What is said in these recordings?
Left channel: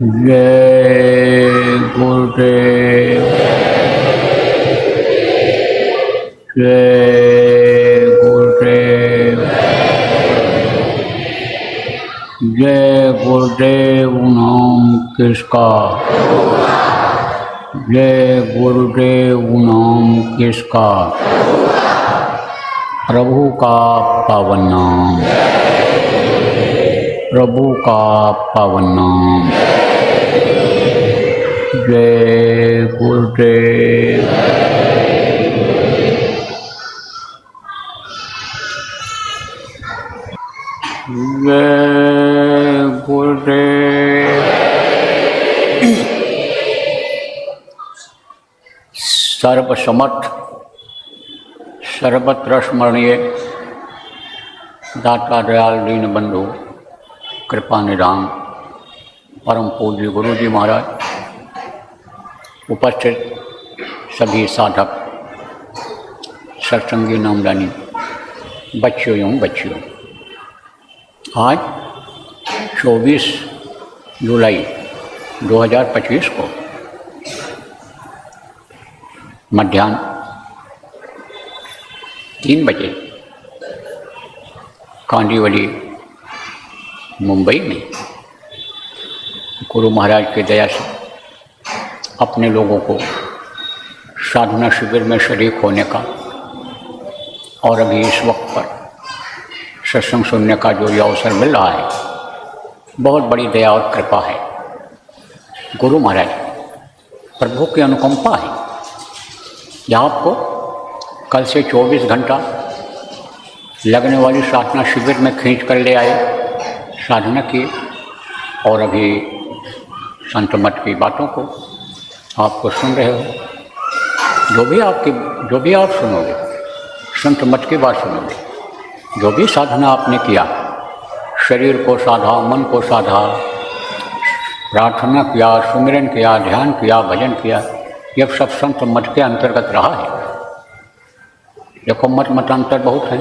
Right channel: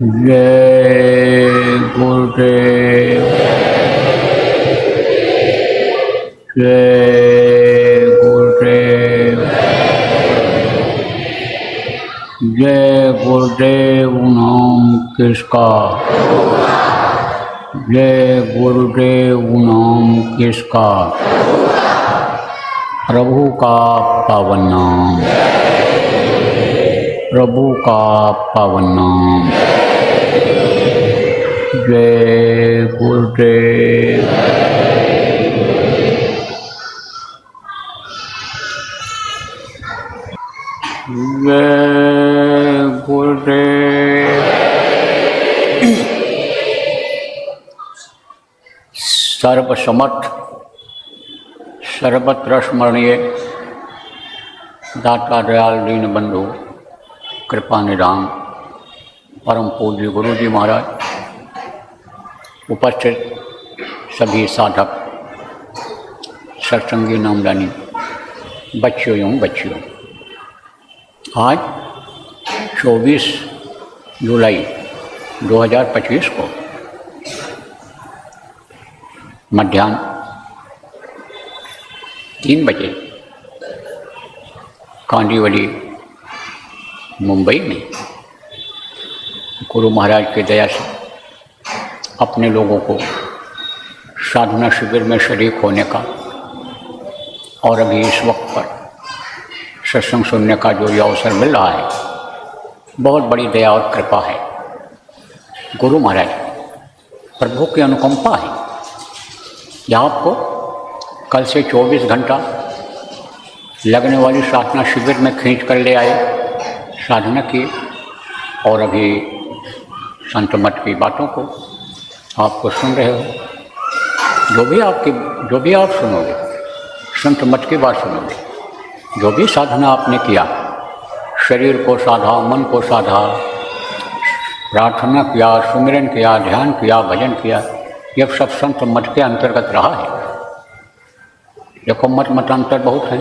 जय गुरुदेव। जय गुरुदेव। जय गुरुदेव नाम किसका, जय गुरुदेव नाम किसका, प्रभु का पावन नाम, प्रभु का पावन नाम। जय गुरुदेव। जय गुरुदेव। सर्वसमर्थ सर्वत्र स्मरणीय दाता दयाल दीन बंधु कृपा निधान परम पूज्य गुरु जी महाराज, उपस्थित सभी साधक, सत्संगी नामदानी बच्चों एवं बच्चियों, आज 24 जुलाई 2025 को मध्याह्न 3 बजे कांडीवली मुंबई में गुरु महाराज की दया से अपने लोगों को साधना शिविर में शरीक होने का और अभी इस वक्त पर सत्संग सुनने का जो ये अवसर मिल रहा है, बहुत बड़ी दया और कृपा है। गुरु महाराज प्रभु की अनुकंपा है। यह आपको कल से 24 घंटा लगने वाली साधना शिविर में खींच कर ले आए, साधना की, और अभी संत मत की बातों को आपको सुन रहे हो। जो भी आप सुनोगे, संत मत की बात सुनोगे, जो भी साधना आपने किया, शरीर को साधा, मन को साधा, प्रार्थना किया, सुमिरन किया, ध्यान किया, भजन किया, ये सब संत मत के अंतर्गत रहा है। देखो मतांतर बहुत है,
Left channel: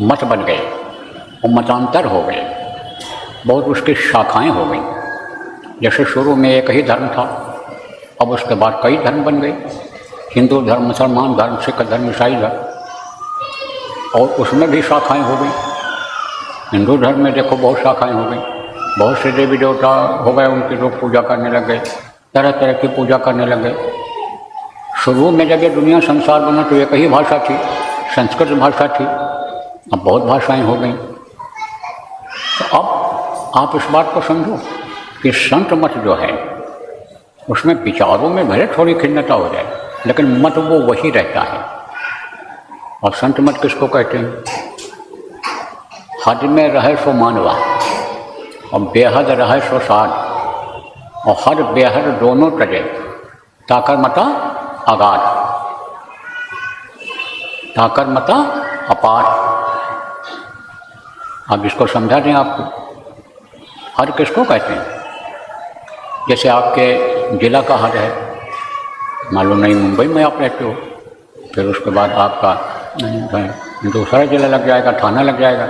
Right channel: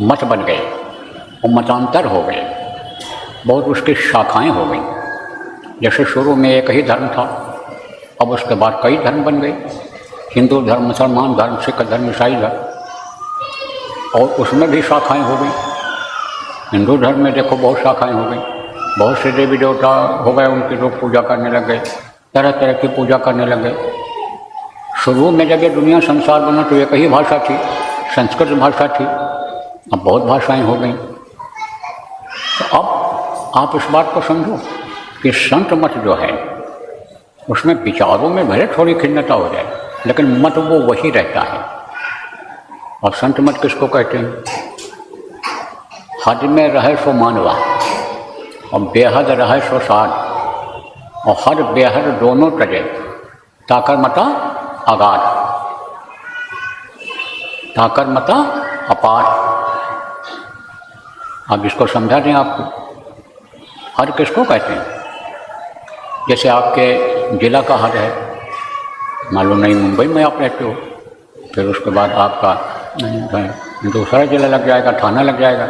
मत बन गए और मतांतर हो गए, बहुत उसकी शाखाएं हो गई। जैसे शुरू में एक ही धर्म था, अब उसके बाद कई धर्म बन गए, हिंदू धर्म, मुसलमान धर्म, सिख धर्म, ईसाई धर्म, और उसमें भी शाखाएं हो गई। हिंदू धर्म में देखो बहुत शाखाएं हो गई, बहुत से देवी देवता हो गए, उनकी लोग पूजा करने लग गए, तरह तरह की पूजा करने लग गए। शुरू में जब ये दुनिया संसार बना तो एक ही भाषा थी, संस्कृत भाषा थी, अब बहुत भाषाएं हो गई। तो अब आप इस बात को समझो कि संत मत जो है उसमें विचारों में भले थोड़ी खिन्नता हो जाए, लेकिन मत वो वही रहता है। और संत मत किसको कहते हैं? हद में रहे सो मानवा और बेहद रहे सो साध, और हद बेहद दोनों टटे, ताकर मता आगाध, ताकर मता अपार। अब इसको समझा दें आपको, हद किसको कहते हैं? जैसे आपके जिला का हद है, मालूम नहीं मुंबई में आप रहते हो, फिर उसके बाद आपका दूसरा जिला लग जाएगा, थाना लग जाएगा,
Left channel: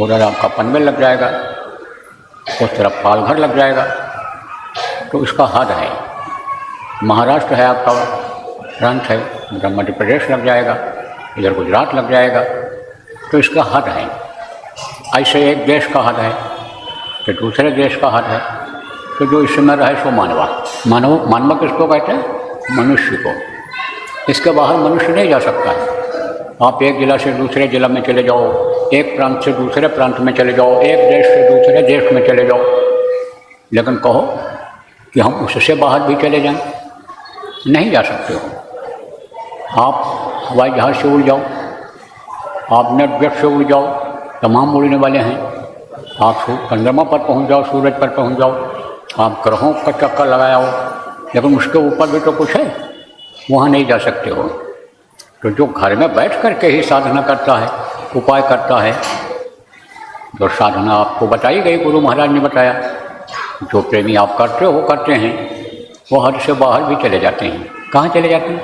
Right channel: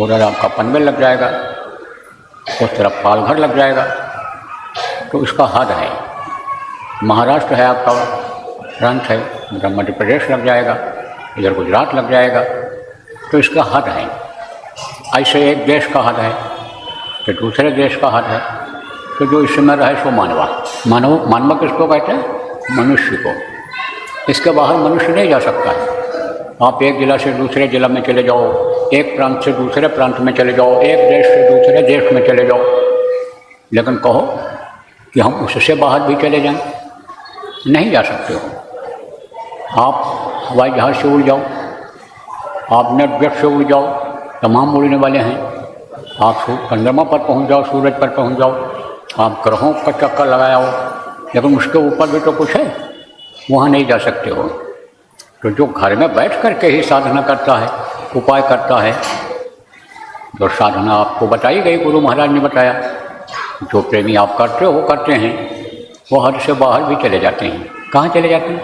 उधर आपका पनवेल लग जाएगा, उस तरफ पालघर लग जाएगा, तो इसका हद है। महाराष्ट्र है आपका प्रांत है, इधर मध्य प्रदेश लग जाएगा, इधर गुजरात लग जाएगा, तो इसका हद है। ऐसे एक देश का हद है कि दूसरे देश का हद है, तो जो इसमें रहे सो मानवा। मानवा किसको कहते हैं? मनुष्य को। इसके बाहर मनुष्य नहीं जा सकता है। आप एक जिला से दूसरे जिला में चले जाओ, एक प्रांत से दूसरे प्रांत में चले जाओ, एक देश से दूसरे देश में चले जाओ, लेकिन कहो कि हम उससे बाहर भी चले जाएं, नहीं जा सकते हो। आप हवाई जहाज से उड़ जाओ, आप नेटवर्क से उड़ जाओ, तमाम उड़ने वाले हैं। आप चंद्रमा पर पहुंच जाओ, सूरज पर पहुंच जाओ, आप ग्रहों का चक्कर लगाओ, लेकिन उसके ऊपर भी तो कुछ है, वहाँ नहीं जा सकते हो। तो जो घर में बैठ करके ही साधना करता है, उपाय करता है, जो साधना आपको बताई गई, गुरु महाराज ने बताया, जो प्रेमी आप करते हो वो करते हैं, वो हद से बाहर भी चले जाते हैं। कहाँ चले जाते हैं?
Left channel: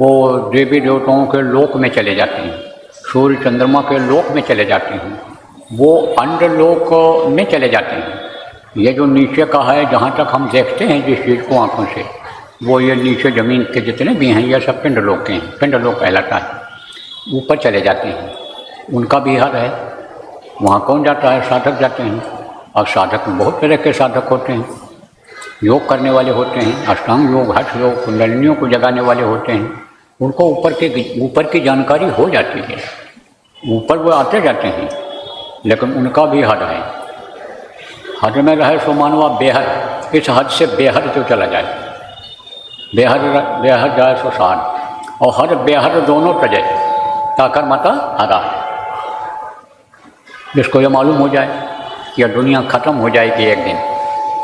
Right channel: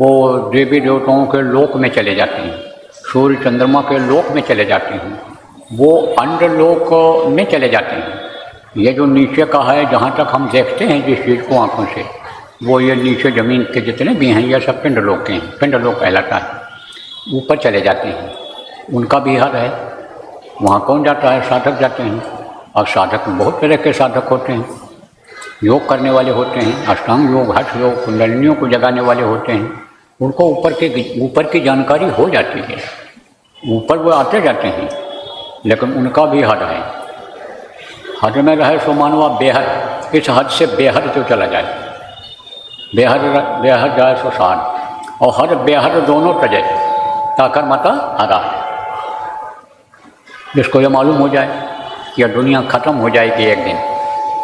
वो देवी देवताओं के लोक में चले जाते हैं, सूर्य चंद्रमा के लोक में चले जाते हैं, वो अंडर लोक में चले जाते हैं। ये जो नीचे का है, जहाँ तक हम देखते हैं जिस चीज़ को आँखों से, वो ये नीचे ज़मीन के जितने भी हैं ये सब पिंडलोक के हैं, पिंडलोक कहलाता है। ऊपर चले जाते हैं, उनका भी हद है। वहाँ कौन जाता है? साधक जाते हैं। और साधक में बहुत तरह के साधक होते हैं। योग करने वाले होते हैं, अष्टांग योग, हठ योग, कुंडलिनियों को जगाने वाले होते हैं। उनको ऊपर की जानकारी हो जाती है, ऊपर वो आते जाते हैं, लेकिन उनका भी हद है। हद में रहे सो मानवा बेहद, इस हद से बेहद जो चला जाए, बेहद जाए सो साध, और हद बेहद दोनों तजे ताकर माता हरा है। जिसको ये मालूम हो जाए कि यह दुनिया ख़त्म हो जाएगी एक दिन,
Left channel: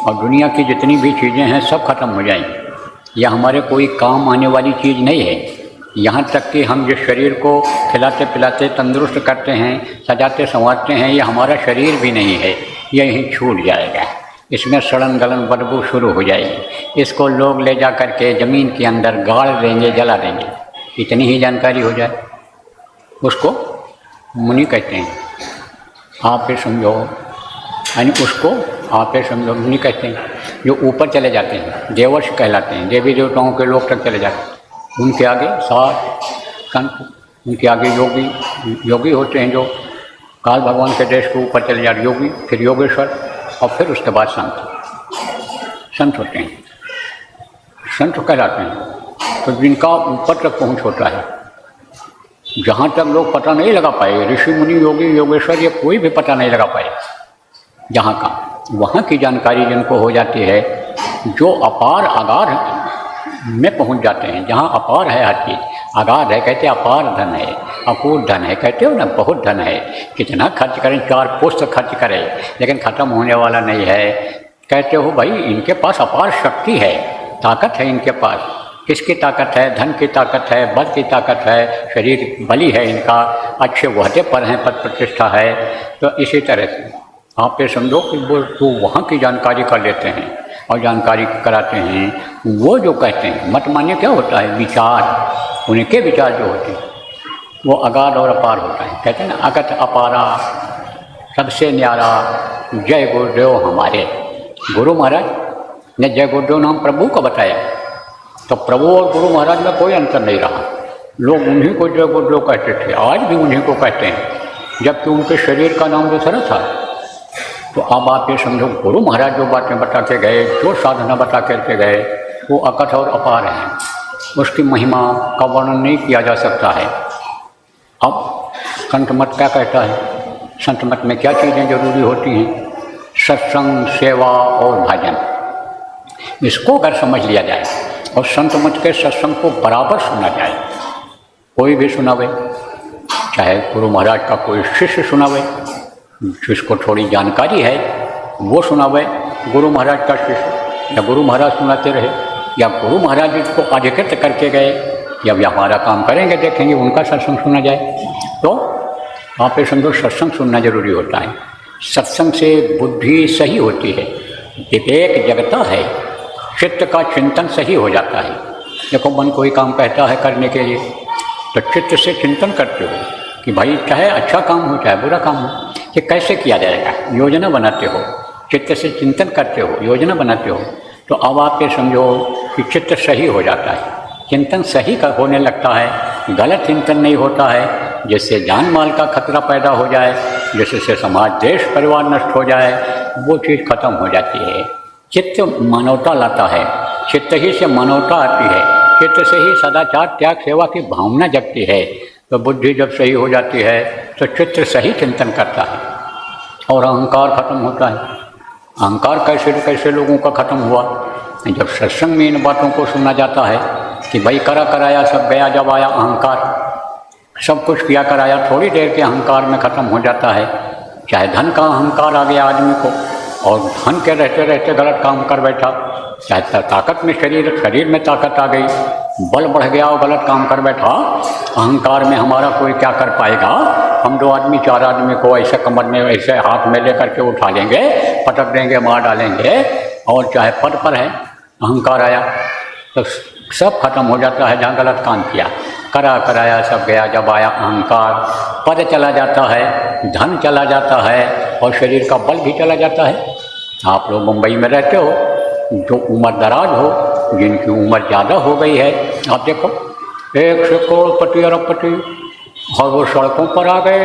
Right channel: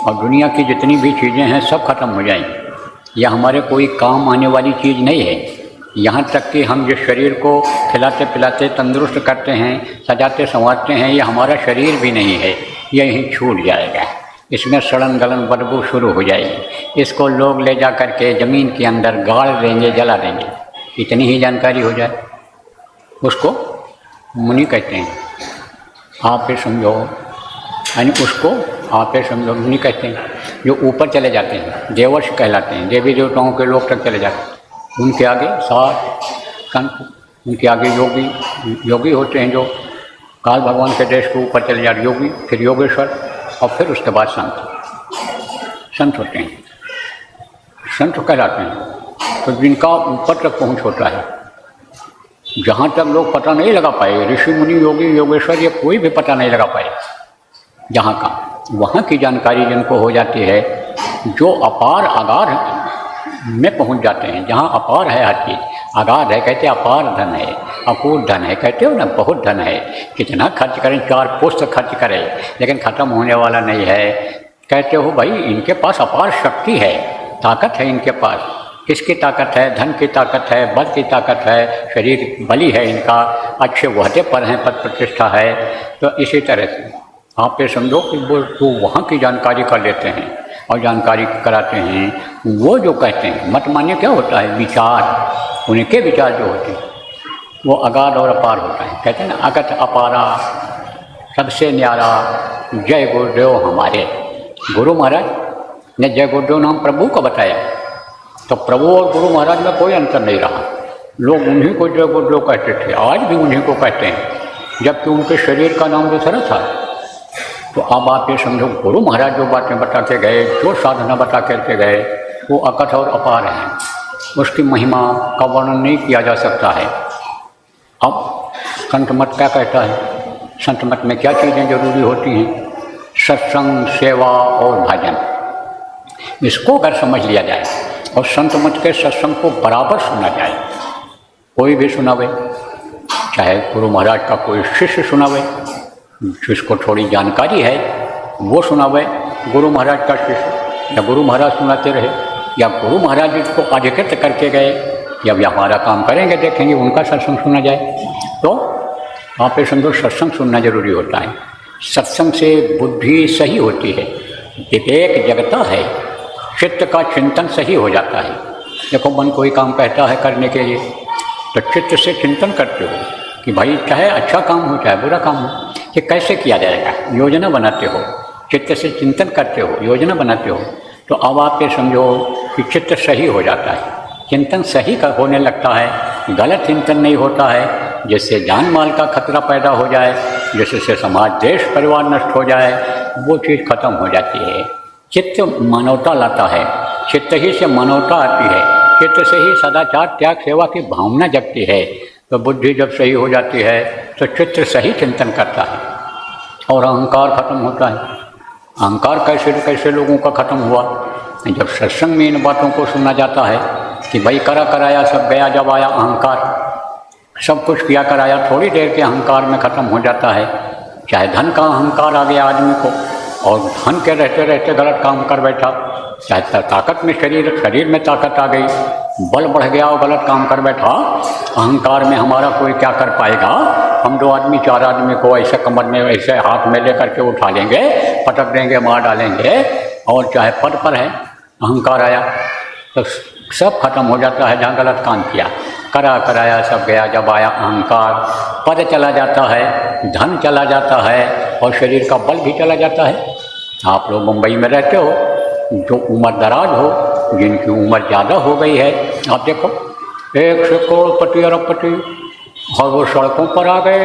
और दुनिया की जितनी भी चीज़ें हैं सब खत्म हो जाएंगी, यह हमारे कोई काम आने वाली चीज़ नहीं है। यहाँ तक कि हम जिस शरीर को खिलाते पिलाते तंदुरुस्त करते हैं, सजाते संवारते हैं, ये हमारा शरीर भी नहीं है, ये यहीं छूट जाएगा। इसमें सड़न गलन बदबू शुरू हो जाएगी। इसको लोग ले जा कर के ज़मीन के अंदर गाड़ देंगे, जला देंगे। इतनी ही जानकारी हो जाए, उसको मुनि कहते हैं। आप ही समझो, यानी उसको आप ही समझो मुनि कहते हैं। जो ऊपर चले जाते हैं देवर्ष कहलाते हैं, देवी देवताओं के लोग तक चले जाते हैं। उनके आगे सात संत, उनके आगे योगी होते हैं, जो काल भगवान के देश के ऊपर चले जाते योगी, फिर योगेश्वर, और फिर उसके बाद संत होते हैं, संत कहलाते हैं। तो जिनका ऊपर तक पहुँच होता है, जहाँ तक लोग पता नहीं लगा पाए, ऋषि मुनि योगी योगेश्वर ये कोई भी पता नहीं लगा पाए जहाँ का, वहाँ की जानकारी जिनको हो जाती है, जो अपार आगार में पहुंच जाते हैं। जहाँ अपार है हर चीज़, आगार है कहते अपार धन है, अकूट धन है कहते हो ना, बहुत धन है, कितना खर्च करें, 4 पुष्ट खर्च करें, लेकिन ख़त्म होने वाला नहीं है। कहते हो भाई इनके पास अपार शक्ति है, ताकत है इनके पास। किसकी ताकत है? धन की ताकत है, बल की ताकत है, शरीर बली है इनका, अच्छे वहदे पर हैं, पद प्रतिष्ठा है। तो इसी तरह से आप ये समझो कि वो तो वहाँ की जानकारी कर लेते हैं और जानकारी कराते हैं। वो जो कहते हैं, मत मान्य क्या होता है? विचार, उनके विचार जो होते हैं वो अगाध और अपार होता है। कहते हैं ना, अगत अपारा सबसे न्यारा जय गुरुदेव हमारे। गुरु महाराज ने जय गुरुदेव नाम प्रभु को बताया, तो प्रभु और गुरु महाराज में कोई अंतर नहीं रहा। लोग उन्हीं को जय गुरुदेव कहते थे, आज भी उन्हीं को कहते हैं, जबकि उनके शरीर का नाम दूसरा था। तो अब आप ये समझो, गुरु महाराज जो बातें बता के गए, जो साधना बता करके गए, वो अकथ और अपार हैं, उसकी महिमा का वर्णन नहीं किया जा सकता है। अब संत मत क्या कहता है? संत मत में क्या चीज़ें जरूरी होती हैं? सत्संग, सेवा और भजन। इसको अगर समझ लिया जाए और संत मत के सत्संग को बराबर सुना जाए, कोई भी सुनावे, चाहे गुरु महाराज का कोई शिष्य सुनावे, जिसको थोड़ी जानकारी है वो सुनावे, गुरु महाराज का शिष्य, या गुरु महाराज सुनाते रहे, या गुरु महाराज इसको अधिकृत करके गए, या भी हमारा काम करेंगे देखेंगे उनका सत्संग सुना जाए। तो आप ये समझो, सत्संग सुनना जरूरी होता है। सत्संग से बुद्धि सही होती है, विवेक जगता है, चित्त का चिंतन सही हो जाता है। देखो, मन कोई काम कहता है करने के लिए, तो चित्त से चिंतन करते हो कि भाई चाहे अच्छा काम हो चाहे बुरा काम हो, कि कैसे किया जाएगा, योजना बनाते हो, चित्त से चिंतन करते हो, योजना बनाते हो। तो अब आप ये समझो कि चित्त सही हो जाता है, चिंतन सही का होने लगता है, गलत चिंतन नहीं होता है, जिससे जान माल का खतरा पैदा हो जाए, जिससे समाज देश परिवार नष्ट हो जाए, वो चीज़ खत्म हो जाती है। चित्त मानवता लाता है, चित्त ही से मानवता आती है, चित्त से ही सदाचार त्याग सेवा की भावना जगती है। तो बुद्धि जब सही हो जाती है तो चित्त सही चिंतन करता है और अहंकार खत्म होता है। अहंकार कैसे कैसे लोगों का खत्म हुआ? जब सत्संग में इन बातों को सुना जाता है कि भाई करा कराया सब गया, जब आया अहंकार, सब कुछ किया कराया, थोड़ी देर के अहंकार में खत्म हो जाता है। चाहे धन का अहंकार आ गया आदमी को, और धन के रहते रहते गलत काम कर बैठा, चाहे ताकत में शरीर में ताकत आ गई, बल बढ़ गया और गलत काम कर बैठा, अहंकार में हमारा कोई क्या कर पाएगा? हम 2 आदमी 4 आदमी को ऐसे कमर में ऐसे हाथ में लेकर के उठा लेंगे, पटक देंगे, मार डालेंगे। और चाहे पद पर है, अहंकार आया तो सब खत्म हो जाता है। जहाँ गलत काम किया, करा कराया सब गया, जब आया अहंकार, पद चला जाता है, धन चला जाता है, और शरीर का बल भी चला जाता है। आप लोग मुंबई में रहते हो, जो उम्र दराज हो, जिनकी उम्र ज़्यादा हो गई है, आप देखो 100 करोड़पति अरबपति सब वो शंकु पर आ गए,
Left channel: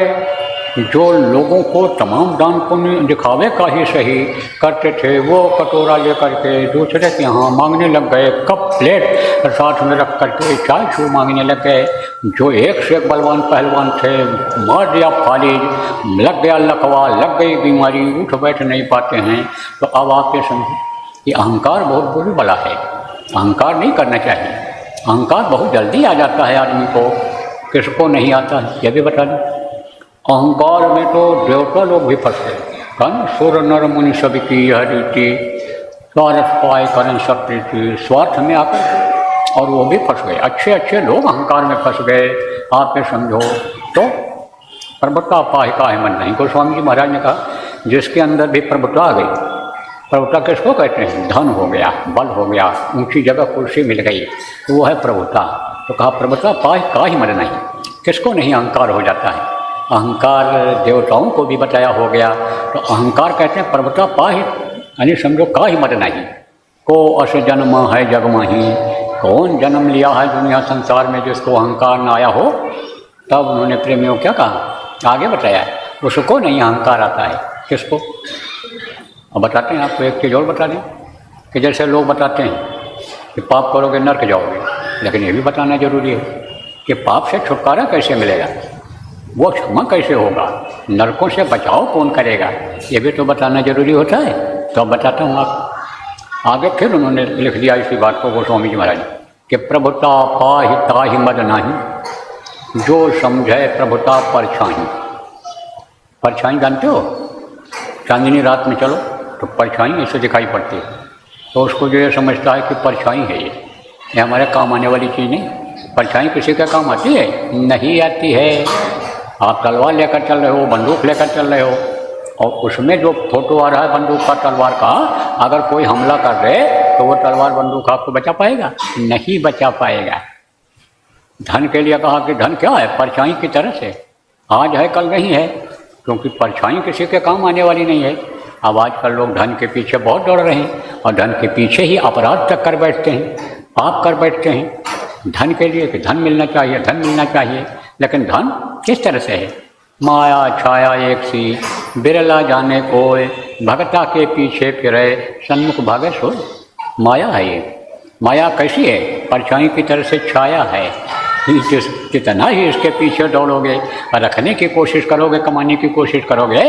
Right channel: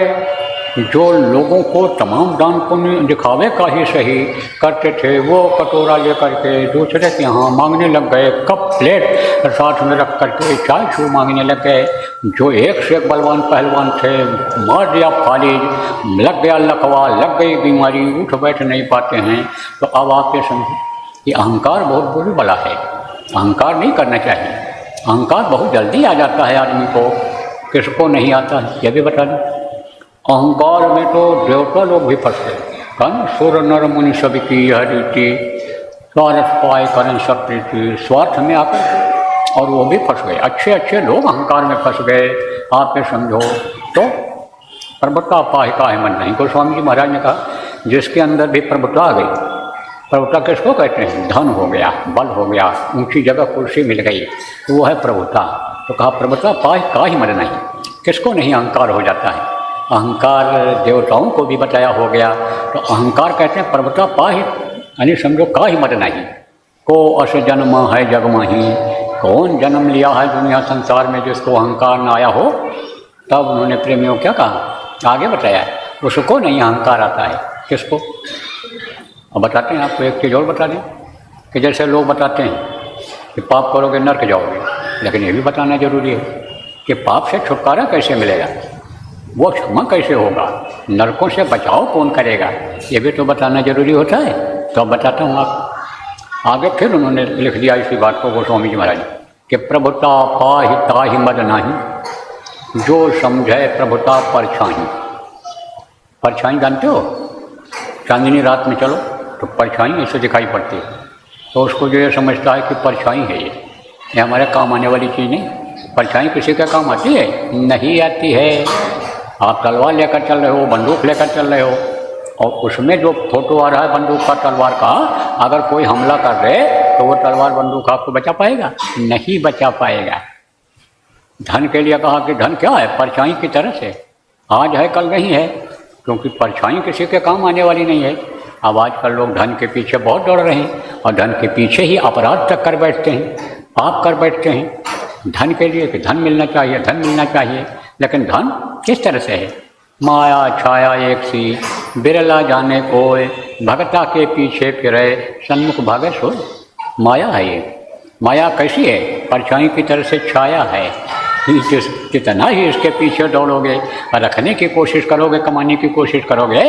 जो लोगों को तमाम दान पुण्य दिखावे का ही सही करते थे, वो कटोरा लेकर के दूसरे के यहाँ मांगने लग गए, कप प्लेट साथ में रख करके चाय छू मांगने लग गए। जो एक से एक बलवान पहलवान थे, मार दिया फालिज, लग गया लकवा, लग गई बीमारी, उठ बैठ नहीं पाते हैं। तो अब आपके समझो कि अहंकार बहुत बुरी बला है, अहंकार नहीं करना चाहिए। अहंकार बहुत जल्दी आ जाता है आदमी को, किसको नहीं आता है ये भी बता दें। अहंकार में तो देवता लोग भी फंसते हैं, सुर नर मुनि सभी की यह रीति, स्वार्थ पाए करें सकते थे, स्वार्थ में आते और वो भी फंस गए। अच्छे अच्छे लोग अहंकार में फंस गए। आप ये समझो तो प्रभुता पाए का है मन नहीं। गोस्वामी जी महाराज ने कहा जिसके अंदर भी प्रभुता आ गई, प्रभुता किसको कहते हैं? धन हो गया, बल हो गया, ऊंची जगह कुर्सी मिल गई, तो वो है प्रभुता। तो कहा प्रभुता पाए का ही मन नहीं, किसको नहीं अहंकार हो जाता है। अहंकार देवताओं को भी बताया हो गया। तो अहंकार कहते हैं प्रभुता पाही, यानी समझो का ही मत नहीं। को असे जन्म है जग माही, कौन जन्म लिया है दुनिया संसार में जिसको अहंकार न आया हो। तब उन्होंने प्रेमियों क्या कहा, आगे बताया उसको नहीं अहंकार आता है। किसको? अब बताते हैं आपको एक चीज़ और बता दें कि जैसे लोग बताते हैं कि पाप करोगे नरक जाओगे, लेकिन ये भी बताना जरूरी है कि पाप से छुटकारा कैसे मिलेगा, वो क्षमा कैसे होगा, नरकों से बचाव कौन करेगा, ये भी तो बताना जरूरी होता है। तो अब बताता हूँ आप आगे। फिर उन्होंने लिख दिया इसी बात को गोस्वामी जी महाराज कि प्रभुता पाहि ताहि मद नाही, जो समझे प्रभुता परछाई। परछाई जानते हो, चांदनी रात में चलो तो परछाई ऐसे दिखाई पड़ती है, तो उसको जो ये समझता है कि परछाई है, ये हमारे काम आने वाली चीज़ नहीं। परछाई किसी का काम आती है? नहीं आती है। आप तलवार लेकर चल रहे हो, बंदूक लेकर चल रहे हो, और उसमें जो फोटो आ रहा है बंदूक का, तलवार का, अगर कोई हमला कर दे तो वो तलवार बंदूक आपको बचा पाएगा? नहीं बचा पाएगा। धन के लिए कहा कि धन क्या है? परछाई की तरह से, आज है कल नहीं है, क्योंकि परछाई किसी के काम आने वाली नहीं है। अब आजकल लोग धन के पीछे बहुत दौड़ रहे हैं और धन के पीछे ही अपराध तक कर बैठते हैं, पाप कर बैठते हैं धन के लिए कि धन मिलना चाहिए, धन मिलना चाहिए। लेकिन धन किस तरह से है? माया छाया एक सी, बिरला जाने कोय, भगता के पीछे फिरे, सन्मुख भागत हो। माया है ये। माया कैसी है? परछाई की तरह से छाया है। कितना ही इसके पीछे दौड़ोगे, रखने की कोशिश करोगे, कमाने की कोशिश करोगे,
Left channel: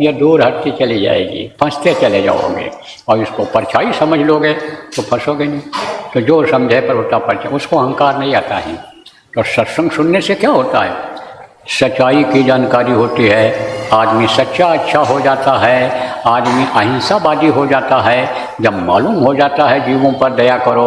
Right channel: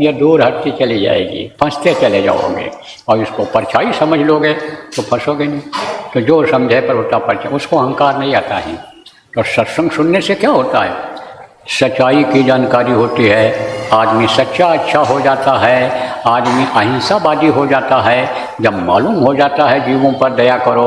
ये दूर हटती चली जाएगी, फंसते चले जाओगे। और इसको परछाई समझ लोगे तो फंसोगे नहीं। तो जो समझे प्रभुता परछाई, उसको अहंकार नहीं आता है। तो सत्संग सुनने से क्या होता है? सच्चाई की जानकारी होती है, आदमी सच्चा अच्छा हो जाता है, आदमी अहिंसावादी हो जाता है। जब मालूम हो जाता है जीवों पर दया करो,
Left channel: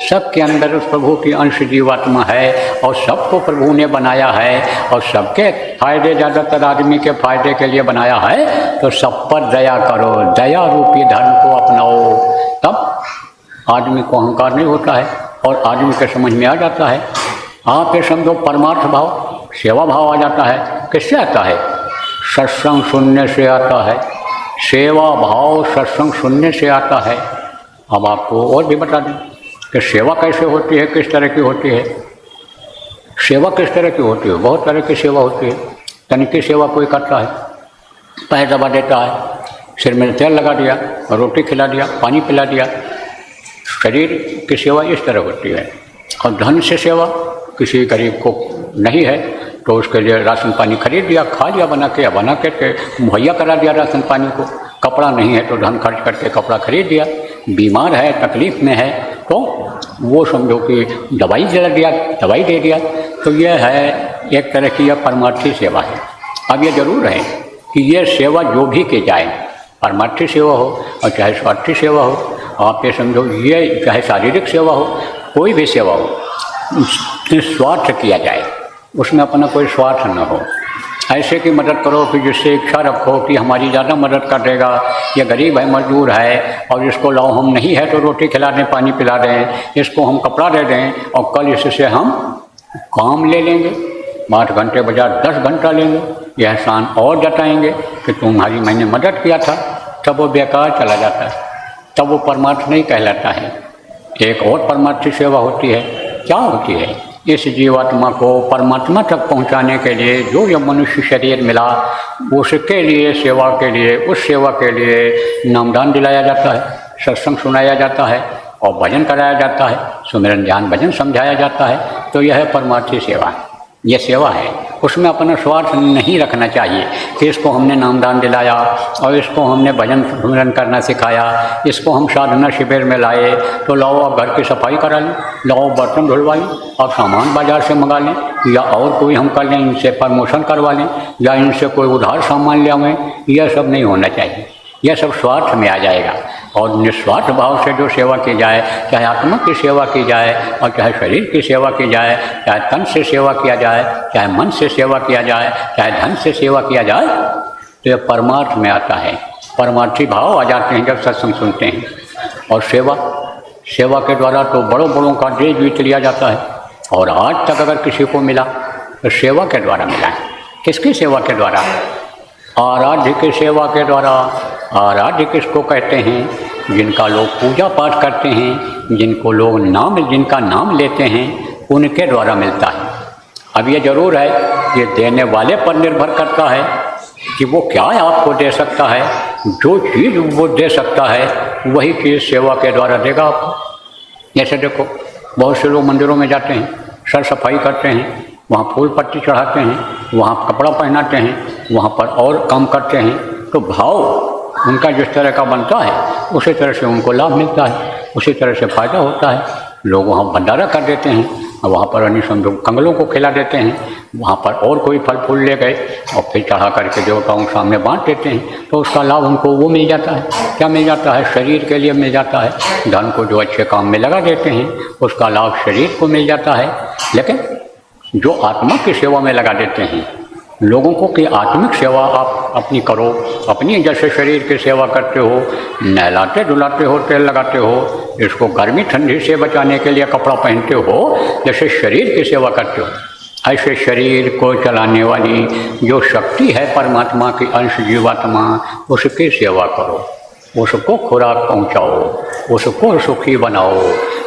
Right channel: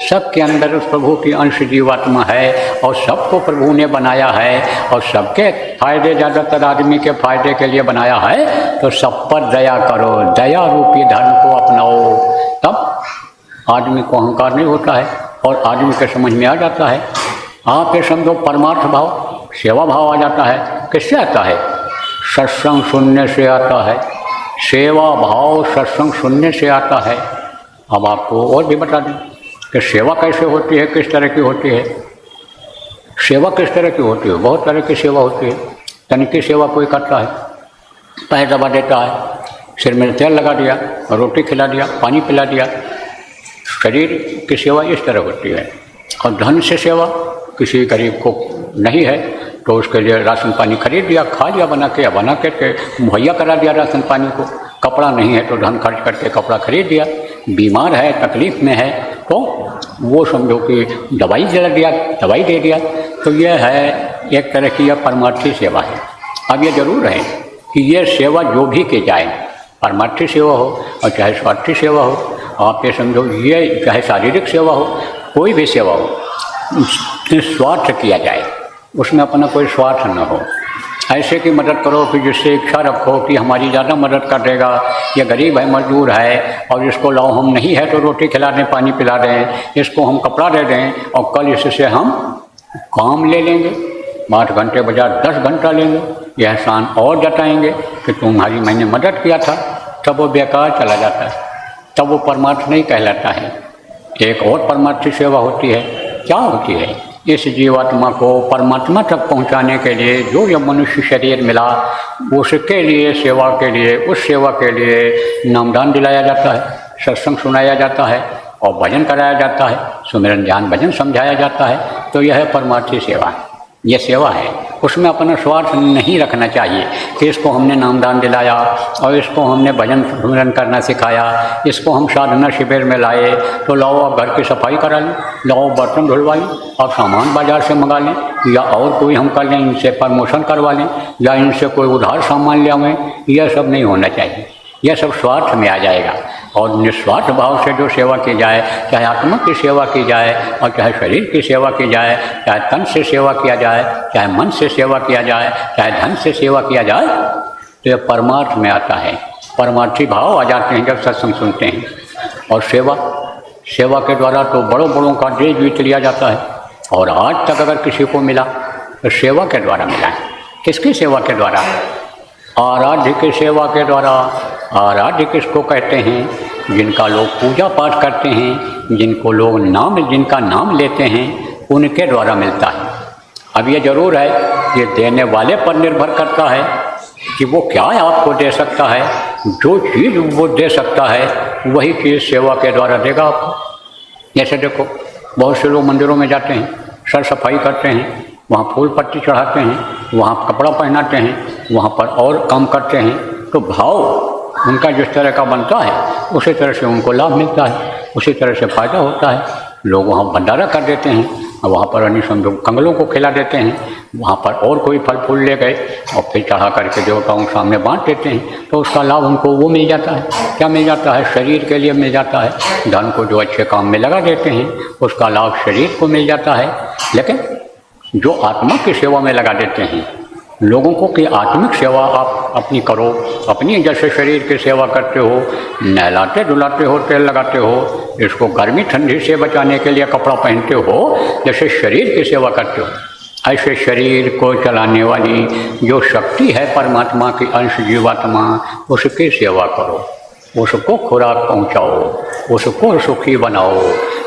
सबके अंदर उस प्रभु की अंश जीवात्मा है और सबको प्रभु ने बनाया है और सबके फायदे, ज़्यादातर आदमी के फायदे के लिए बनाया है, तो सब पर दया करो, दया रूपी धर्म को अपनाओ, तब आदमी को अहंकार नहीं होता है और आदमी के समझ में आ जाता है। आप ये समझो परमार्थ भाव, सेवा भाव आ जाता है। किससे आता है? सत्संग सुनने से आता है। सेवा भाव सत्संग सुनने से आता है। अब आपको और भी बता दें कि सेवा कैसे होती है, किस तरह की होती है। सेवा किस तरह की होती है? बहुत तरह की सेवा होती है। तनिकी सेवा कोई करता है, पैर दबा देता है, सिर में तेल लगा दिया, रोटी खिला दिया, पानी पिला दिया। शरीर की सेवा इस तरह होती है। और धन से सेवा, किसी गरीब को नहीं है तो उसके लिए राशन पानी खरीद दिया, खा लिया, बना के मुहैया करा दिया राशन पानी को। कपड़ा नहीं है तो धन खर्च करके कपड़ा खरीद दिया। बीमार है, तकलीफ में है, तो वो समझो कि दवाई दे दिया। तो यह है एक तरह की यह परमार्थी सेवा है। अब यह जरूर है कि यह सेवा जो भी की जाए, परमार्थी सेवा हो चाहे स्वार्थी सेवा हो, तो समझो ये चाहे शारीरिक सेवा हो, कोई भी सेवा हो, ऐसी की मदद करो कि जिससे इच्छा रखो कि हमारी ज़्यादा मदद कर देगा। गरीब बंदा घूम रहा है और इसको हम नहीं है तो रोटी खिला दें, पानी पिला दें, इसको कपड़ा दे दें, तो कल इससे हम काम ले लेंगे, 5 घंटे बजाय 10 घंटा लें, ये आसान और जताएंगे कि तुम्हारी मैंने मदद किया था, तब वो बेकार चला जाता है, तो वो परमार्थ नहीं कहलाता है। एक और परमार्थ सेवा होती है, क्या होती है? इस जीवात्मा को परमात्मा तक पहुंचाने के लिए जो ये मनुष्य शरीर मिला, उसके लिए सेवा के लिए, उस सेवा के लिए नामदान दिलाया जाता है, सत्संग सुनाया जाता है और भजन कराया जाता है, सुमिरन ध्यान भजन समझाया जाता है। तो यह है परमार्थी सेवा, ये सेवा है। उसमें अपना स्वार्थ नहीं रखना चाहिए कि इसको हमने नामदान दिलाया और इसको हमने भजन सुमिरन करना सिखाया, इसको हम साधना शिविर में लाए तो लाओ आप घर की सफाई करा लें, लाओ बर्तन धुलवाई, आप सामान बाजार से मंगा लें, या और कोई हम कर लें, इनसे प्रमोशन करवा लें, या इनसे कोई उधार सामान ले आवें। यह सब नहीं होना चाहिए, यह सब स्वार्थ में आ जाएगा। और निस्वार्थ भाव से जो सेवा की जाए, चाहे आत्मा की सेवा की जाए और चाहे शरीर की सेवा की जाए, चाहे तन से सेवा किया जाए, चाहे मन से सेवा किया जाए, चाहे धन से सेवा किया जाए, तो यह परमार्थ में आता है। परमार्थी भाव आ जाते हैं जब सत्संग सुनते हैं। और सेवा के द्वारा तो बड़ों बड़ों का दिल जीत लिया जाता है। और आज तक अगर किसी को मिला तो सेवा के द्वारा मिला है। किसकी सेवा के द्वारा? आराध्य की सेवा के द्वारा। आराध्य किसको कहते हैं? जिनका लोग पूजा पाठ करते हैं, जिनको लोग जिनका नाम लेते हैं, उनके द्वारा मिलता है। अब ये जरूर है, ये देने वाले पर निर्भर करता है कि वो क्या आपको दे सकता है। जो चीज़ वो दे सकता है वही चीज़ सेवा के द्वारा देगा आपको। जैसे देखो, बहुत से लोग मंदिरों में जाते हैं, सर सफाई करते हैं, वहाँ फूल पत्ती चढ़ाते हैं, वहाँ कपड़ा पहनाते हैं, वहाँ पर और काम करते हैं, तो भाव उनका जिस तरह का बनता है उसी तरह से उनको लाभ मिलता है, उसी तरह से फायदा होता है। लोग वहाँ भंडारा कर देते हैं और वहाँ पर अनिसंधु कंगलों को खिला देते हैं, वहाँ पर और कोई फल फूल ले गए और फिर चढ़ा करके देवताओं के सामने बांट देते हैं, तो उसका लाभ उनको वो मिल जाता है। क्या मिल जाता है? शरीर के लिए मिल जाता है। धन को जो अच्छे काम में लगा देते हैं उसका लाभ शरीर को मिल जाता है। लेकिन जो आत्मा की सेवा में लगा देते हैं, लोगों को कि आत्मिक सेवा आप अपनी करो, अपनी जैसे शरीर की सेवा करते हो, नहलाते धुलाते हो, तेल लगाते हो, इसको गर्मी ठंडी से बचाने के लिए कपड़ा पहनते हो, जैसे शरीर की सेवा करते हो, ऐसे शरीर को चलाने वाली जो शक्ति है परमात्मा की अंश जीवात्मा, उसकी सेवा करो, उसको खुराक पहुँचाओ, उसको सुखी बनाओ।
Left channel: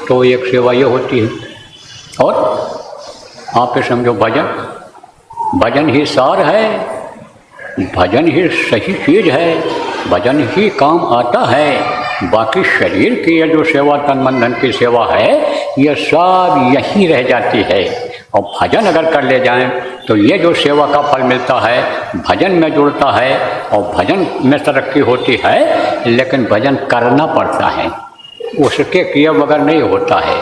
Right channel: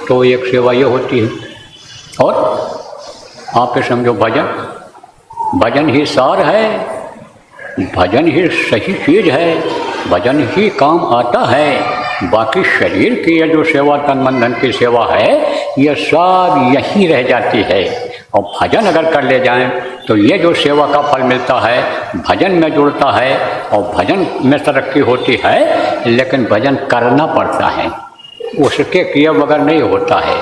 तो एक सेवा ये होती है। और आप तो समझो भजन ही सार है, भजन ही सही चीज़ है, भजन ही काम आता है। बाकी शरीर की यह जो सेवा, तन मन धन की सेवा है, यह सब यही रह जाती है। और भजन अगर कर ले जाएं तो ये जो सेवा का फल मिलता है भजन में जुड़ता है और भजन में तरक्की होती है। लेकिन भजन करना पड़ता है, उसके किए बगैर नहीं होता है।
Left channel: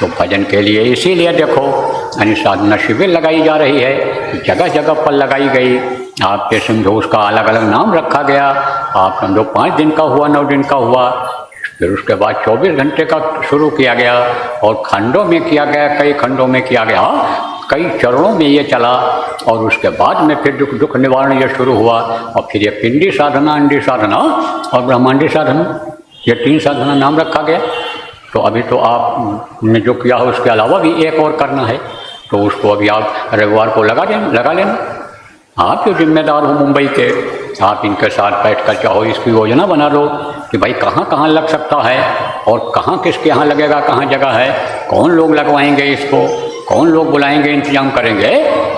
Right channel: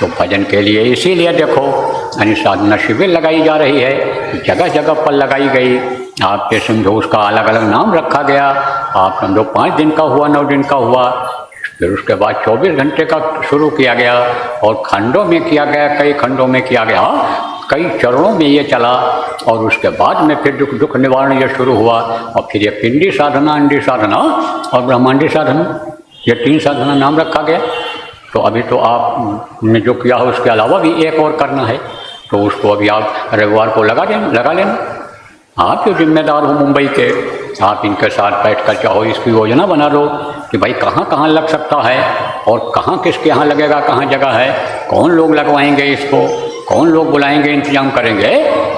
तो भजन के लिए इसीलिए देखो यानी साधना शिविर लगाई जा रही है, जगह जगह पर लगाई गई। आपके समझो उसका अलग अलग नाम रखा गया। आप समझो 5 दिन का हुआ, 9 दिन का हुआ, फिर उसके बाद 24 घंटे का शुरू किया गया और खंडों में किया गया, कई खंडों में किया गया, कई चरणों में ये चला। और उसके बाद में फिर दुख निवारण ये शुरू हुआ। और फिर ये पिंडी साधना, अंडी साधना और ब्रह्मांडी साधना, ये 3 साधना नाम रखा गया। तो अभी तो आपने जो किया है उसके अलावा भी एक और करना है, तो उसको अभी आप रविवार को लगा लेना। आप जो जिम्मेदार हो मुंबई के, आप इनके साथ बैठ कर चाहो इसकी योजना बना लो कि भाई कहाँ कहाँ लग सकता है और कहाँ किसके यहाँ लगेगा, कहाँ जगह है, कौन लोग लगवाएंगे इसको, कौन लोग बुलाएंगे, इंतजाम करेंगे।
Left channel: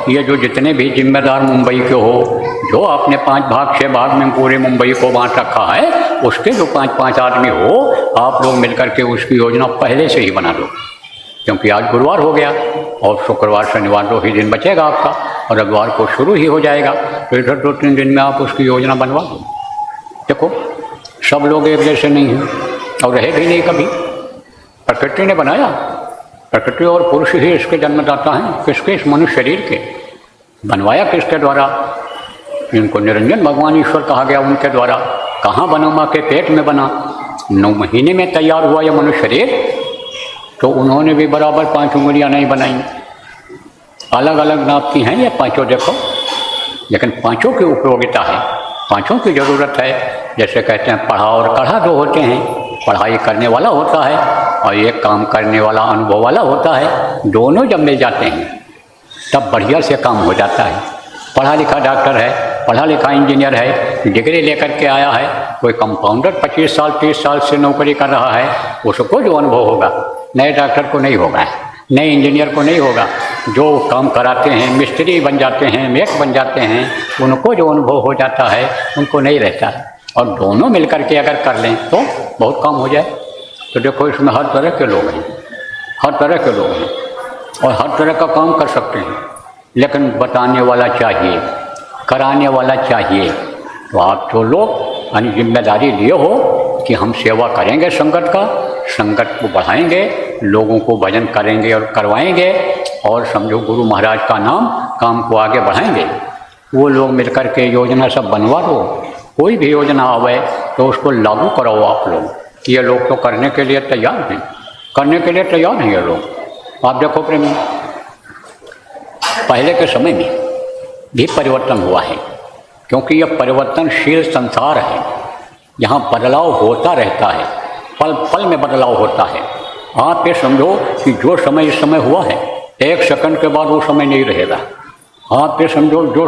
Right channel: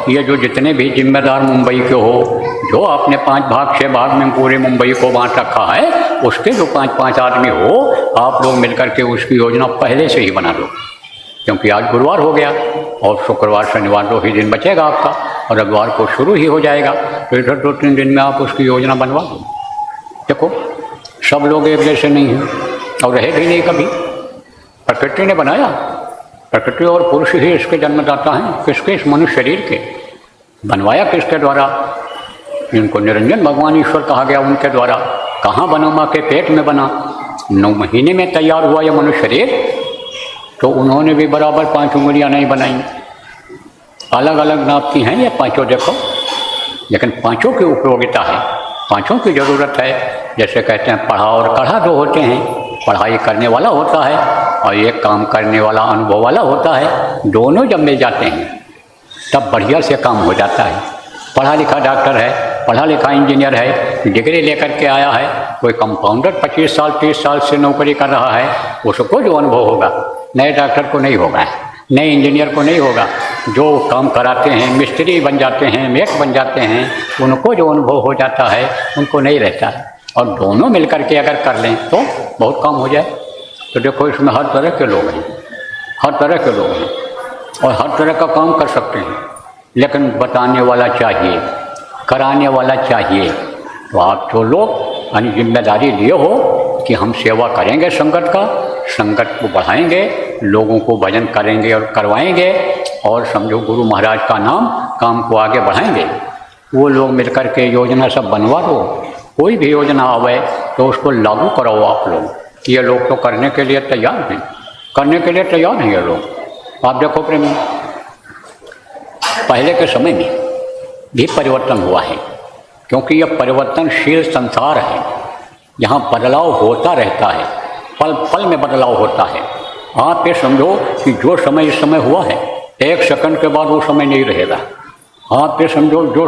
ये जो जितने भी जिम्मेदार मुंबई के हो, जो आपने 5 भाग 6 भाग में पूरे मुंबई को बांट रखा है, उसके जो 5-5 आदमी हो, आप लोग मिलकर के उसकी योजना पहले से ही बना लो। क्योंकि आज गुरुवार हो गया और शुक्रवार शनिवार 2 ही दिन बचेगा आपका और रविवार को शुरू ही हो जाएगा। तो इधर 2-3 दिन में आप उसकी योजना बनवा दो। देखो सब लोग एक जैसे नहीं हैं और रहे भी नहीं कभी। प्रकृति ने बनाया, प्रकृति और पुरुष ही इसके जन्मदाता हैं। किसके? इस मनुष्य शरीर के। बनवाया किसके द्वारा? इनको निरंजन भगवान ईश्वर कहा गया, उनके द्वारा। कहाँ बना? माँ के पेट में बना। 9 महीने में तैयार हुआ यह मनुष्य शरीर। तो उन्होंने भी बराबर 5 उंगलियां नहीं बनाई, अलग अलग नाप की हैं ये 5 देखो, लेकिन 5 की उपयोगिता है, 5 की ज़रूरत है। जैसे कहते हैं पढ़ा और कढ़ा जो होते हैं, पढ़ाई करने वाला होता है और एक काम करने वाला अनुभव वाला होता है। दोनों जब मिल जाते हैं तब बढ़िया से काम हो जाता है। पढ़ा लिखा डॉक्टर है, पढ़ा लिखा इंजीनियर है, डिग्री लेकर के आया है, कोई कंपाउंडर 25 साल 30 साल से नौकरी कर रहा है, उसको जो अनुभव होगा नए डॉक्टर को नहीं होगा, नए इंजीनियर को नहीं होगा। जो काम कराते हैं, मिस्त्री बन जाते हैं, मेक बन जाते हैं, उनको जो अनुभव हो जाता है उनको नहीं रहता है। और दोनों मिलकर के अगर कर लें तो बहुत काम हो जाए। तो देखो इसमें हर तरह के लोग हैं, हर तरह के लोग हैं और हर तरह का काम कर सकते हैं, लेकिन बताने वाला चाहिए, कराने वाला चाहिए। तो आप जो लोग यानी जिम्मेदारी लिए हो कि हम सेवा करेंगे संगत का, संगत को बढ़ाएंगे, लोगों को भजन करेंगे और करवाएंगे और समझो गुरु महाराज का नाम काम को आगे बढ़ाएंगे, वो लोग मिलकर के योजना सब बनवा दो। कोई भी योजना आवे तो उसको लागू कराओ आप लोग। ये लोग तो करने के लिए तैयार हैं, करने के लिए तैयार हैं ये लोग। आप देखो प्रेमी, पहले के समय में भी परिवर्तन हुआ है, क्योंकि यह परिवर्तनशील संसार है, यहाँ बदलाव होता रहता है, पल पल में बदलाव होता है। आप ये समझो कि जो समय इस समय हुआ है, एक सेकंड के बाद वो समय नहीं रहेगा। आप ये समझो जो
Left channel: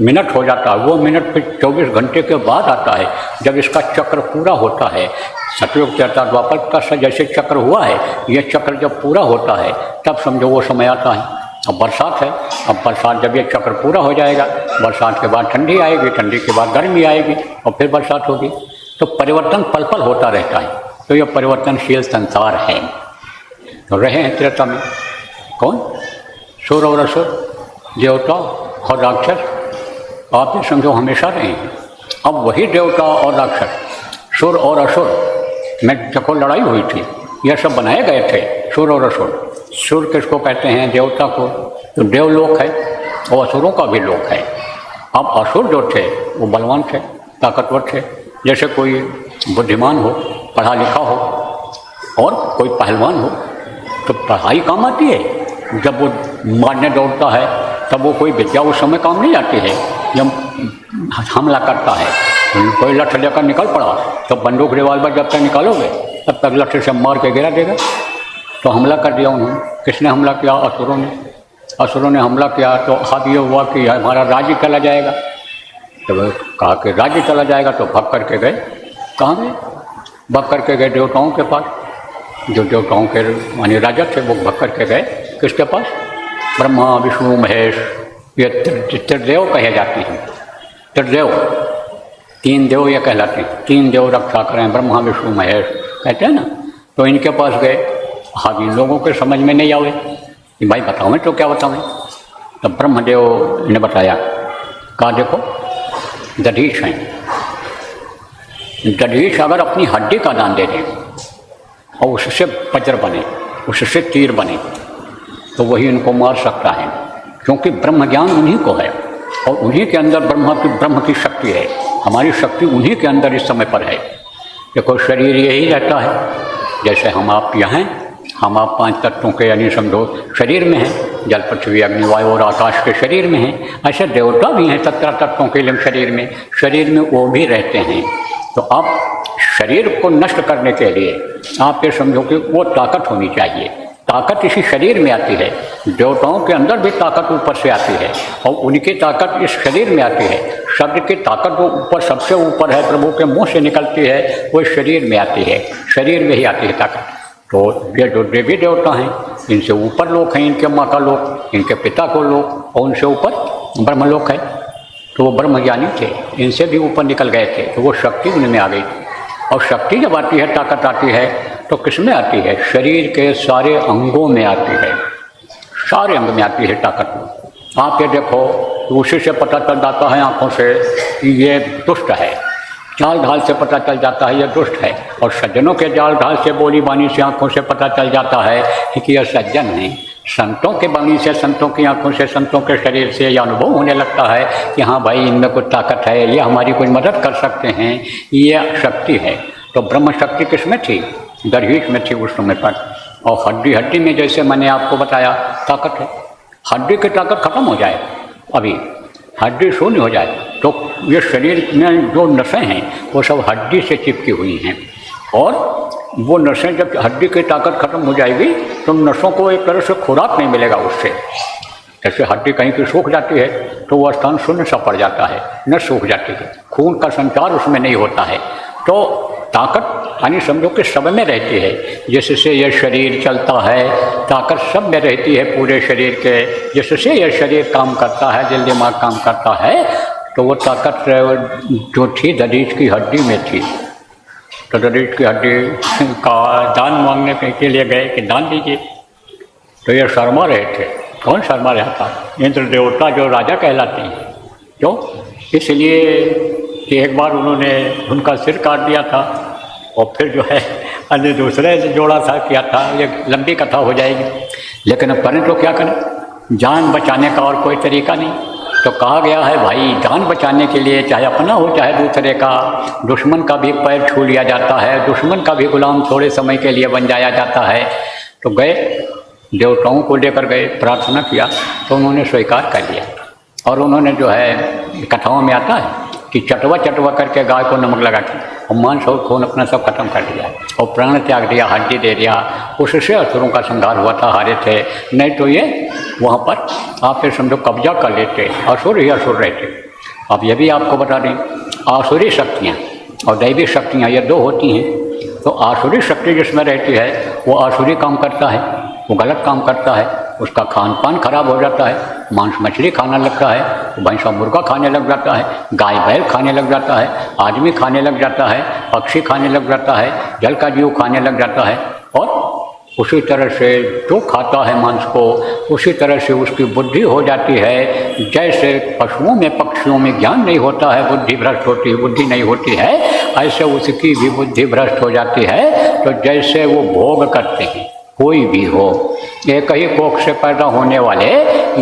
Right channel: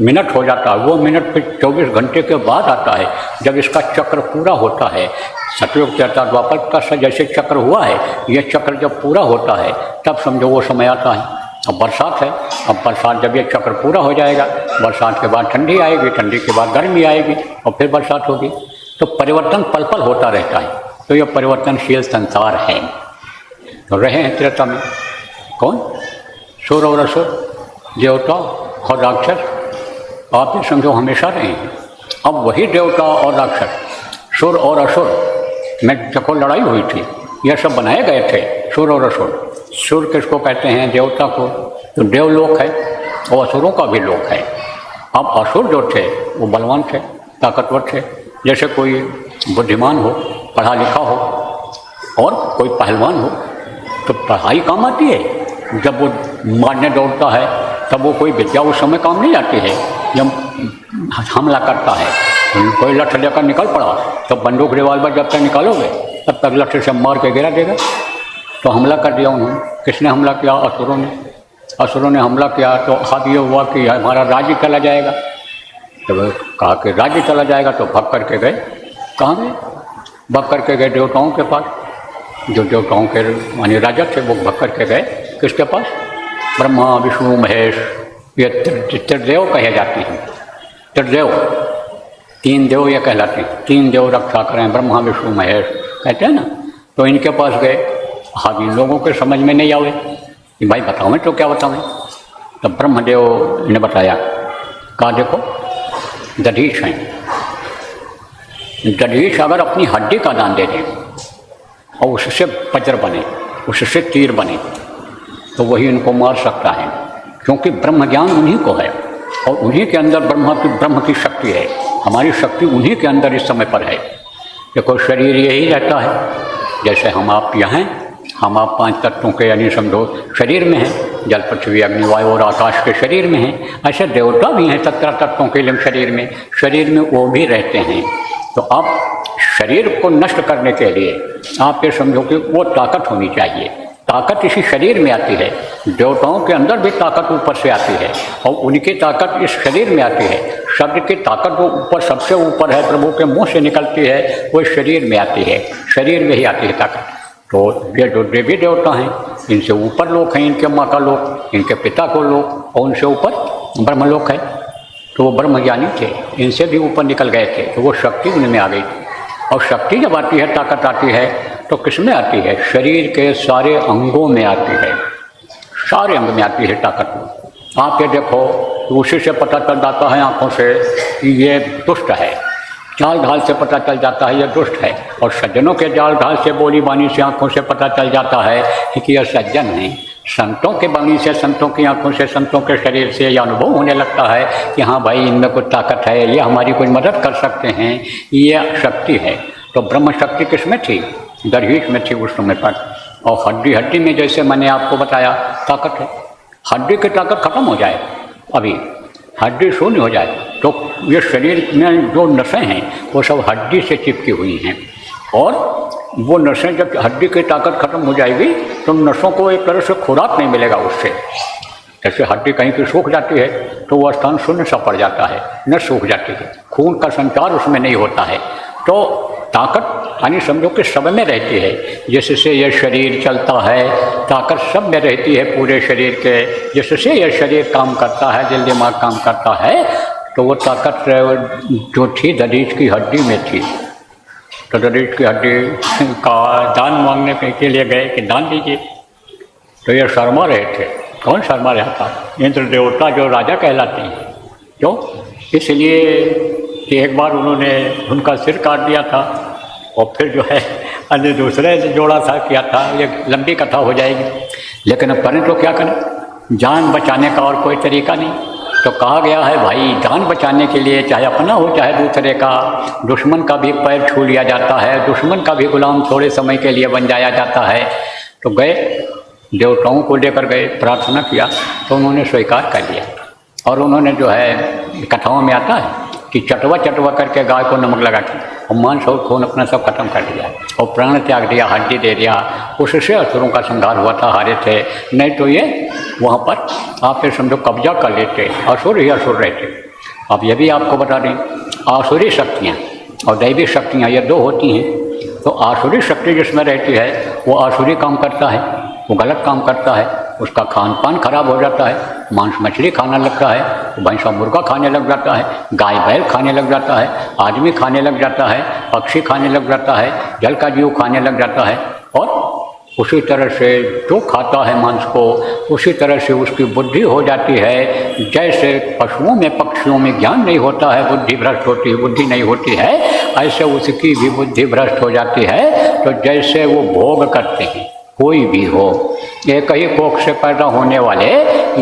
मिनट हो जाता है वो मिनट फिर 24 घंटे के बाद आता है, जब इसका चक्र पूरा होता है। सतयुग त्रेता द्वापर का जैसे चक्र हुआ है, ये चक्र जब पूरा होता है तब समझो वो समय आता है। अब बरसात है, अब बरसात जब ये चक्र पूरा हो जाएगा, बरसात के बाद ठंडी आएगी, ठंडी के बाद गर्मी आएगी और फिर बरसात होगी। तो परिवर्तन पल पल होता रहता है। तो ये परिवर्तनशील संसार है। तो रहे हैं त्रेता में कौन? सुर और असुर, देवता और राक्षस। आप ही समझो हमेशा रहे हैं। अब वही देवता और राक्षस, सुर और असुर में देखो लड़ाई हुई थी, यह सब बनाए गए थे सुर और असुर। सुर किसको कहते हैं? देवता को। तो देवलोक है और असुरों का भी लोक है। अब असुर जो थे वो बलवान थे, ताकतवर थे। जैसे कोई बुद्धिमान हो, पढ़ा लिखा हो और कोई पहलवान हो, तो पढ़ाई काम आती है। जब वो मारने दौड़ता है तब वो कोई विद्या उस समय काम नहीं आती है। जब हमला करता है, कोई लठ लेकर निकल पड़ा तो बंदूक रिवाल्वर जब तक निकालोगे तब तक लठ से मार के गिरा देगा। तो हमला कर दिया उन्होंने। किसने हमला किया? असुरों ने। असुरों ने हमला किया तो हाथ ये हुआ कि हमारा राज्य चला जाएगा। तो वो कहा कि राज्य चला जाएगा, तो भाग करके गए। कहाँ गए? भाग करके गए देवताओं के पास। जो देवताओं के माने राजा थे वो भाग करके गए किसके पास? ब्रह्मा विष्णु महेश, ये त्रिदेव कहे जाते हैं। त्रिदेव, तीन देव ये कहलाते हैं। तीन देव रक्षा करें, ब्रह्मा विष्णु महेश कहते हैं ना। तो इनके पास गए। हाँ, इन लोगों के समझ में नहीं आवे कि भाई बताओ मैं तो क्या बताऊँ। तो ब्रह्मदेव ने बताया, कहा देखो दधीच हैं, दधीच अगर अपनी हड्डी का दान दे दें और उससे वज्र बने, उससे तीर बने, तो वही इनको मार सकता है। क्योंकि ब्रह्म ज्ञान उन्हीं को है और उन्हीं के अंदर ब्रह्म की शक्ति है। हमारी शक्ति उन्हीं के अंदर इस समय पर है। देखो शरीर यही रहता है, जैसे हम आप यहाँ हैं, हम आप 5 तत्वों के यानी समझो शरीर में हैं, जल पृथ्वी अग्नि वायु और आकाश के शरीर में हैं। ऐसे देवता भी हैं 17 तत्वों के शरीर में वो भी रहते हैं। तो आप शरीर को नष्ट करने के लिए आप ये समझो कि वो ताकत होनी चाहिए। ताकत इसी शरीर में आती है। देवताओं के अंदर भी ताकत ऊपर से आती है और उनकी ताकत इस शरीर में आती है। शब्द की ताकत जो ऊपर सबसे ऊपर है, प्रभु के मुंह से निकलती है, वो शरीर में आती है। शरीर में ही आती है ताकत। तो ये जो देवी देवता हैं, इनसे ऊपर लोक हैं, इनके माँ का लोक, इनके पिता को लोक, और उनसे ऊपर ब्रह्मलोक है। तो वो ब्रह्मज्ञानी थे, इनसे भी ऊपर निकल गए थे। तो वो शक्ति उनमें आ गई। और शक्ति जब आती है, ताकत आती है, तो किस में आती है? शरीर के सारे अंगों में आती है। सारे अंग में आती है ताकत। आप ये देखो, उसी से पता चल जाता है आँखों से कि ये दुष्ट है। चाल ढाल से पता चल जाता है ये दुष्ट है। और सज्जनों के चाल ढाल से, बोली बानी से, आँखों से पता चल जाता है कि यह सज्जन है। संतों के बानी से, संतों की आँखों से, संतों के शरीर से यह अनुभव होने लगता है कि हाँ भाई इनमें कुछ ताकत है, ये हमारी कोई मदद कर सकते हैं, ये शक्ति है। तो ब्रह्म शक्ति किसमें थी? दधीच में थी उस समय पर। और हड्डी में जैसे मैंने आपको बताया ताकत है। हड्डी की ताकत खत्म हो जाए, अभी हड्डी शून्य हो जाए, तो ये शरीर में जो नसें हैं वो सब हड्डी से चिपकी हुई हैं। और वो नसें जब हड्डी की ताकत खत्म हो जाएगी तो नसों को एक तरह से खुराक नहीं मिलेगा उससे। जैसे हड्डी कहीं की सूख जाती है तो वो स्थान शून्य सा पड़ जाता है, न सूख जाती है, खून का संचार उसमें नहीं होता है। तो ताकत यानी समझो कि सब में रहती है। जिससे यह शरीर चलता है, ताकत सब में रहती है पूरे शरीर के। जिससे यह शरीर काम करता है, दिल दिमाग काम करता है, तो वो ताकत जो थी दरीच की हड्डी में थी। तो दरीच की हड्डी का दान मांगने के लिए गए कि दान दीजिए, तो ये शर्मा रहे थे। कौन शर्मा रहा था? इंद्र देवता जो राजा कहलाते हैं। क्यों? इसलिए कि एक बार उन्होंने उनका सिर काट दिया था और फिर जो है अन्य दूसरे ने जोड़ा था, किया था। ये लंबी कथा हो जाएगी, लेकिन अब करें तो क्या करें, जान बचाने का और कोई तरीका नहीं। तो कहा गया है भाई, जान बचाने के लिए चाहे अपना हो चाहे दूसरे का, दुश्मन का भी पैर छू लिया जाता है, दुश्मन का भी गुलाम थोड़े समय के लिए बन जाया जाता है। तो गए, देवताओं को लेकर गए, प्रार्थना किया, तो उन्होंने स्वीकार कर लिया। और उन्होंने जो है कथाओं में आता है कि चटवा चटवा करके गाय को नमक लगा के और मांस और खून अपना सब खत्म कर दिया और प्राण त्याग दिया, हड्डी दे दिया। उससे असुरों का संहार हुआ था, हारे थे। नहीं तो ये वहाँ पर आप ये समझो कब्जा कर लेते, असुर ही असुर रहते। अब ये भी आपको बता दें, आसुरी शक्तियाँ और दैवी शक्तियाँ ये दो होती हैं। तो आसुरी शक्ति जिसमें रहती है वो आसुरी काम करता है, वो गलत काम करता है, उसका खान पान खराब हो जाता है, मांस मछली खाना लगता है, भैंसा मुर्गा खाने लग जाता है, गाय बैल खाने लग जाता है, आदमी खाने लग जाता है, पक्षी खाने लग जाता है, जल का जीव खाने लग जाता है। और उसी तरह से जो खाता है मांस को, उसी तरह से उसकी बुद्धि हो जाती है। जैसे पशुओं में पक्षियों में ज्ञान नहीं होता है, बुद्धि भ्रष्ट होती है, बुद्धि नहीं होती है, ऐसे उसकी भी बुद्धि भ्रष्ट हो जाती है। तो जैसे वो भोग करते हैं, कोई भी हो, एक ही कोख से पैदा होने वाले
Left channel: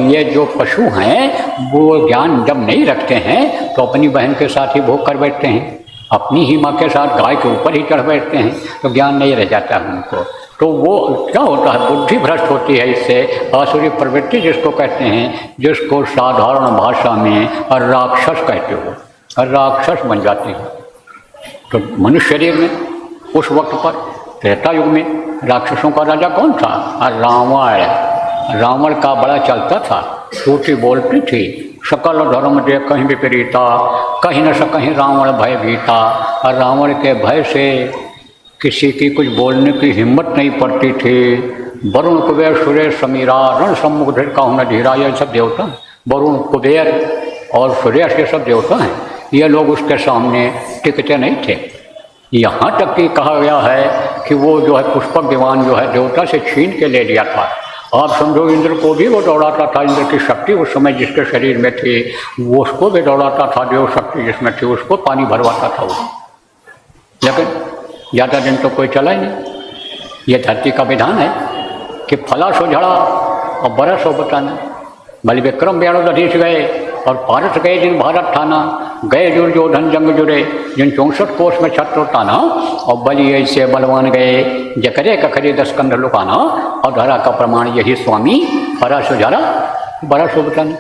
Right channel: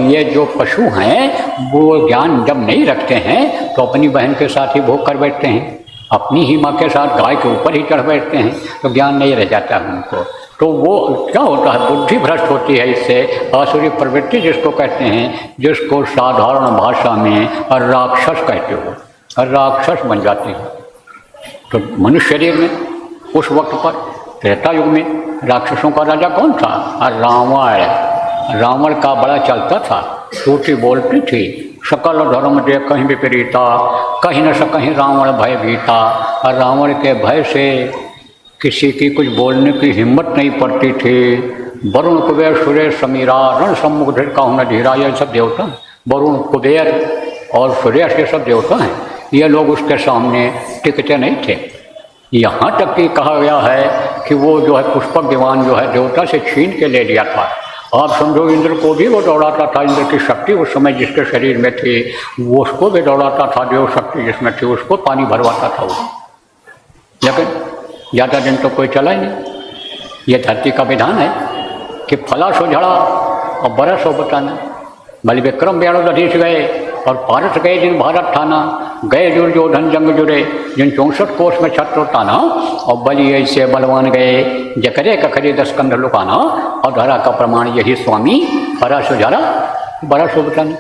ये जो पशु हैं, वो ज्ञान जब नहीं रखते हैं तो अपनी बहन के साथ ही भोग कर बैठते हैं, अपनी ही माँ के साथ गाय के ऊपर ही चढ़ बैठते हैं, तो ज्ञान नहीं रह जाता है उनको। तो वो क्या होता है, बुद्धि भ्रष्ट होती है। इससे आसुरी प्रवृत्ति जिसको कहते हैं, जिसको साधारण भाषा में राक्षस कहते हो, राक्षस बन जाती है। तो मनुष्य शरीर में उस वक्त पर त्रेता युग में राक्षसों का राजा कौन था? रावण। रावण का बड़ा चलता था, टूटी बोलती थी, सकल धर्म दे कहीं विपरीता, कहीं न सकहीं रावण भय भीता। और रावण के भय से किसी की कुछ बोलने की हिम्मत नहीं पड़ती थी। वरुण कुबेर सुरेश समीरा रण सम्मुख काहू न धीरा, ये सब देवता, वरुण कुबेर और सुरेश ये सब देवता हैं, ये लोग उसके सामने टिकते नहीं थे। यहाँ तक कि कहा गया है कि वो जो है पुष्पक विमान जो है देवता से छीन के ले लिया था। आप समझो इंद्र को भी वो दौड़ाता था, इंद्र की शक्ति उस समय जिसके शरीर में थी वो उसको भी दौड़ाता था, देव शक्ति जिसमें थी उसको पानी भरवाता था वो। लेकिन ज़्यादा दिन तो कोई चला ही नहीं। ये धरती का विधान है कि फला सो झड़ा और बरस हो बताना। बलि विक्रम व्याणोदधीश गए और पारस गए जिन भारत ठाना, गए दुर्योधन जंग जुड़े जिन 64 कोष में छत्रो ताना। और बलि ऐसे बलवान गए जकरे कखरे 10 कंध लुकाना। और धरा का प्रमाण यही स्वामी, फला सो झड़ा बरस हो बताना।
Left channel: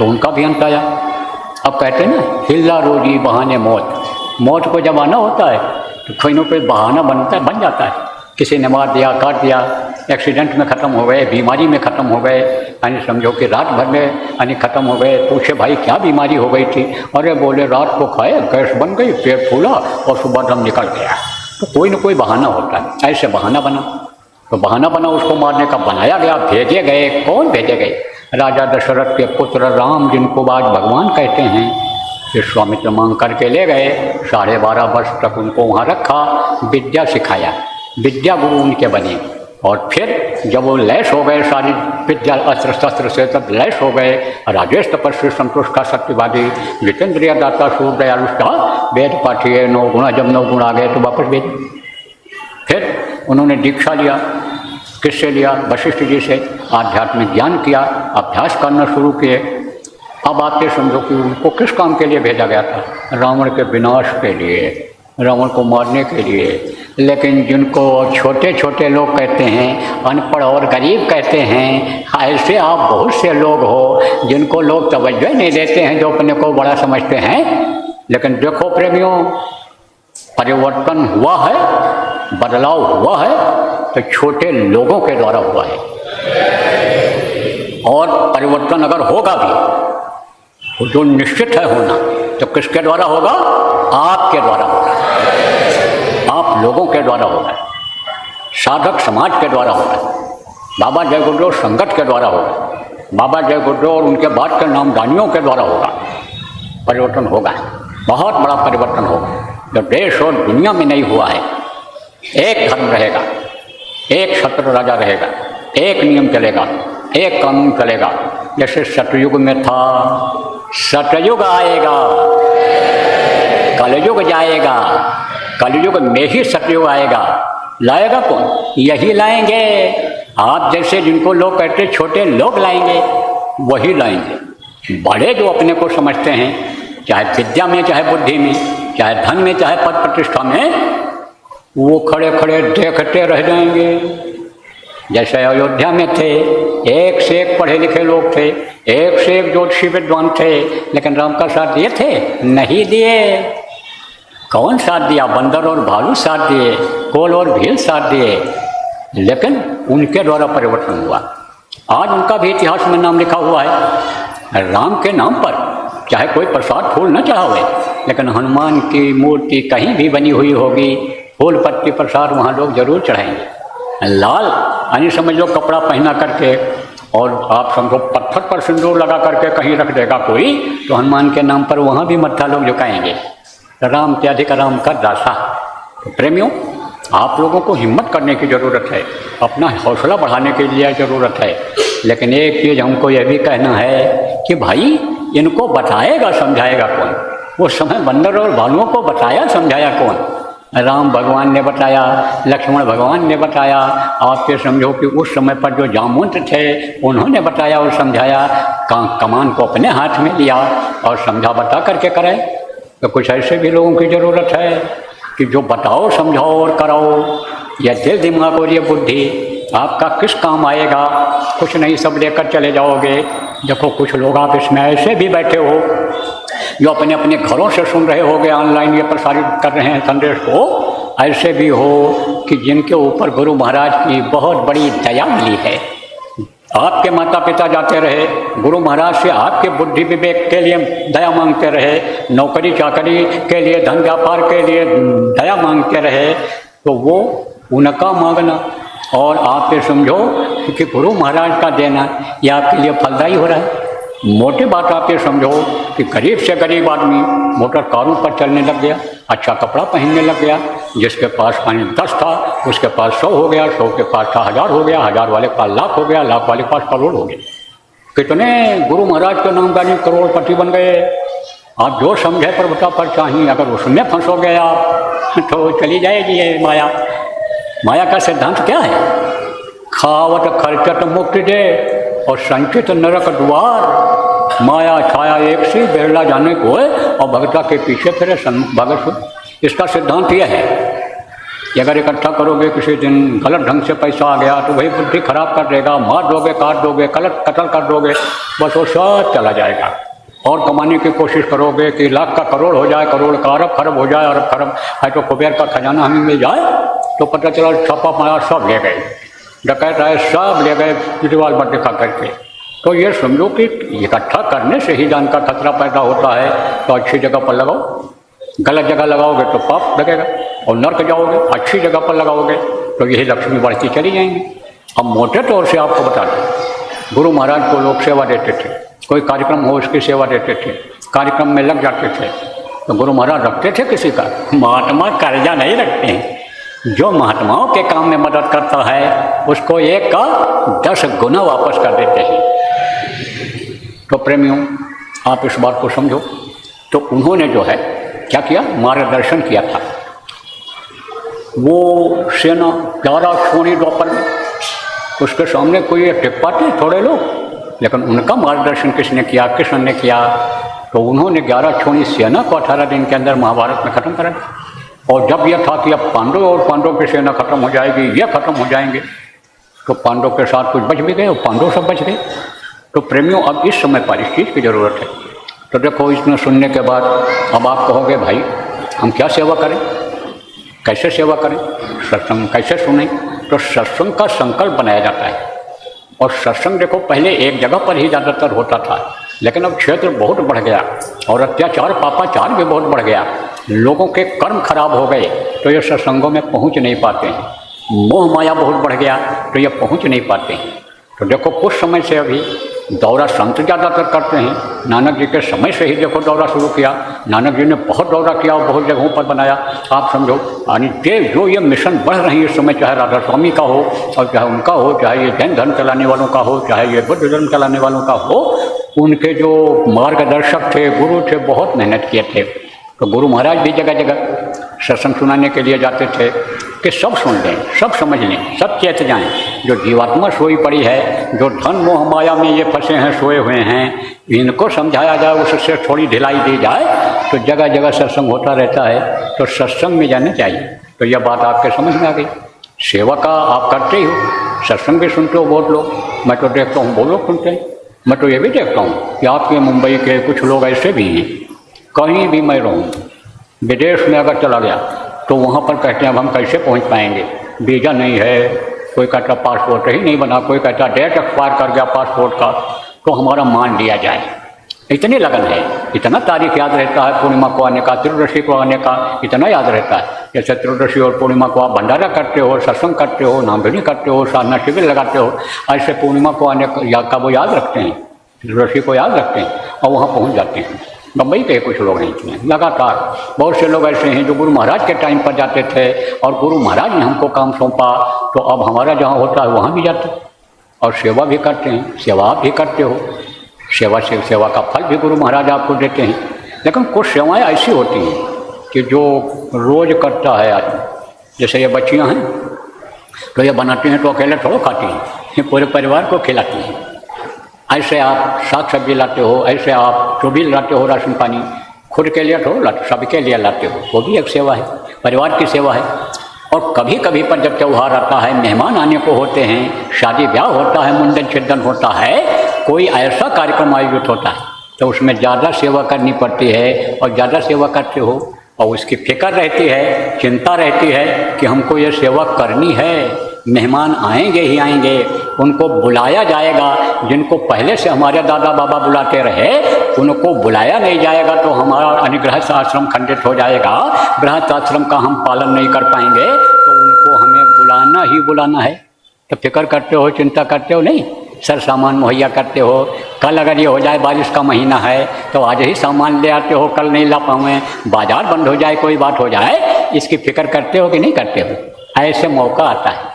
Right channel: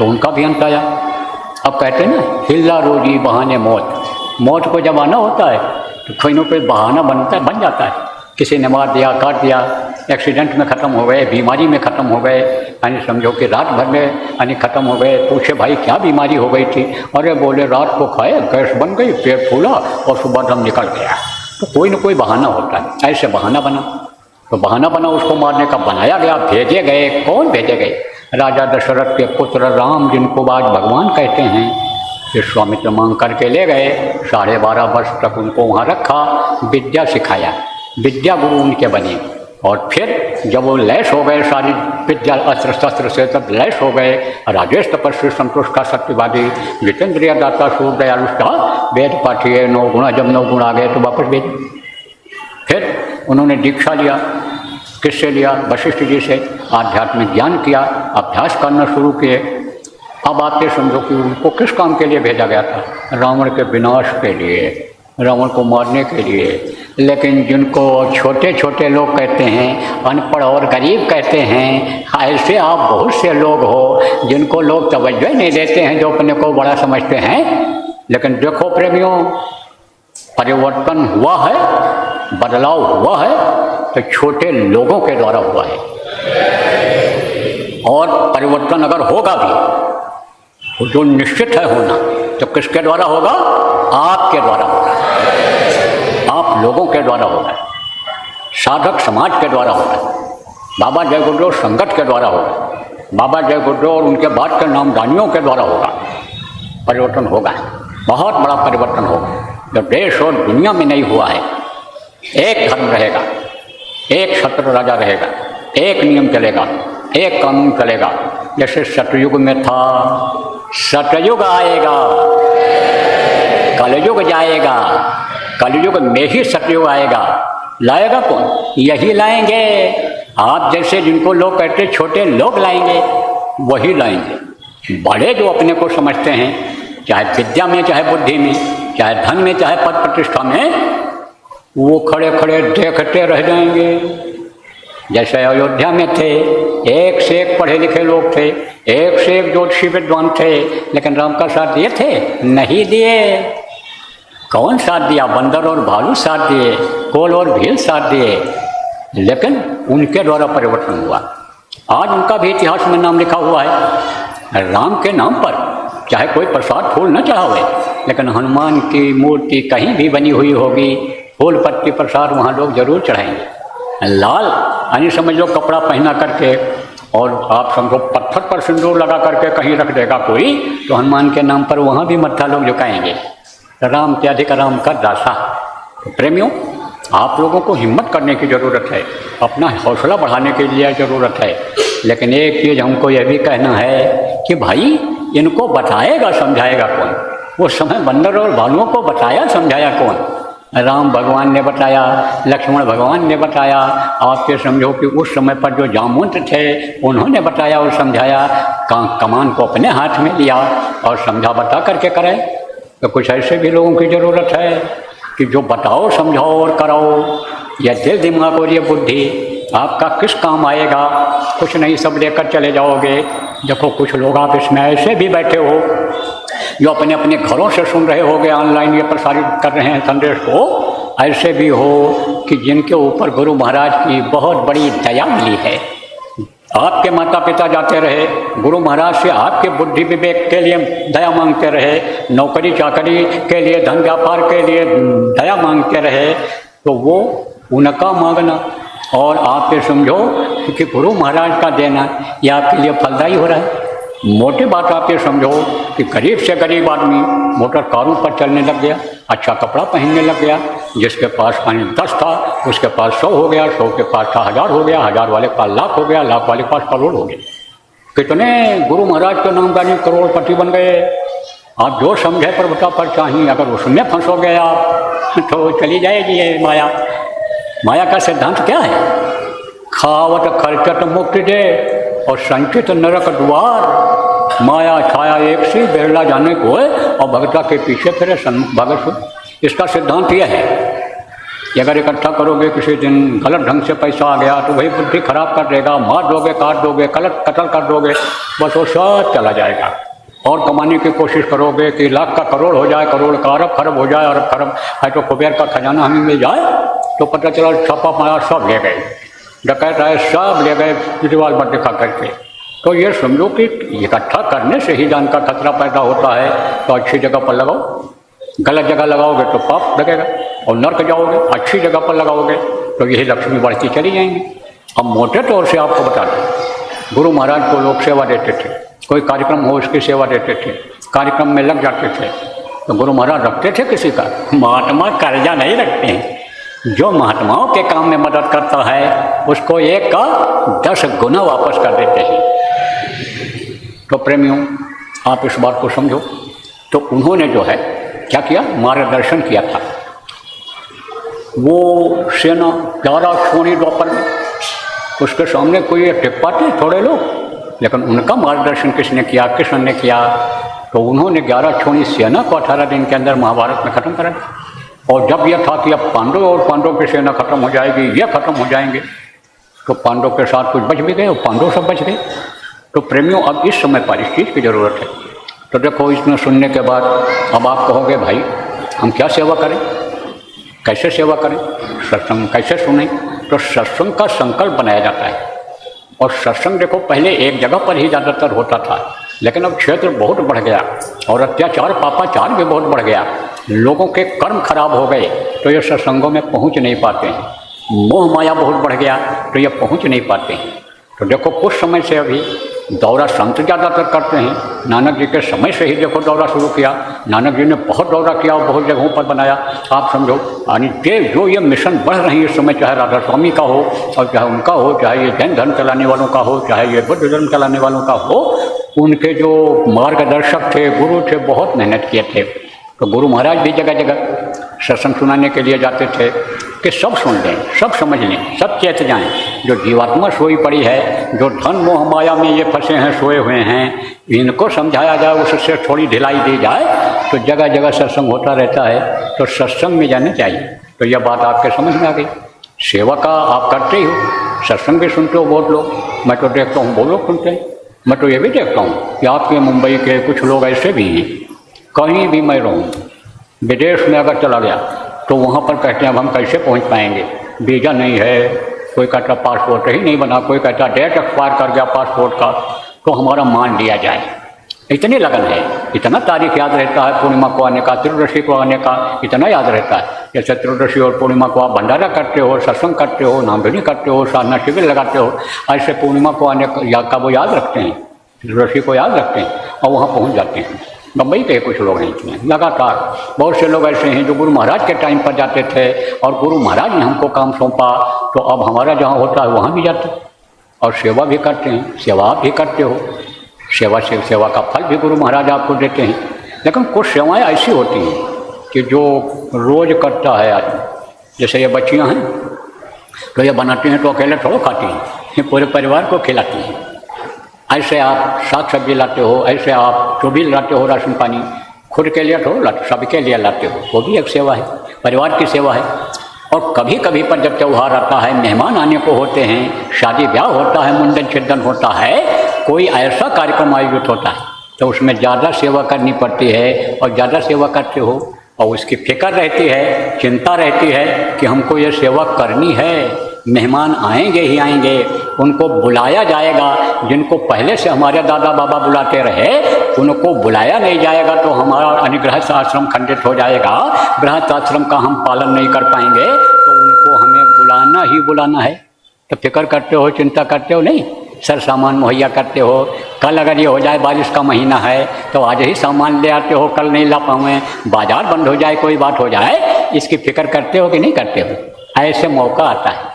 उनका भी बताया मौत का जमाना होता है, कोई न कोई बहाना बनते चल जाता है। जैसे नमाज किया, क्या किया, एक्सीडेंट में खत्म हो गए, बीमारी में खत्म हो गए, अरे समझो कि रात भर में यानी खत्म हो गए। पूछे भाई क्या बीमारी हो गई थी? अरे बोले रात को खाए, गैस बन गई, पेट फूला और सुबह दम निकल गया। तो कोई न कोई बहाना होता है। ऐसे बहाना बना, तो बहाना बना उसको मारने का बनाया गया। भेजे गए, कौन भेजे गए? राजा दशरथ के पुत्र राम, जिनको आज भगवान कहते हैं, विश्वामित्र मांग करके ले गए। 12.5 वर्ष तक उनको वहाँ रखा, विद्या सिखाया, विद्या गुरु उनके बने। और फिर जब वो लैस हो गए सारी विद्या अस्त्र शस्त्र से, तब लैस हो गए। राजेश तपस्वी संतुष्टा सत्यवादी जितेंद्रिय दाता सूर दयालुष्टा वेद पाठिए 9 गुणा। जब 9 गुण आ गए तो वापस भेज। फिर उन्होंने दीक्षा लिया। किससे लिया? वशिष्ठ जी से। आध्यात्मिक ज्ञान किया, अभ्यास करना शुरू किए। अब आप ये समझो कि उनको किस काम के लिए भेजा गया था? रावण के विनाश के लिए, रावण को मारने के लिए। लेकिन जिनको छोटे छोटे लोग कहते हैं, अनपढ़ और गरीब कहते हैं, ऐसे आप बहुत से लोग हो जिनको लोग तवज्जो ही नहीं देते हैं, जो अपने को बड़ा समझते हैं। लेकिन देखो प्रेमियों, परिवर्तन हुआ है, बदलाव हुआ है तो छोटे लोगों के द्वारा हुआ है। और परिवर्तन अगर होगा भी तो जो निश्चित है होना, तो किसके द्वारा होगा? आपके द्वारा होगा, आप लोगों के द्वारा होगा, साधक समाज के द्वारा होगा, बाबा जय गुरुदेव संगत के द्वारा होगा, बाबा जय गुरुदेव और उनके बाद के नामदानियों के द्वारा होगा। परिवर्तन होगा, बहुत बड़ा परिवर्तन होगा, जो देश और दुनिया में नहीं हुआ है। एक धर्म रहेगा, एक सत्य राजा रहेगा, एक नियम चलेगा, एक कानून चलेगा। जैसे सतयुग में था, सतयुग आएगा, कलयुग जाएगा, कलयुग में ही सतयुग आएगा। लाएगा तो यही लाएंगे, आप जैसे जिनको लोग कहते छोटे लोग लाएंगे, वही लाएंगे। बड़े जो अपने को समझते हैं, चाहे विद्या में, चाहे बुद्धि में, चाहे धन में, चाहे पद प्रतिष्ठा में, वो खड़े खड़े देखते रह जाएंगे। जैसे अयोध्या में थे, एक से एक पढ़े लिखे लोग थे, एक से एक ज्योतिषी विद्वान थे, लेकिन राम का साथ दिए थे? नहीं दिए। कौन साथ दिया? बंदर और भालू साथ दिए, कोल और भील साथ दिए, लेकिन उनके द्वारा परिवर्तन हुआ। आज उनका भी इतिहास में नाम लिखा हुआ है। राम के नाम पर चाहे कोई प्रसाद फूल न चढ़ावे, लेकिन हनुमान की मूर्ति कहीं भी बनी हुई होगी, फूल पत्ती प्रसाद वहाँ लोग जरूर चढ़ाएंगे। लाल यानी समझ लो कपड़ा पहना करके, और आप समझो पत्थर पर सिंदूर लगा करके कहीं रख देगा कोई, तो हनुमान के नाम पर वहाँ भी मत्था लोग झुकाएंगे। राम के अधिक राम का दासा। प्रेमियों, आप लोगों को हिम्मत करने की ज़रूरत है, अपना हौसला बढ़ाने के लिए ज़रूरत है। लेकिन एक चीज़ हमको यह भी कहना है कि भाई इनको बताएगा समझाएगा कौन? वो समय बंदर और भालुओं को बताया समझाया कौन? राम भगवान ने बताया, लक्ष्मण भगवान ने बताया। आपके समझो कि उस समय पर जो जामवंत थे उन्होंने बताया और समझाया, कमान को अपने हाथ में लिया और समझा बता करके करे। तो कुछ ऐसे भी लोगों की ज़रूरत है कि जो बताओ, समझाओ और कराओ। यह दिल दिमाग और ये बुद्धि आपका किस काम आएगा? कुछ नहीं, सब लेकर चले जाओगे। देखो कुछ लोग आप इसमें ऐसे भी बैठे हो जो अपने अपने घरों से सुन रहे होगे, ऑनलाइन ये प्रसारित कर रहे हैं संदेश को। ऐसे भी हो कि जिनके ऊपर गुरु महाराज की बहुत बड़ी दया मिली है। आपके माता पिता जाते रहे, गुरु महाराज से आपके बुद्धि विवेक के लिए दया मांगते रहे, नौकरी चाकरी के लिए, धन व्यापार के लिए दया मांगते रहे, तो वो उनका मांगना और आप ये समझो कि गुरु महाराज का देना ये आपके लिए फलदायी हो रहा है। मोटे बात आप ये समझो कि गरीब से गरीब आदमी मोटर कारों पर चलने लग गया, अच्छा कपड़ा पहनने लग गया। जिसके पास 10 था उसके पास 100 हो गया, 100 के पास 1000 हो गया, 1000 वाले के पास लाख हो गया, लाख वाले के पास करोड़ हो गया। कितने गुरु महाराज के नाम का करोड़पति बन गए। आज जो समझे प्रभुता पर चाहिए, अगर उसमें फंसोगे आप तो चली जाएगी ये माया। माया का सिद्धांत क्या है? खावत खर्चत मुक्ति दे और संचित नरक द्वार। माया छाया एक सी, बिरला जाने को है और भगता के पीछे फिरे सन्मुख भगत। इसका सिद्धांत यह है कि अगर इकट्ठा करोगे, किसी दिन गलत ढंग से पैसा आ गया तो वही बुद्धि खराब कर देगा, मार दोगे, काट दोगे, कत्ल कर दोगे, बस वो सब चला जाएगा। और कमाने की कोशिश करोगे कि लाख का करोड़ हो जाए, करोड़ का अरब खरब हो जाए, अरब खरब है तो कुबेर का खजाना हमें मिल जाए, तो पता चला छापा मारा सब ले गए, डकैत आए सब ले गए दीवार पर दिखा करके। तो ये समझो कि इकट्ठा करने से ही जान का खतरा पैदा होता है। तो अच्छी जगह पर लगाओ, गलत जगह लगाओगे तो पाप लगेगा और नर्क जाओगे। अच्छी जगह पर लगाओगे तो यही लक्ष्मी बढ़ती चली जाएंगी। हम मोटे तौर से आपको बता दें, गुरु महाराज को लोग सेवा देते थे, कोई कार्यक्रम हो उसकी सेवा देते थे, कार्यक्रम में लग जाते थे। तो गुरु महाराज रखते थे किसी का? महात्मा कर्जा नहीं रखते हैं। जो महात्माओं के काम में मदद करता है उसको 1 का 10 गुना वापस कर देते हैं। तो प्रेमियों, आप इस बात को समझो। तो उन्होंने जो है क्या किया? मार्गदर्शन किया था। वो सेना 11 छोड़ी द्वापर में, उसके सामने कोई एक टिक पाते थोड़े लोग, लेकिन उनका मार्गदर्शन किसने किया? कृष्ण ने किया। तो उन्होंने 11 छोड़ी सेना को 18 दिन के अंदर महाभारत में खत्म करा। और जब यह था कि अब पांडव और पांडव की सेना खत्म हो जाएगी, ये खत्म हो जाएंगे, तो पांडव के साथ कुछ बच भी गए और पांडव सब बच गए। तो प्रेमियों, अब इस समय पर इस चीज़ की ज़रूरत है। तो देखो, इसमें सुनने के बाद अब आप कहोगे भाई हम क्या सेवा करें, कैसे सेवा करें, सत्संग कैसे सुने? तो सत्संग का संकल्प बनाया जाता है। और सत्संग देखो पहले एक जगह पर ही ज़्यादातर होता था, लेकिन अब क्षेत्र बहुत बढ़ गया और अत्याचार पापाचार भी बहुत बढ़ गया, लोगों के कर्म खराब हो गए तो ये सत्संगों में पहुँच नहीं पाते, माया बहुत बढ़ गया तो ये पहुँच नहीं पाते। तो देखो कुछ समय से अभी दौरा संत ज़्यादातर करते हैं, नानक जी के समय से ही देखो दौरा शुरू किया, नानक जी ने बहुत दौरा किया और बहुत जगहों पर बनाया। आप समझो यानी जो ये मिशन बढ़ रही है इस समय, चाहे राधा स्वामी का हो और चाहे उनका हो, चाहे ये जैन धर्म चलाने वालों का हो, चाहे ये बुद्ध धर्म चलाने वालों का हो, उनके जो मार्गदर्शक थे, गुरु थे, बहुत मेहनत किए थे। तो गुरु महाराज भी जगह जगह सत्संग सुनाने के लिए जाते थे कि सब सुन लें, सब समझ लें, सब चेत जाएं। जो जीवात्मा सोई पड़ी है, जो धन मोह माया में ये फंसे हैं, सोए हुए हैं, इनको समझाया जाए, उससे थोड़ी ढिलाई दी जाए तो जगह जगह सत्संग होता रहता है। तो सत्संग में जाना चाहिए। तो यह बात आपके समझ में आ गई। सेवा का आप करते ही हो, सत्संग भी सुनते हो बहुत लोग, मैं तो देखता हूँ बहुत लोग सुनते हैं। मैं तो ये भी देखता हूँ कि आपके मुंबई के कुछ लोग ऐसे भी हैं, कहीं भी मैं रहूँ, विदेश में अगर चला गया तो वहाँ पर कहते हैं अब हम कैसे पहुँच पाएंगे, वीज़ा नहीं है, कोई कहता पासपोर्ट ही नहीं बना, कोई कहता डेट एक्सपायर कर गया पासपोर्ट का, तो हमारा मान लिया जाए। इतनी लगन है, इतना तारीख याद रहता है पूर्णिमा को आने का, त्रयोदशी को आने का इतना याद रहता है। जैसे त्रयोदशी और पूर्णिमा को आप भंडारा करते हो, सत्संग करते हो, नामधनी करते हो, साधना शिविर लगाते हो, ऐसे पूर्णिमा को आने का वो याद रखते हैं, त्रयोदशी को याद रखते हैं और वहाँ पहुँच जाते हैं। बम्बई के कुछ लोग नहीं थे, लगातार बहुत से लोग ऐसे हैं जो गुरु महाराज के टाइम पर जाते थे और गुरु महाराज ने हमको काम सौंपा तो अब हमारा जहाँ होता है वहाँ भी जाते और सेवा भी करते हैं। सेवा आप भी करते हो, सेवा का फल भी गुरु महाराज आपको देते हैं। लेकिन कुछ सेवाएं ऐसी होती हैं कि जो रोज़ करता है आदमी, जैसे ये बच्चियाँ हैं तो ये बनाती हैं तो अकेले थोड़ा खाती हैं, ये पूरे परिवार को खिलाती हैं। ऐसे आप साग सब्जी लाते हो, ऐसे आप जो भी लाते हो राशन पानी, खुद के लिए थोड़ा लाते, सबके लिए लाते हो, वो भी एक सेवा है, परिवार की सेवा है। और कभी कभी पर जब त्यौहार आता है, मेहमान आने को होते हैं, शादी ब्याह होता है, मुंडन छिंदन होता है, कोई ऐसा कार्यक्रम आयोजित होता है तो उसमें ज़्यादा सेवा करनी पड़ती है। और ज़्यादा सेवा करते हो और उसकी फिक्र रहती है, चिंता रहती है कि हमको ये सेवा करनी है, मेहमान आएंगे ही आएंगे, उनको बुलाया जाएगा। जिनको पहले से हमारे दादा बाबा बुलाते रहे उनको बुलाया नहीं जाएगा तो हमारा अनुगृहस्थ आश्रम खंडित हो जाएगा, गृहस्थ आश्रम का हम पालन नहीं कर पाएंगे, तो उनको हमें बुलाना ही बुलाना है। तो फिक्र करते हो, चिंता करते हो नहीं, सर सामान मुहैया करते हो। कल अगर ये हो जाए बारिश का महीना है तो आज ही सामान ले आते हो, कल नहीं ला पाऊँ, बाजार बंद हो जाए, कोई बात हो जाए, इसकी फिक्र करते हो कि नहीं करते हो। ऐसे मौका आता है,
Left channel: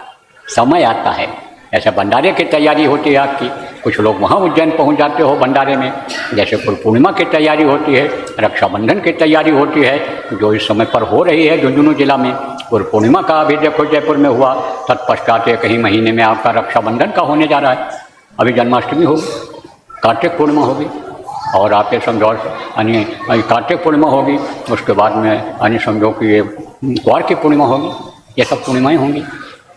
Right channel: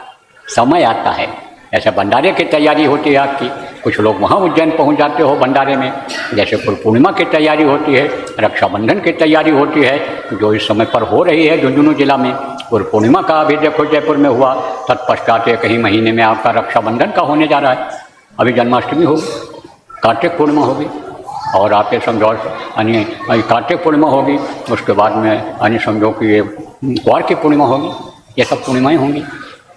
समय आता है, ऐसा भंडारे की तैयारी होती है आपकी, कुछ लोग वहाँ उज्जैन पहुँच जाते हो भंडारे में, जैसे गुरु पूर्णिमा की तैयारी होती है, रक्षाबंधन की तैयारी होती है जो इस समय पर हो रही है झुंझुनू जिला में। गुरु पूर्णिमा का अभी देखो जयपुर में हुआ, तत्पश्चात एक ही महीने में आपका रक्षाबंधन का होने जा रहा है, अभी जन्माष्टमी होगी, कार्तिक पूर्णिमा होगी और आपके समझो यानी कार्तिक पूर्णिमा होगी, उसके बाद में यानी समझो कि ये ग्वार की पूर्णिमा होगी, ये सब पूर्णिमाएँ होंगी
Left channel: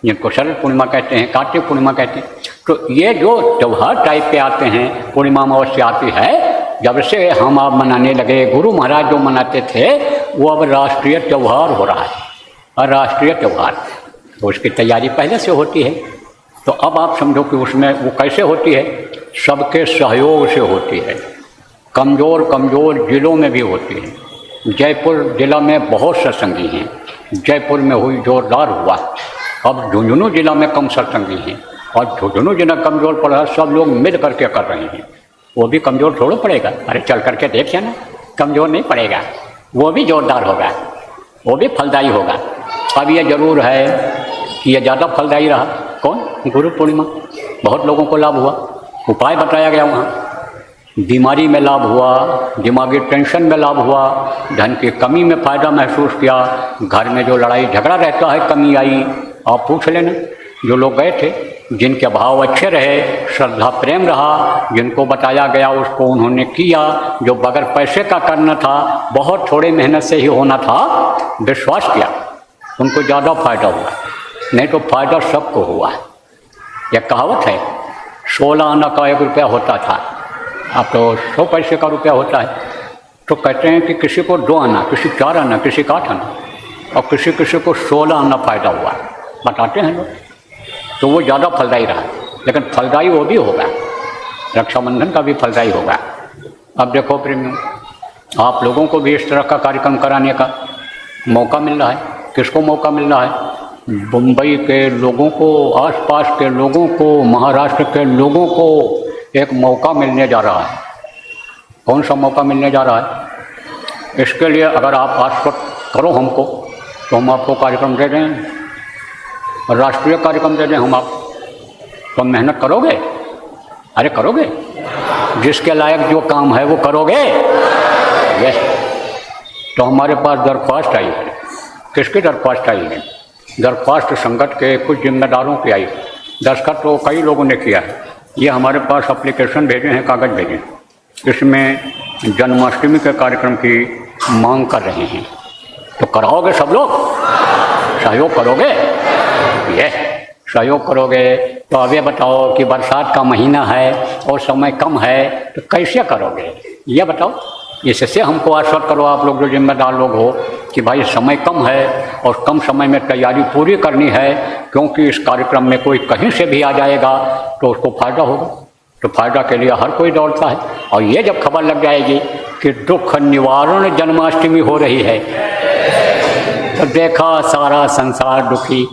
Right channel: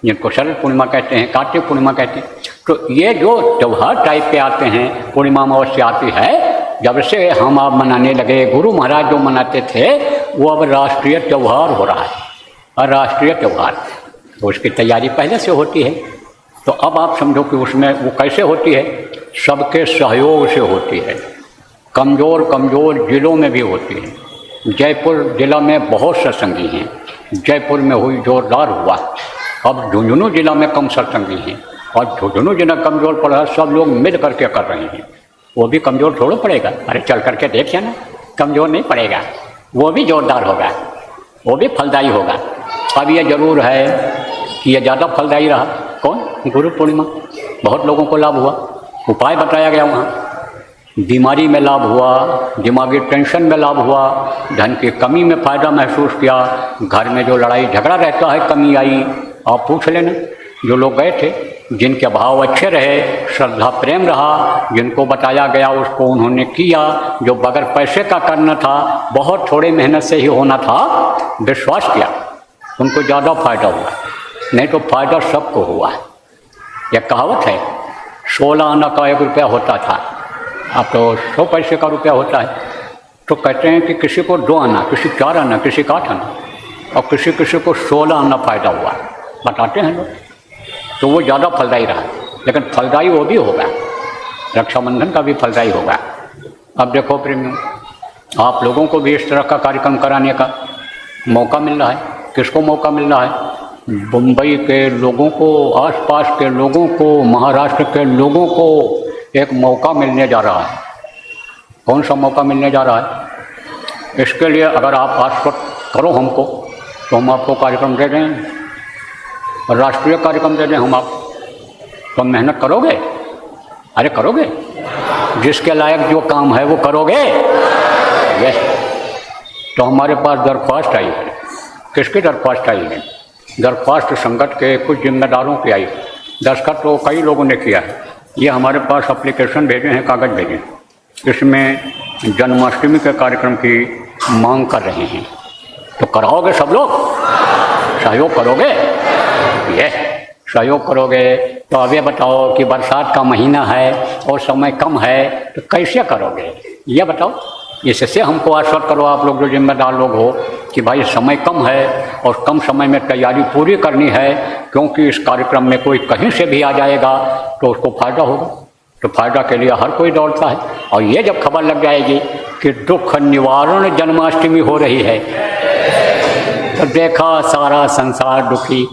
जिनको शरद पूर्णिमा कहते हैं, कार्तिक पूर्णिमा कहते हैं। तो ये जो त्योहार टाइप के आते हैं, पूर्णिमा अमावस्या आती है, जब से हम आप मनाने लगे, गुरु महाराज जो मनाते थे वो अब राष्ट्रीय त्यौहार हो रहा है, और राष्ट्रीय त्यौहार तो उसकी तैयारी पहले से होती है। तो अब आप समझो कि उसमें वो कैसे होती है, सबके सहयोग से होती है, कमज़ोर कमज़ोर जिलों में भी होती है। जयपुर जिला में बहुत सत्संगी हैं, जयपुर में हुई जोरदार हुआ, अब झुंझुनू जिला में कम सत्संगी हैं और झुंझुनू जिला कमज़ोर पड़ा, सब लोग मिल करके कर रहे हैं। वो भी कमज़ोर थोड़ा पड़ेगा, अरे चल करके देख जाना, कमज़ोर नहीं पड़ेगा, वो भी जोरदार होगा, वो भी फलदायी होगा। अब ये जरूर है कि ये ज़्यादा फलदायी रहा, कौन, गुरु पूर्णिमा, बहुत लोगों को लाभ हुआ, उपाय बताया गया वहाँ, बीमारी में लाभ हुआ, दिमागी टेंशन में लाभ हुआ, धन की कमी में फ़ायदा महसूस किया, घर में जो लड़ाई झगड़ा रहता है कमी आई। आप पूछ लेना जो लोग गए थे, जिनके भाव अच्छे रहे, श्रद्धा प्रेम रहा, जिनको बताया गया उसको उन्होंने किया, जो बगैर पैसे का करना था, बहुत थोड़े मेहनत से ही होना था, विश्वास किया, उनको ज़्यादा फ़ायदा हुआ, नहीं तो फ़ायदा सबको हुआ। यह कहावत है, 16 आना का 1 रुपया होता था, अब तो 100 पैसे का रुपया होता है। तो कहते हैं कि किसी को 2 आना, किसी 4 आना, किसी का 8 आना, और किसी को 16 आना फ़ायदा हुआ, बताते हैं लोग। तो वो ज़्यादा फलदायी रहा। लेकिन फलदायी वो भी होगा, रक्षाबंधन का भी फलदायी होगा। अब देखो प्रेमियों, आप लोगों को भी इस तरह का कार्यक्रम कराने का मौका मिल रहा है। किसको मौका मिल रहा है? मुंबई के लोगों को, आसपास के लोगों को, महाराष्ट्र के लोगों को एक मौका मिलने जा रहा है। कौन सा मौका मिलने जा रहा है? इसके लिए अगर आप पासपोर्ट करो हमको, तो हम आपको कार्यक्रम दे दें, राष्ट्रीय कार्यक्रम दे दें हम आप, तो मेहनत करोगे? अरे करोगे? जिसके लायक जो काम है वो करोगे। यस, तो हमारे पास दरख्वास्त आई है। किसकी दरख्वास्त आई है? दरख्वास्त संगत के कुछ जिम्मेदारों की आई। दस्तखत तो कई लोगों ने किया है। ये हमारे पास एप्लीकेशन भेजे हैं, कागज़ भेजे, इसमें जन्माष्टमी के कार्यक्रम की मांग कर रहे हैं। तो कराओगे सब लोग? सहयोग करोगे? यस, सहयोग करोगे। तो अब ये बताओ कि बरसात का महीना है और समय कम है, तो कैसे करोगे? ये बताओ। इससे हमको आश्वस्त करो, आप लोग जो जिम्मेदार लोग हो, कि भाई समय कम है और कम समय में तैयारी पूरी करनी है, क्योंकि इस कार्यक्रम में कोई कहीं से भी आ जाएगा तो उसको फायदा होगा। तो फायदा के लिए हर कोई दौड़ता है। और ये जब खबर लग जाएगी कि दुख निवारण जन्माष्टमी हो रही है, तो देखा सारा संसार दुखी,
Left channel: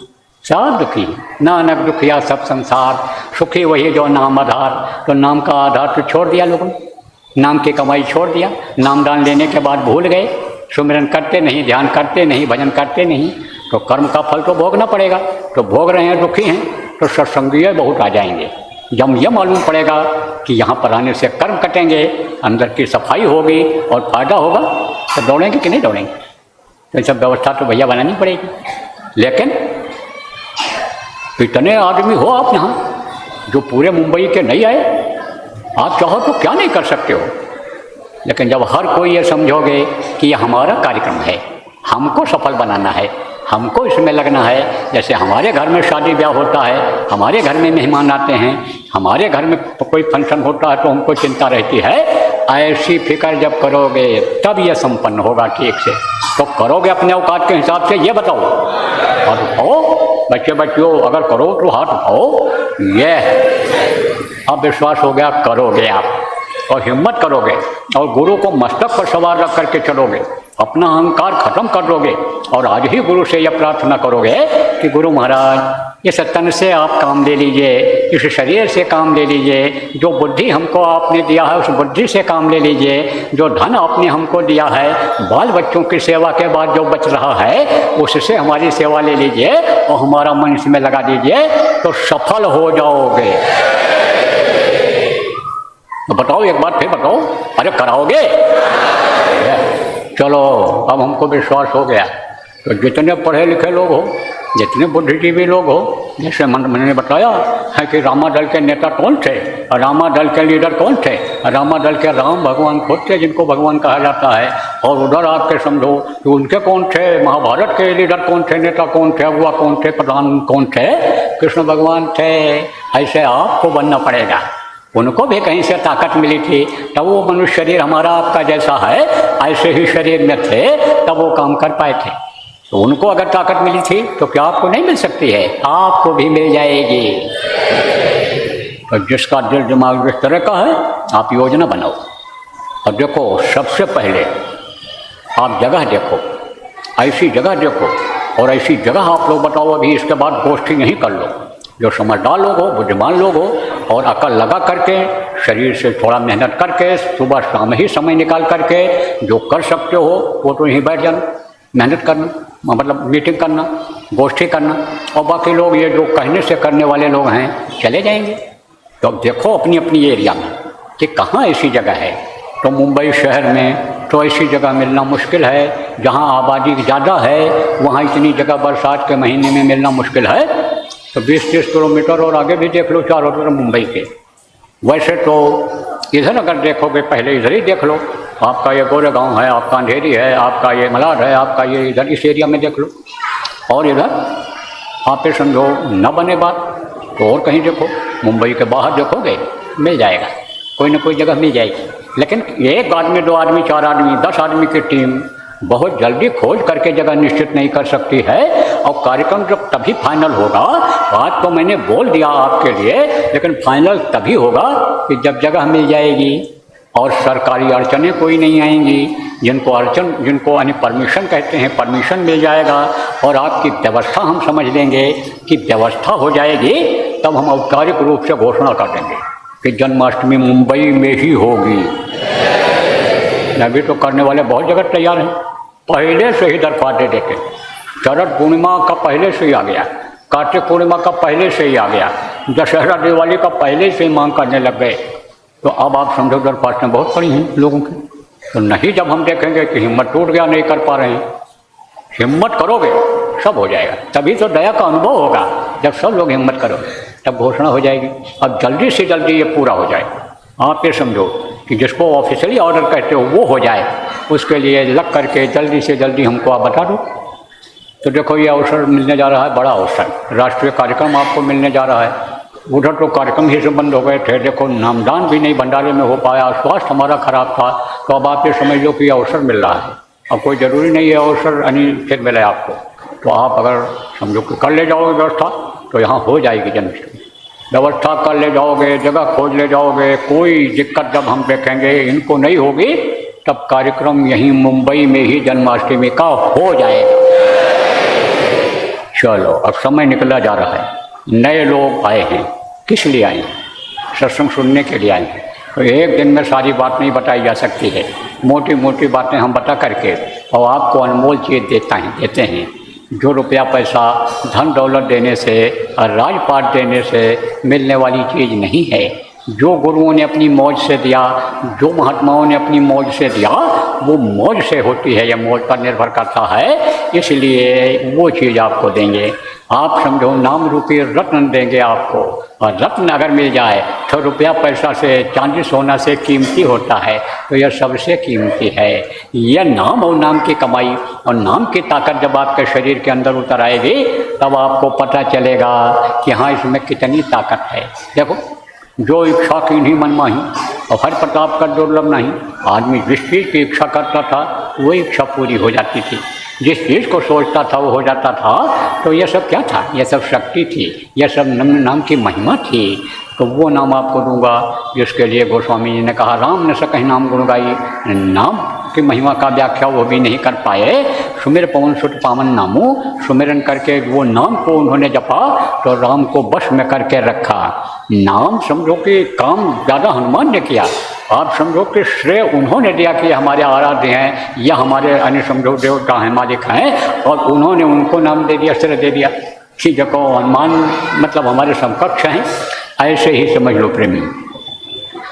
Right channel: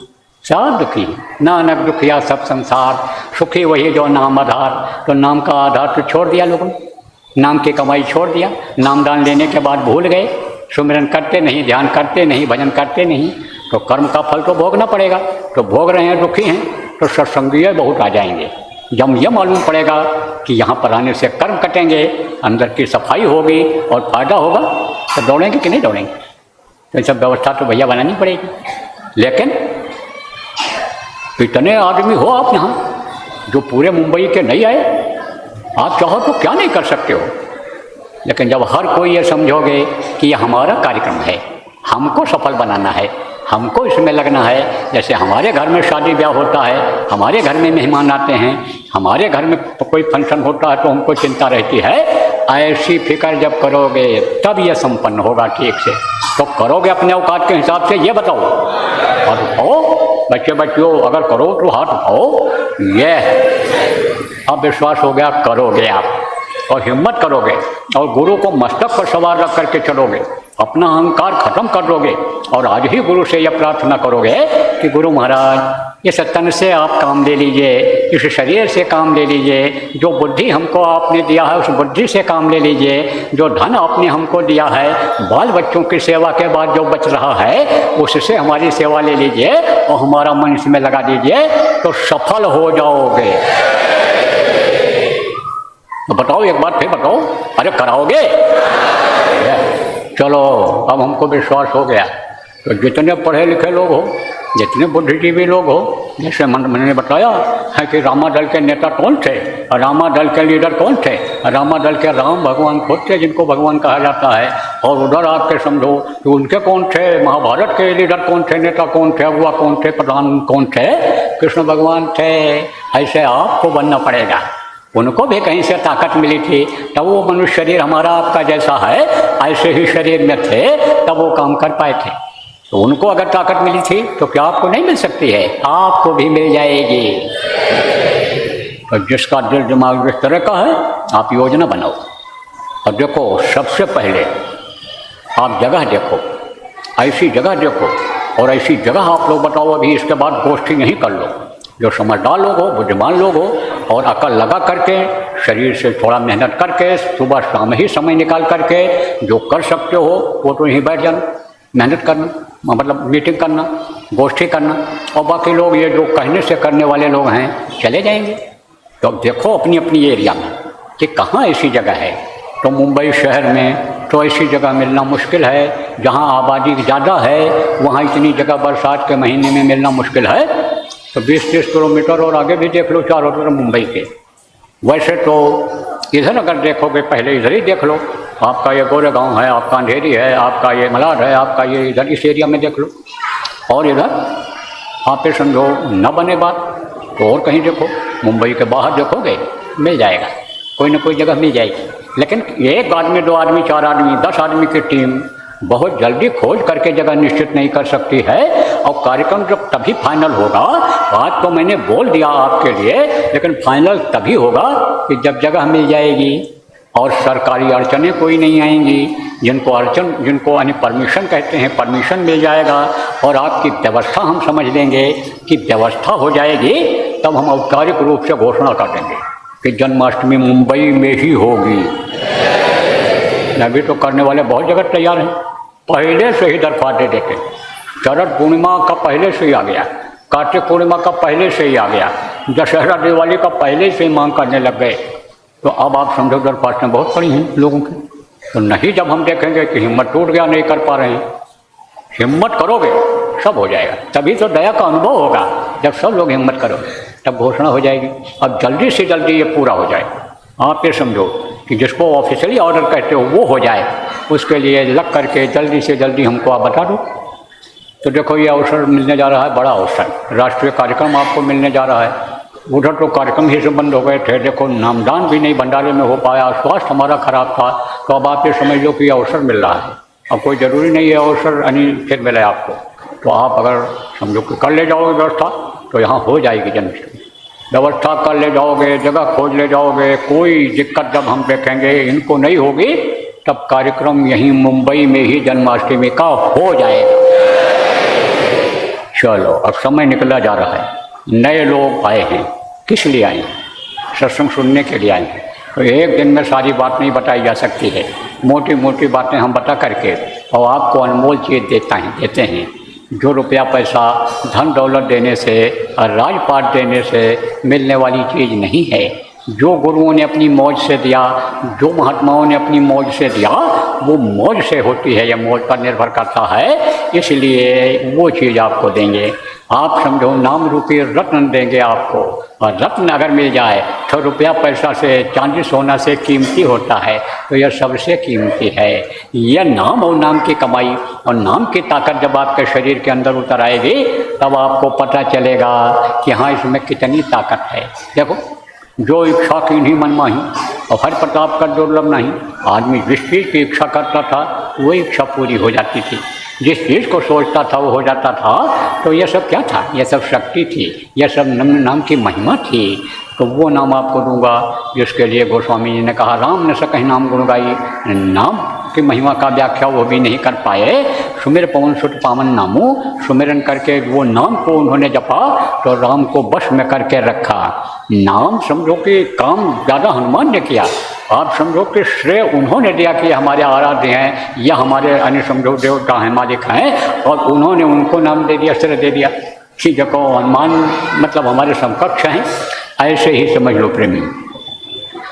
सब दुखी, नानक दुखिया सब संसार, सुखी वही जो नाम आधार। तो नाम का आधार तो छोड़ दिया लोगों ने, नाम की कमाई छोड़ दिया। नामदान लेने के बाद भूल गए, सुमिरन करते नहीं, ध्यान करते नहीं, भजन करते नहीं, तो कर्म का फल तो भोगना पड़ेगा। तो भोग रहे हैं, दुखी हैं, तो सत्संगीय बहुत आ जाएंगे। जब यह मालूम पड़ेगा कि यहाँ पर आने से कर्म कटेंगे, अंदर की सफाई होगी और फायदा होगा, तो दौड़ेंगे कि नहीं दौड़ेंगे? तो सब व्यवस्था तो भैया बनानी पड़ेगी। लेकिन इतने आदमी हो आप यहाँ जो पूरे मुंबई के नहीं आए, आप चाहो तो क्या नहीं कर सकते हो। लेकिन जब हर कोई ये समझोगे कि यह हमारा कार्यक्रम है, हमको सफल बनाना है, हमको इसमें लगना है। जैसे हमारे घर में शादी ब्याह होता है, हमारे घर में मेहमान आते हैं, हमारे घर में कोई फंक्शन होता है, तो हमको चिंता रहती है। ऐसी फिक्र जब करोगे तब यह संपन्न होगा ठीक से। तो करोगे अपने औकात के हिसाब से? ये बताओ। हाथ उठाओ बच्चे बच्चियों, अगर करो तो हाथ उठाओ। ये अब विश्वास हो गया, करोगे आप, और हिम्मत करोगे, और गुरु को मस्तक पर सवार रख करके चलोगे, अपना अहंकार खत्म कर दोगे, और आज ही गुरु से यह प्रार्थना करोगे कि गुरु महाराज, इस तन से आप काम ले लीजिए, इस शरीर से काम ले लीजिए, जो बुद्धि हमको आपने दिया है उस बुद्धि से काम ले लीजिए, जो धन आपने हमको दिया है, बाल बच्चों की सेवा के बाद जो बच रहा है उससे हमारी सेवा ले लीजिए, और हमारा मन इसमें लगा दीजिए, तो सफल हो जाओगे। तो बताओ, एक बात फिर बताओ, अरे कराओगे? चलो, अब हमको विश्वास हो गया। तो जितने पढ़े लिखे लोग हो, जितने बुद्धिजीवी लोग हो, जैसे मैंने बताया है कि रामा दल के नेता कौन थे, रामा दल के लीडर कौन थे? रामा दल के राम भगवान खुद थे, जिनको भगवान कहा जाता है। और उधर आपके समझो कि उनके कौन थे, महाभारत के लीडर कौन थे, नेता कौन थे, अगुआ कौन थे, प्रधान कौन थे? कृष्ण भगवान थे। ऐसे आपको बनना पड़ेगा। उनको भी कहीं से ताकत मिली थी, तब वो मनुष्य शरीर हमारा आपका जैसा है, ऐसे ही शरीर में थे, तब वो काम कर पाए थे। तो उनको अगर ताकत मिली थी तो क्या आपको नहीं मिल सकती है? आपको भी मिल जाएगी। तो जिसका दिल दिमाग इस तरह का है, आप योजना बनाओ। और देखो, सबसे पहले आप जगह देखो, ऐसी जगह देखो, और ऐसी जगह आप लोग बताओ। अभी इसके बाद गोष्ठी नहीं कर लो। जो समझदार लोग हो, बुद्धिमान लोग हो, और अकल लगा करके, शरीर से थोड़ा मेहनत करके, सुबह शाम ही समय निकाल करके जो कर सकते हो वो तो यहीं बैठ जाना, मेहनत करना, मतलब मीटिंग करना, गोष्ठी करना। और बाकी लोग ये जो कहने से करने वाले लोग हैं, चले जाएंगे। तो अब देखो अपनी अपनी एरिया में कि कहाँ ऐसी जगह है। तो मुंबई शहर में तो ऐसी जगह मिलना मुश्किल है। जहाँ आबादी ज़्यादा है वहाँ इतनी जगह बरसात के महीने में मिलना मुश्किल है। तो 20-30 किलोमीटर और आगे भी देख लो, चारों तरफ मुंबई के। वैसे तो इधर अगर देखोगे, पहले इधर ही देख लो, आपका ये गोरेगांव है, आपका अंधेरी है, आपका ये मलाड है, आपका ये इधर इस एरिया में देख लो। और इधर आप पे समझो न बने बात तो और कहीं देखो, मुंबई के बाहर देखोगे मिल जाएगा, कोई ना कोई जगह मिल जाएगी। लेकिन एक आदमी, 2 आदमी, 4 आदमी, 10 आदमी की टीम बहुत जल्दी खोज करके जगह निश्चित नहीं कर सकती है। और कार्यक्रम जब तभी फाइनल होगा, बात तो मैंने बोल दिया आपके लिए, लेकिन फाइनल तभी होगा कि जब जगह मिल जाएगी और सरकारी अड़चनें कोई नहीं आएंगी, जिनको परमिशन कहते हैं, परमिशन मिल जाएगा और आपकी व्यवस्था हम समझ लेंगे कि व्यवस्था हो जाएगी, तब हम औपचारिक रूप से घोषणा कर देंगे कि जन्माष्टमी मुंबई में ही होगी। अभी तो करने वाले बहुत जगह तैयार हैं, पहले से ही दरख्वास्त दे देते। शरद पूर्णिमा का पहले से ही आ गया, कार्तिक पूर्णिमा का पहले से ही आ गया, दशहरा दिवाली का पहले से ही मांग करने लग गए। तो अब आप समझो दरख्वास्तें बहुत पड़ी हैं लोगों की। तो नहीं, जब हम देखेंगे कि हिम्मत टूट गया, नहीं कर पा रहे हैं, हिम्मत करोगे सब हो जाएगा। तभी तो दया का अनुभव होगा, जब सब लोग हिम्मत करोगे तब घोषणा हो जाएगी और जल्दी से जल्दी ये पूरा हो जाए। आप ये समझो कि जिसको ऑफिशियली ऑर्डर कहते हो वो हो जाए, उसके लिए लग करके जल्दी से जल्दी हमको आप बता दो। तो देखो ये अवसर मिलने जा रहा है, बड़ा अवसर, राष्ट्रीय कार्यक्रम आपको मिलने जा रहा है। उधर तो कार्यक्रम ही से बंद हो गए थे, देखो नामदान भी नहीं भंडारे में हो पाया, स्वास्थ्य हमारा खराब था, तो अब आप ये समझ लो कि अवसर मिल रहा है। अब कोई ज़रूरी नहीं है अवसर फिर मिले आपको, तो आप अगर समझो कि कर ले जाओगे व्यवस्था तो यहाँ हो जाएगी जन्माष्टमी। व्यवस्था कर ले जाओगे, जगह खोज ले जाओगे, कोई दिक्कत जब हम देखेंगे इनको नहीं होगी, तब कार्यक्रम यहीं मुंबई में ही जन्माष्टमी का हो जाएगा। चलो अब समय निकला जा रहा है, नए लोग आए हैं, किस लिए आए हैं? सत्संग सुनने के लिए आए हैं। तो एक दिन में सारी बात नहीं बताई जा सकती है, मोटी मोटी बातें हम बता करके और आपको अनमोल चीज़ देते हैं। जो रुपया पैसा धन दौलत देने से और राजपाट देने से मिलने वाली चीज़ नहीं है। जो गुरुओं ने अपनी मौज से दिया, जो महात्माओं ने अपनी मौज से दिया, वो मौज से होती है, यह मौज पर निर्भर करता है। इसलिए वो चीज़ आपको देंगे। आप समझो नाम रूपी रत्न देंगे आपको, और रत्न अगर मिल जाए तो रुपया पैसा से, चांदी सोना से कीमती होता है, तो यह सबसे कीमती है। यह नाम और नाम की कमाई और नाम की ताकत जब आपके शरीर के अंदर उतर आएगी, तब आपको पता चलेगा कि हाँ इसमें कितनी ताकत है। देखो, जो इच्छा की नहीं मन माही, धन प्रताप कर दुर्लभ नहीं। आदमी जिस चीज़ की इच्छा करता था वो इच्छा पूरी हो जाती थी, जिस चीज़ को सोचता था वो हो जाता था। तो यह सब क्या था? यह सब शक्ति थी, यह सब नाम की महिमा थी। तो वो नाम आपको दूंगा जिसके लिए गोस्वामी जी ने कहा, राम न सकहि नाम गुण गाई। नाम की महिमा का व्याख्या वो भी नहीं कर पाए। सुमिर पवन सुत पावन नामो, सुमिरन करके वो नाम को उन्होंने जपा तो राम को बस में करके रखा। नाम समझो कि काम ज़्यादा हनुमान ने किया, आप समझो कि श्रेय उन्होंने दिया कि हमारे आराध्य हैं या हमारे अन्य समझो देवता हैं, मालिक हैं, और उन्होंने उनको नाम दे दिया, श्रेय दे दिया कि देखो हनुमान मतलब हमारे समकक्ष हैं। ऐसे ही समझ लो प्रेमी।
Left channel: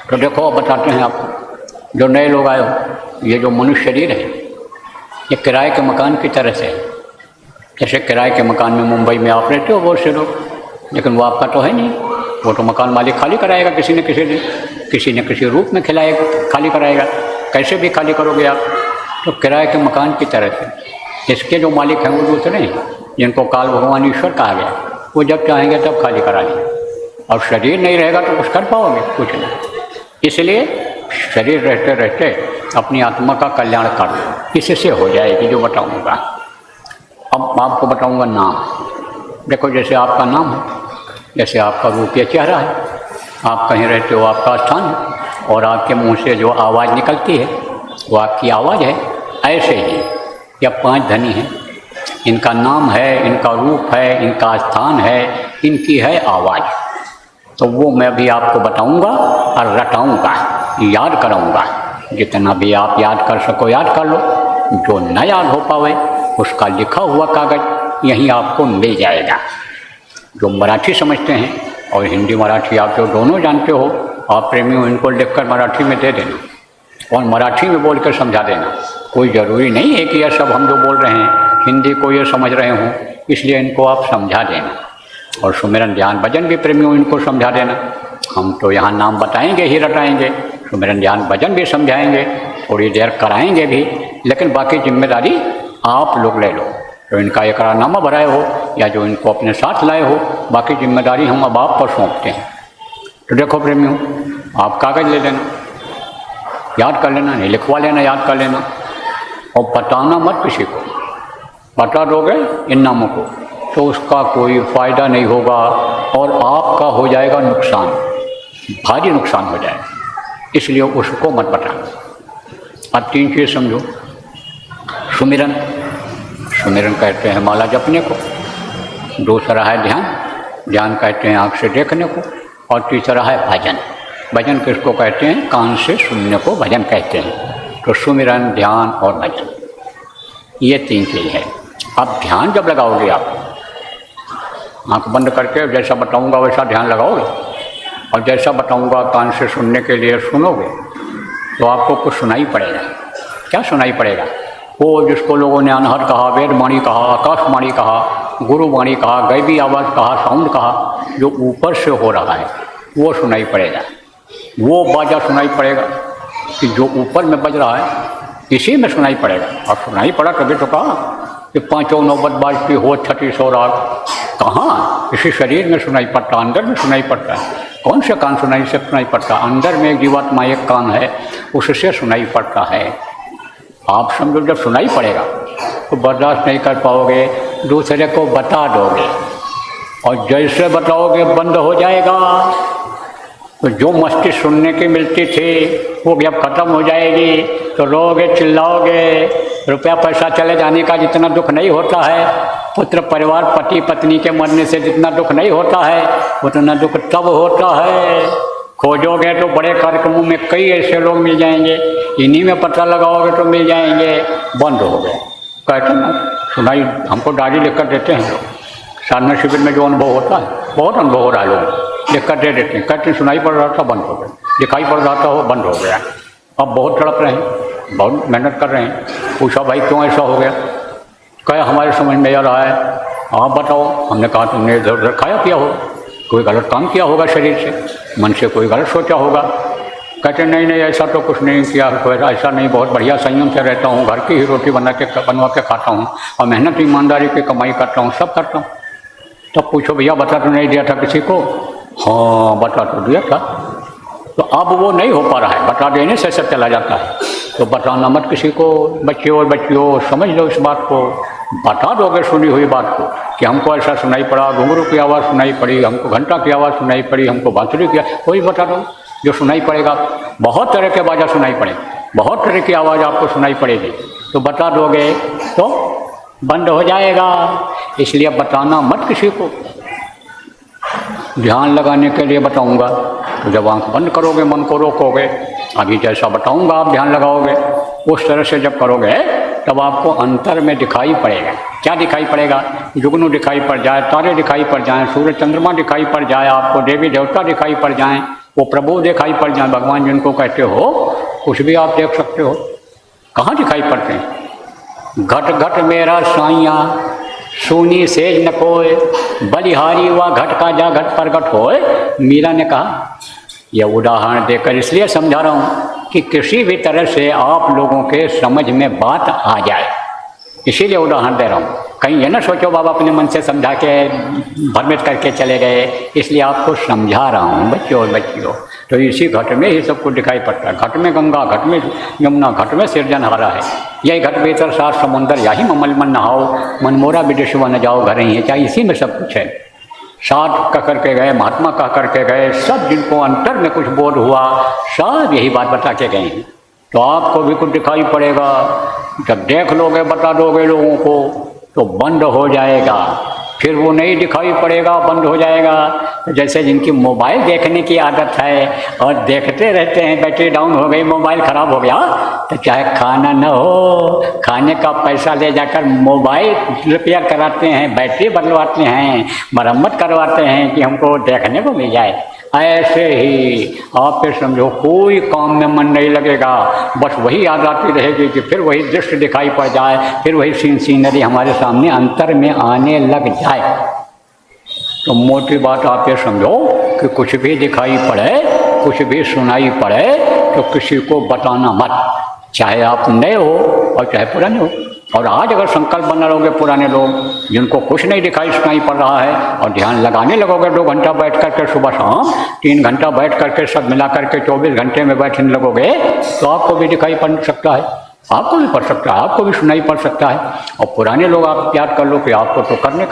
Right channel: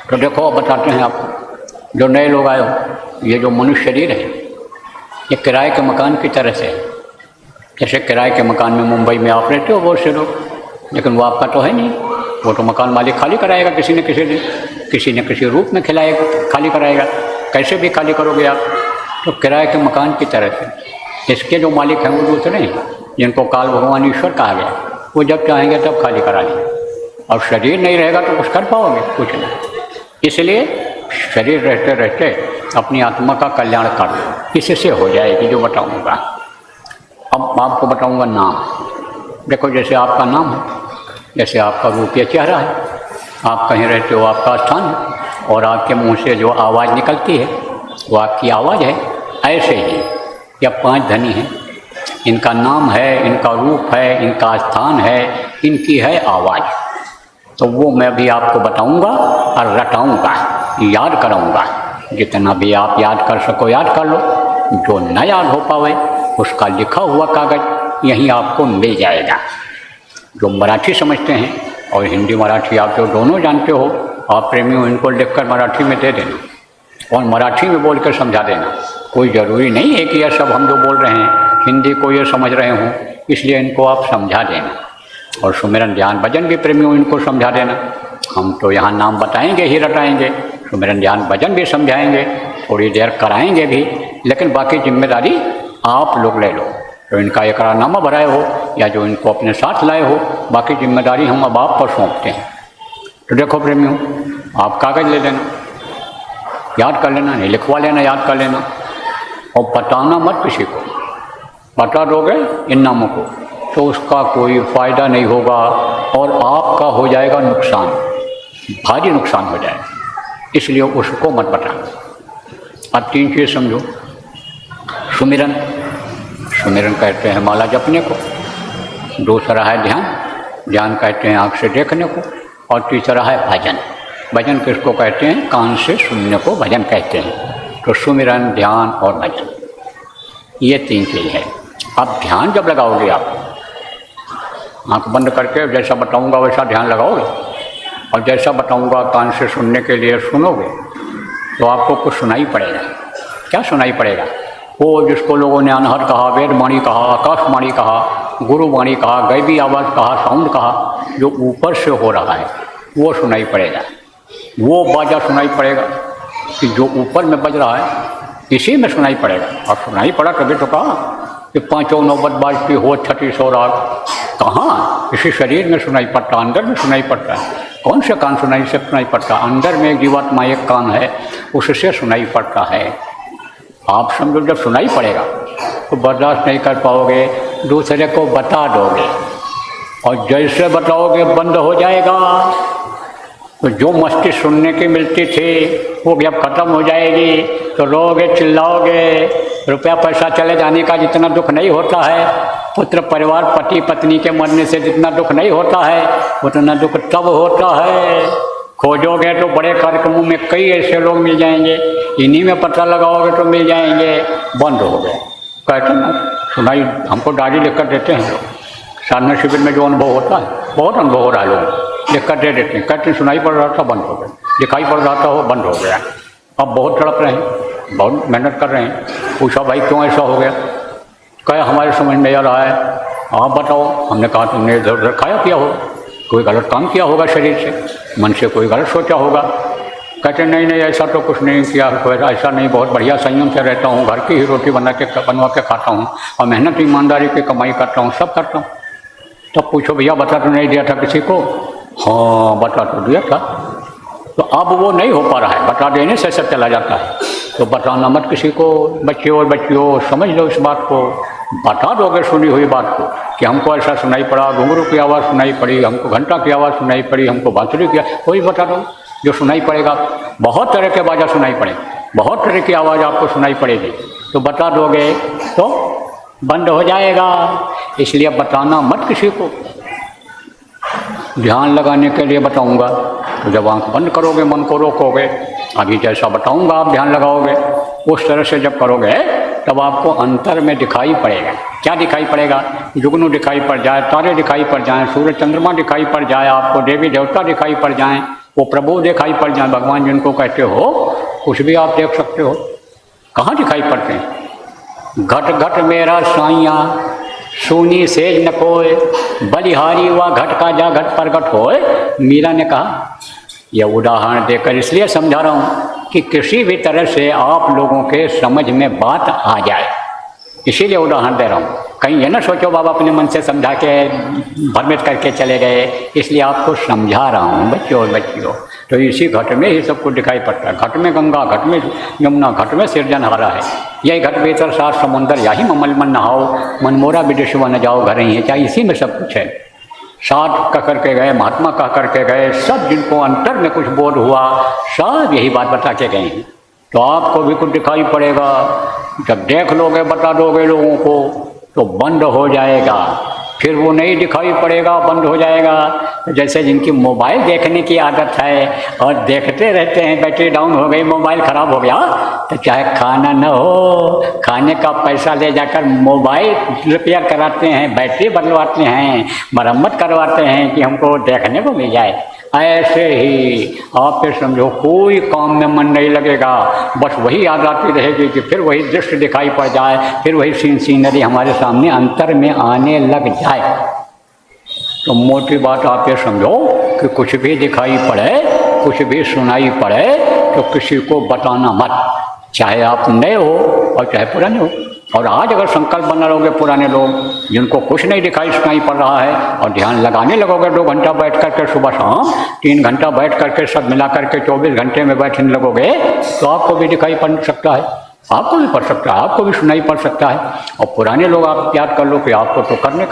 तो देखो बताते हैं आपको, जो नए लोग आए हो, ये जो मनुष्य शरीर है ये किराए के मकान की तरह से, जैसे किराए के मकान में मुंबई में आप रहते हो बहुत से लोग, लेकिन वो आपका तो है नहीं, वो तो मकान मालिक खाली कराएगा किसी न किसी रूप में खिलाएगा, खाली कराएगा। कैसे भी खाली करोगे आप? तो किराए के मकान की तरह से इसके जो मालिक हैं वो दूसरे हैं, जिनको काल भगवान ईश्वर कहा गया, वो जब चाहेंगे तब खाली करा लेंगे। और शरीर नहीं रहेगा तो कुछ कर पाओगे? कुछ नहीं। इसलिए शरीर रहते रहते अपनी आत्मा का कल्याण कर लो, इससे हो जाएगी। जो बताऊँगा अब आपको बताऊँगा नाम। देखो जैसे आपका नाम है, जैसे आपका रूपीय चेहरा है, आप कहीं रहते हो आपका स्थान है, और आपके मुंह से जो आवाज़ निकलती है वो आपकी आवाज़ है। ऐसे ही यह 5 धनी हैं, इनका नाम है, इनका रूप है, इनका स्थान है, इनकी है आवाज़। तो वो मैं भी आपको बताऊंगा और रटाऊंगा, याद कराऊंगा। जितना भी आप याद कर सको याद कर लो, जो न याद हो पावे उसका लिखा हुआ कागज़ यहीं आपको मिल जाएगा। जो मराठी समझते हैं और हिंदी मराठी आप जो दोनों जानते हो, आप प्रेमियों इनको लिखकर मराठी में दे देना और मराठी में बोल कर समझा देना। कोई ज़रूरी नहीं है कि यह सब हम जो बोल रहे हैं हिंदी को ये समझ रहे हों, इसलिए इनको आप समझा देना। और सुमिरन ध्यान भजन भी प्रेमियों इनको समझा देना। हम तो यहाँ नाम बताएंगे ही रटाएंगे, सुमिरन ध्यान भजन भी समझाएंगे, थोड़ी देर कराएंगे भी, लेकिन बाकी जिम्मेदारी आप लोग ले लो। तो इनका एकरारनामा भराए हो या जो इनको अपने साथ लाए हो, बाकी जिम्मेदारी हम अब आपको सौंपते हैं। तो देखो प्रेमियों, आप कागज़ ले लेना, याद कर लेना, नहीं लिखवा लेना, याद कर लेना, और बताना मत किसी को। बता दोगे इन नामों को तो उसका कोई फ़ायदा नहीं होगा और आपका हो जाएगा नुकसान, भारी नुकसान हो जाएगा। इसलिए उसको मत बताना। अब 3 चीज़ समझो। सुमिरन, सुमिरन कहते हैं माला जपने को, दूसरा है ध्यान, ध्यान कहते हैं आँख से देखने को, और तीसरा है भजन। भजन किसको कहते हैं? कान से सुनने को भजन कहते हैं। तो सुमिरन, ध्यान और भजन, ये 3 चीज़ है। अब ध्यान जब लगाओगे आप, आँख बंद करके जैसा बताऊंगा वैसा ध्यान लगाओगे, और जैसा बताऊंगा कान से सुनने के लिए सुनोगे, तो आपको कुछ सुनाई पड़ेगा। क्या सुनाई पड़ेगा? वो जिसको लोगों ने अनहद कहा, वेदवाणी कहा, आकाशवाणी कहा, गुरुवाणी कहा, गैबी आवाज़ कहा, साउंड कहा, जो ऊपर से हो रहा है वो सुनाई पड़ेगा। वो बाजा सुनाई पड़ेगा कि जो ऊपर में बज रहा है इसी में सुनाई पड़ेगा। और सुनाई पड़ा तभी तो कहा कि 5 नौबत बाजती हो 3600 राग। कहाँ? इसी शरीर में सुनाई पड़ता, अंदर में सुनाई पड़ता है। कौन से कान सुनाई से सुनाई पड़ता? अंदर में जीवात्मा एक कान है, उससे सुनाई पड़ता है। आप समझो, जब सुनाई पड़ेगा तो बर्दाश्त नहीं कर पाओगे, दूसरे को बता दोगे, और जैसे बताओगे बंद हो जाएगा। तो जो मस्ती सुनने की मिलती थी वो भी अब खत्म हो जाएगी। तो रोगे, चिल्लाओगे। रुपया पैसा चले जाने का जितना दुख नहीं होता है, पुत्र परिवार पति पत्नी के मरने से जितना दुख नहीं होता है, उतना दुख तब होता है। खोजोगे तो बड़े कार्यक्रमों में कई ऐसे लोग मिल जाएंगे, इन्हीं में पता लगाओगे तो मिल जाएंगे। बंद हो गए। कहते ना, सुनाई हमको डायरी लिख कर देते हैं। साधना शिविर में जो अनुभव होता है, बहुत अनुभव हो रहा है, लोग लिख कर दे देते हैं। कहते सुनाई पड़ रहा था, बंद हो गया। दिखाई पड़ रहा था, वो बंद हो गया। अब बहुत तड़प रहे हैं, बहुत मेहनत कर रहे हैं। पूछा भाई क्यों ऐसा हो गया? कहे हमारे समझ में आ रहा है। आप बताओ। हमने कहा तुमने इधर उधर खाया किया होगा, कोई गलत काम किया होगा, शरीर से मन से कोई गलत सोचा होगा। कहते नहीं नहीं ऐसा तो कुछ नहीं किया, कोई ऐसा नहीं, बहुत बढ़िया संयम से रहता हूँ, घर की ही रोटी बनवा के खाता हूँ, और मेहनत ईमानदारी की कमाई करता हूँ, सब करता हूँ। तब पूछो भैया बता तो नहीं दिया था किसी को? बता तो दिया था। तो अब वो नहीं हो पा रहा है, बता देने से सब चला जाता है। तो बताना मत किसी को। बच्चे और बच्चियों, समझ लो इस बात को, बता दोगे सुनी हुई बात को कि हमको ऐसा सुनाई पड़ा, घुंघरू की आवाज़ सुनाई पड़ी, हमको घंटा की आवाज़ सुनाई पड़ी, हमको बांसुरी की, कोई बता दो जो सुनाई पड़ेगा। बहुत तरह के बाजा सुनाई पड़े, बहुत तरह की आवाज़ आपको सुनाई पड़ेगी, तो बता दोगे तो बंद हो जाएगा। इसलिए बताना मत किसी को। ध्यान लगाने के लिए बताऊंगा तो जब आंख बंद करोगे, मन को रोकोगे, अभी जैसा बताऊंगा आप ध्यान लगाओगे, उस तरह से जब करोगे तब आपको अंतर में दिखाई पड़ेगा। क्या दिखाई पड़ेगा? जुगनू दिखाई पड़ जाए, तारे दिखाई पड़ जाएं, सूर्य चंद्रमा दिखाई पड़ जाए, आपको देवी देवता दिखाई पड़ जाएं, वो प्रभु दिखाई पड़ जाएं, भगवान जिनको कहते हो, कुछ भी आप देख सकते हो। कहाँ दिखाई पड़ते हैं? घट घट मेरा साइया सोनी सेज न कोय, बलिहारी हुआ घट का जा घट प्रगट होए। मीरा ने कहा। यह उदाहरण देकर इसलिए समझा रहा हूँ कि किसी भी तरह से आप लोगों के समझ में बात आ जाए, इसीलिए उदाहरण दे रहा हूँ। कहीं ये ना सोचो बाबा अपने मन से समझा के भ्रमित करके चले गए, इसलिए आपको समझा रहा हूँ बच्चों और बच्चियों। तो इसी घट में ही सब कुछ दिखाई पड़ता है। घट में गंगा, घट में यमुना, घट में सिरजनहारा है। यही घट भीतर सात समुंदर, यही ममल मन नहाओ, मनमोरा विदेशवा न जाओ घर ही है। चाहे इसी में सब कुछ है। साध कह करके गए, महात्मा कह करके गए, सब जिनको अंतर में कुछ बोध हुआ, सब यही बात बता के गए हैं। तो आपको भी कुछ दिखाई पड़ेगा। जब देख लोगे, बता दोगे लोगों को, तो बंद हो जाएगा। फिर वो नहीं दिखाई पड़ेगा, बंद हो जाएगा। जैसे जिनकी मोबाइल देखने की आदत है और देखते रहते हैं, बैटरी डाउन हो गई, मोबाइल ख़राब हो गया, तो चाहे खाना न हो, खाने का पैसा ले जाकर मोबाइल रिपेयर कराते हैं, बैटरी बदलवाते हैं, मरम्मत करवाते हैं कि हमको देखने को मिल जाए। ऐसे ही आप फिर समझो कोई काम में मन नहीं लगेगा, बस वही याद आती रहेगी कि फिर वही दृश्य दिखाई पड़ जाए, फिर वही सीनरी हमारे सामने अंतर में आने लग जाए। तो मोटी बात आप ये समझो कि कुछ भी दिखाई पड़े, कुछ भी सुनाई पड़े, तो किसी को बताना मत, चाहे आप नए हो और चाहे पुराने हो। और आज अगर संकल्प बना रहोगे, पुराने लोग जिनको कुछ नहीं दिखाई सुनाई पड़ रहा है, और ध्यान लगाने लगोगे 2 घंटा बैठ करके सुबह शाम, 3 घंटा बैठ करके सब मिला करके 24 घंटे में बैठने लगोगे, तो आपको भी दिखाई पड़ सकता है। आपको भी पड़ सकता है, आपको भी सुनाई पड़ सकता है। और पुराने लोग आप याद कर लो कि आपको तो करने।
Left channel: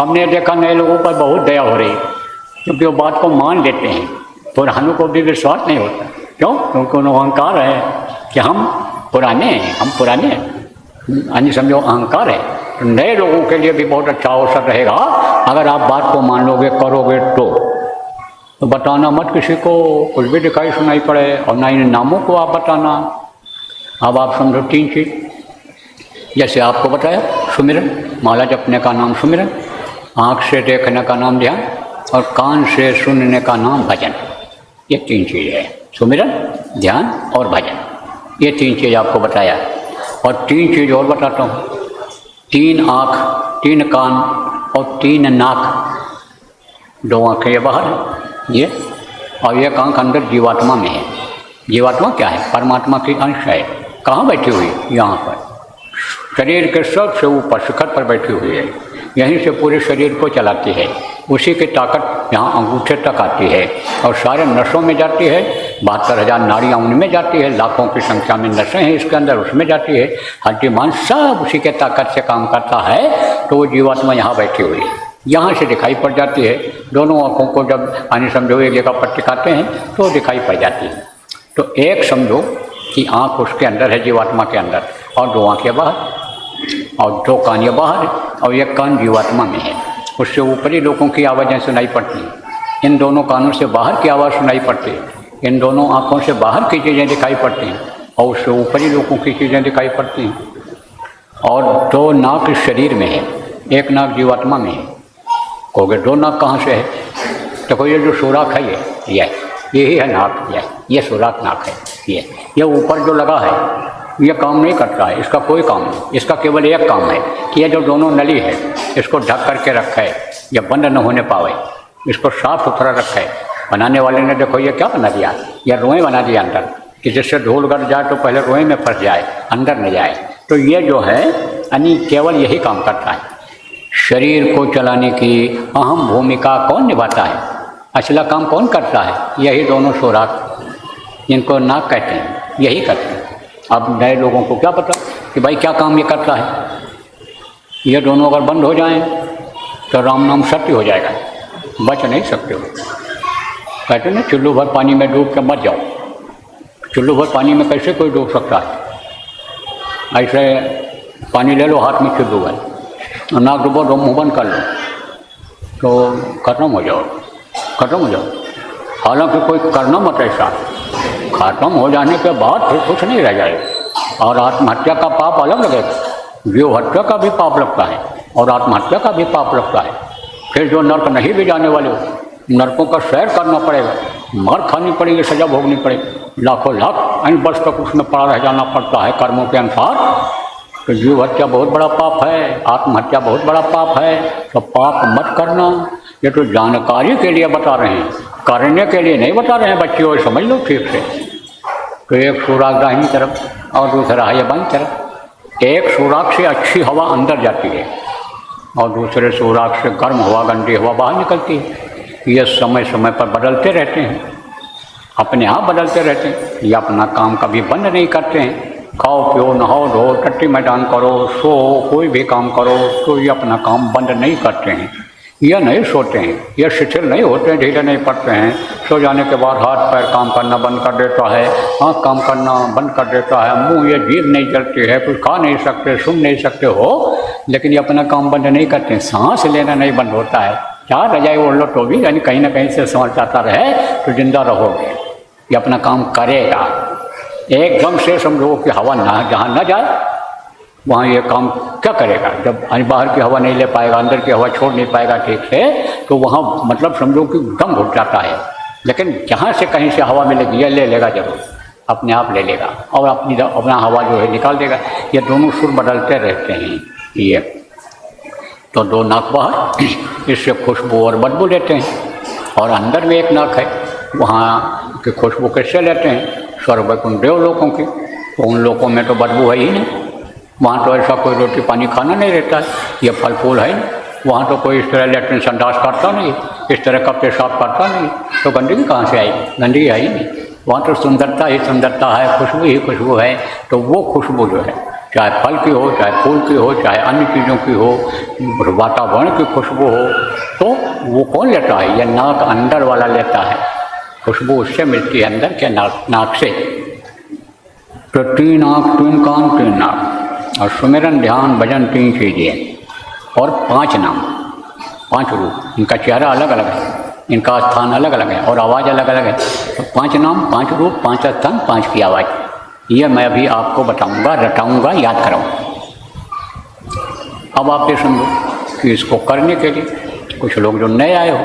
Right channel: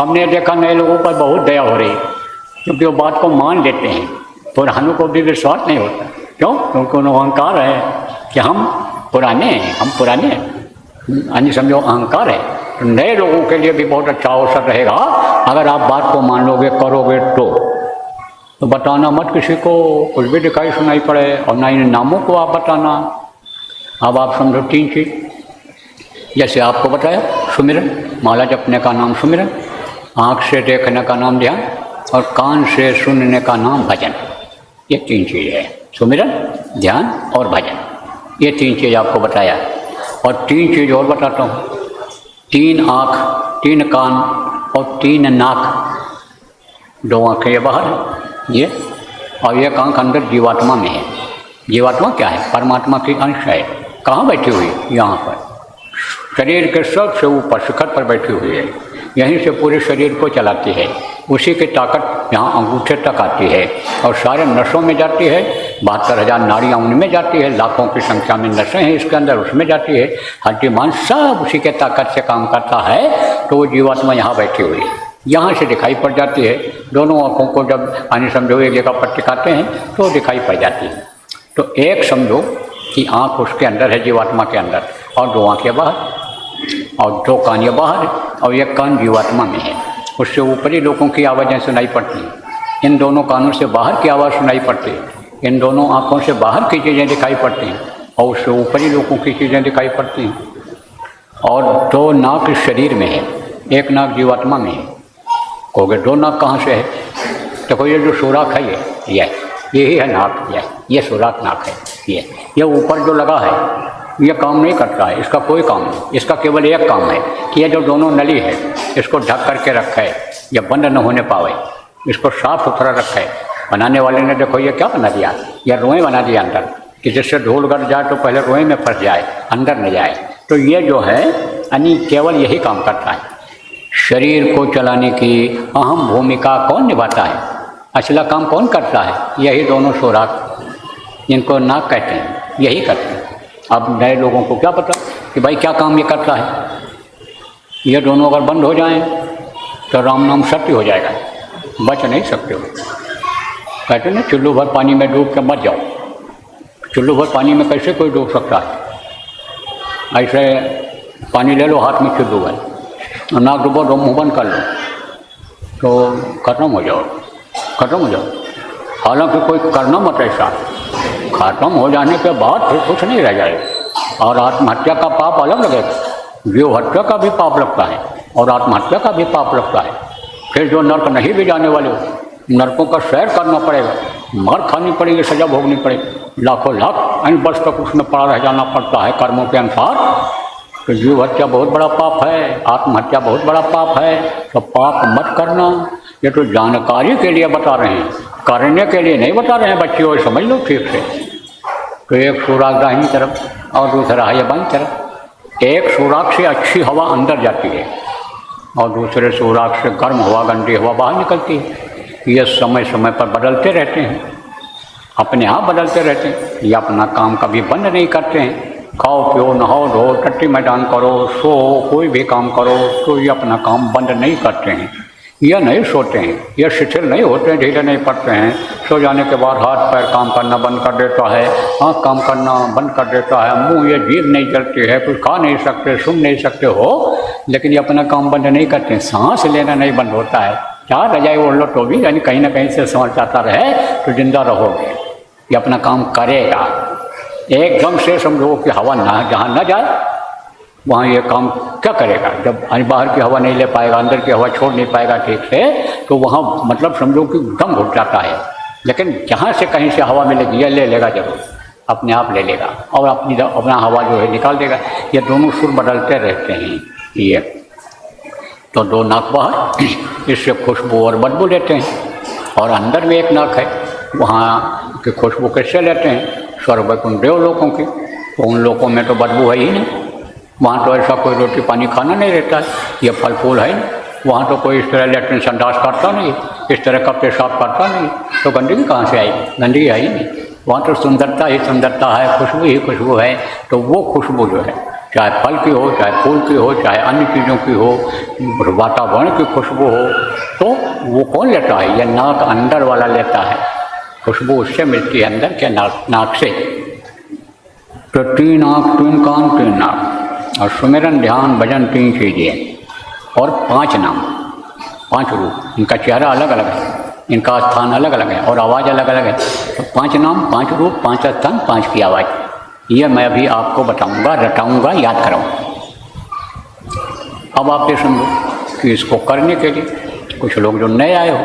हमने देखा नए लोगों पर बहुत दया हो रही है, क्योंकि वो बात को मान लेते हैं। पुरानों को भी विश्वास नहीं होता। क्यों? क्योंकि उन्हें अहंकार है कि हम पुराने हैं, हम पुराने यानी समझो अहंकार है। तो नए लोगों के लिए भी बहुत अच्छा अवसर रहेगा अगर आप बात को मान लोगे, करोगे तो बताना मत किसी को, कुछ भी दिखाई सुनाई पड़े, और ना इन नामों को आप बताना। अब आप समझो 3 चीज़, जैसे आपको बताया सुमिरन, माला जपने का नाम सुमिरन, आँख से देखने का नाम ध्यान, और कान से सुनने का नाम भजन। ये 3 चीज़ है, सुमिरन, ध्यान और भजन। ये 3 चीज़ आपको बताया। और 3 चीज़ और बताता हूँ। 3 आँख, 3 कान और 3 नाक। 2 आँखें ये बाहर है ये, और एक आँख अंदर जीवात्मा में है। जीवात्मा क्या है? परमात्मा की अंश है। कहाँ बैठी हुई? यहाँ पर, शरीर के सबसे ऊपर शिखर पर बैठी हुई है। यहीं से पूरे शरीर को चलाती है। उसी की ताकत यहाँ अंगूठे तक आती है और सारे नसों में जाती है। 72,000 नाड़ियाँ उनमें जाती है, लाखों की संख्या में नसें हैं इसके अंदर, उसमें जाती है। हड्डी मांस सब उसी के ताकत से काम करता है। तो वो जीवात्मा यहाँ बैठी हुई है, यहाँ से दिखाई पड़ जाती है। दोनों आँखों को जब यानी समझो एक जगह पर टिकाते हैं तो दिखाई पड़ जाती है। तो एक समझो कि आँख उसके अंदर है, जीवात्मा के अंदर, और 2 आँखें बाहर, और 2 कान बाहर, और एक कान जीवात्मा में है। उससे ऊपरी लोगों की आवाज़ें सुनाई पड़ती हैं। इन दोनों कानों से बाहर की आवाज़ सुनाई पड़ती है। इन दोनों आँखों से बाहर की चीज़ें दिखाई पड़ती हैं, और उससे ऊपरी लोगों की चीज़ें दिखाई पड़ती हैं। और 2 नाक शरीर में है, 1 नाक जीवात्मा में है। कहोगे 2 नाक कहाँ से है? तो ये जो सुराख है यही है नाक, ये सुराख नाक है। ये ऊपर जो लगा है ये काम नहीं करता है, इसका कोई काम नहीं। इसका केवल एक काम है कि ये जो दोनों नली है इसको ढक करके रखा है, ये बंद न होने पावे, इसको साफ सुथरा रखा है। बनाने वाले ने देखो ये क्या बना दिया, ये रोएं बना दिया अंदर, कि जिससे धूल गड़ जाए तो पहले रोएं में फंस जाए, अंदर न जाए। तो ये जो है यानी केवल यही काम करता है। शरीर को चलाने की अहम भूमिका कौन निभाता है? असला काम कौन करता है? यही दोनों सुराख, जिनको नाक कहते हैं, यही करते हैं। अब नए लोगों को क्या पता कि भाई क्या काम ये करता है। ये दोनों अगर बंद हो जाएं तो राम नाम सत्य हो जाएगा, बच नहीं सकते हो। कहते ना चुल्लू भर पानी में डूब के मत जाओ। चुल्लू भर पानी में कैसे कोई डूब सकता? ऐसे पानी ले लो हाथ में चुल्लू भर, नाक डूबो, मुँह बंद कर लो तो खत्म हो जाओ। हालांकि कोई करना मत ऐसा, खत्म हो जाने के बाद फिर कुछ नहीं रह जाएगा। और आत्महत्या का पाप अलग लगेगा। जीव हत्या का भी पाप लगता है और आत्महत्या का भी पाप लगता है। फिर जो नर्क नहीं भी जाने वाले नर्कों का सैर करना पड़ेगा, मार खानी पड़ेगी, सजा भोगनी पड़ेगी, लाखों लाख अंत वर्ष तक उसमें पड़ा रह जाना पड़ता है कर्मों के अनुसार। तो जीव हत्या बहुत बड़ा पाप है, आत्महत्या बहुत बड़ा पाप है। तो पाप मत करना। ये तो जानकारी के लिए बता रहे हैं, करने के लिए नहीं बता रहे हैं बच्चियों, समझ लो ठीक से। तो एक सुराख दाहिनी तरफ और दूसरा है बाईं तरफ। एक सुराख से अच्छी हवा अंदर जाती है और दूसरे सुराख से गर्म हवा, गंदी हवा बाहर निकलती है। ये समय समय पर बदलते रहते हैं, अपने आप बदलते रहते हैं। ये अपना काम कभी बंद नहीं करते हैं। खाओ पियो, नहाओ धो, टट्टी मैदान करो, सो, कोई भी काम करो, तो ये अपना काम बंद नहीं करते हैं। यह नहीं सोते हैं, यह शिथिल नहीं होते हैं, ढीले नहीं पड़ते हैं। सो जाने के बाद हाथ पैर काम करना बंद कर देता है, आँख काम करना बंद कर देता है, मुंह ये जीभ नहीं चलती है, कुछ खा नहीं सकते, सुन नहीं सकते हो, लेकिन ये अपना काम बंद नहीं करते। सांस लेना नहीं बंद होता है। क्या रजाई ओढ़ लो तो भी यानी कहीं ना कहीं से सांस आता रहे तो जिंदा रहोगे। ये अपना काम करेगा। एकदम से समझो कि हवा ना जहाँ न जाए वहाँ ये काम क्या करेगा। जब बाहर की हवा नहीं ले पाएगा, अंदर की हवा छोड़ नहीं पाएगा ठीक से, तो वहाँ मतलब समझो कि दम घुट जाता है। लेकिन जहाँ से कहीं से हवा मिलेगी ये ले लेगा, जरूर अपने आप ले लेगा और अपना हवा जो है निकाल देगा। ये दोनों सुर बदलते रहते हैं। ये तो 2 नाक बाहर, इससे खुशबू और बदबू लेते हैं। और अंदर में एक नाक है, वहाँ की खुशबू कैसे लेते हैं? स्वर्ग वैकुंठ देव लोगों की। तो उन लोगों में तो बदबू है ही नहीं, वहाँ तो ऐसा कोई रोटी पानी खाना नहीं रहता है, ये फल फूल है। वहाँ तो कोई इस तरह लेकिन संदास करता नहीं, इस तरह का पेशाब करता नहीं, तो गंदगी कहाँ से आई? गंदगी है ही नहीं। वहाँ तो सुंदरता ही सुंदरता है, खुशबू ही खुशबू है। तो वो खुशबू जो है, चाहे फल की हो, चाहे फूल की हो, चाहे अन्य चीज़ों की हो, वातावरण की खुशबू हो, तो वो कौन लेता है? ये नाक अंदर वाला लेता है। खुशबू उससे मिलती है अंदर के नाक से। तो तीन आँख, तीन कान, तीन नाक, और सुमिरन ध्यान भजन तीन चीज़ें, और 5 नाम, 5 रूप। इनका चेहरा अलग अलग है, इनका स्थान अलग अलग है, और आवाज़ अलग अलग है। तो 5 नाम, 5 रूप, 5 स्थान, 5 की आवाज़, ये मैं अभी आपको बताऊंगा, रटाऊंगा, याद कराऊंगा। अब आप ये समझो कि इसको करने के लिए कुछ लोग जो नए आए हो,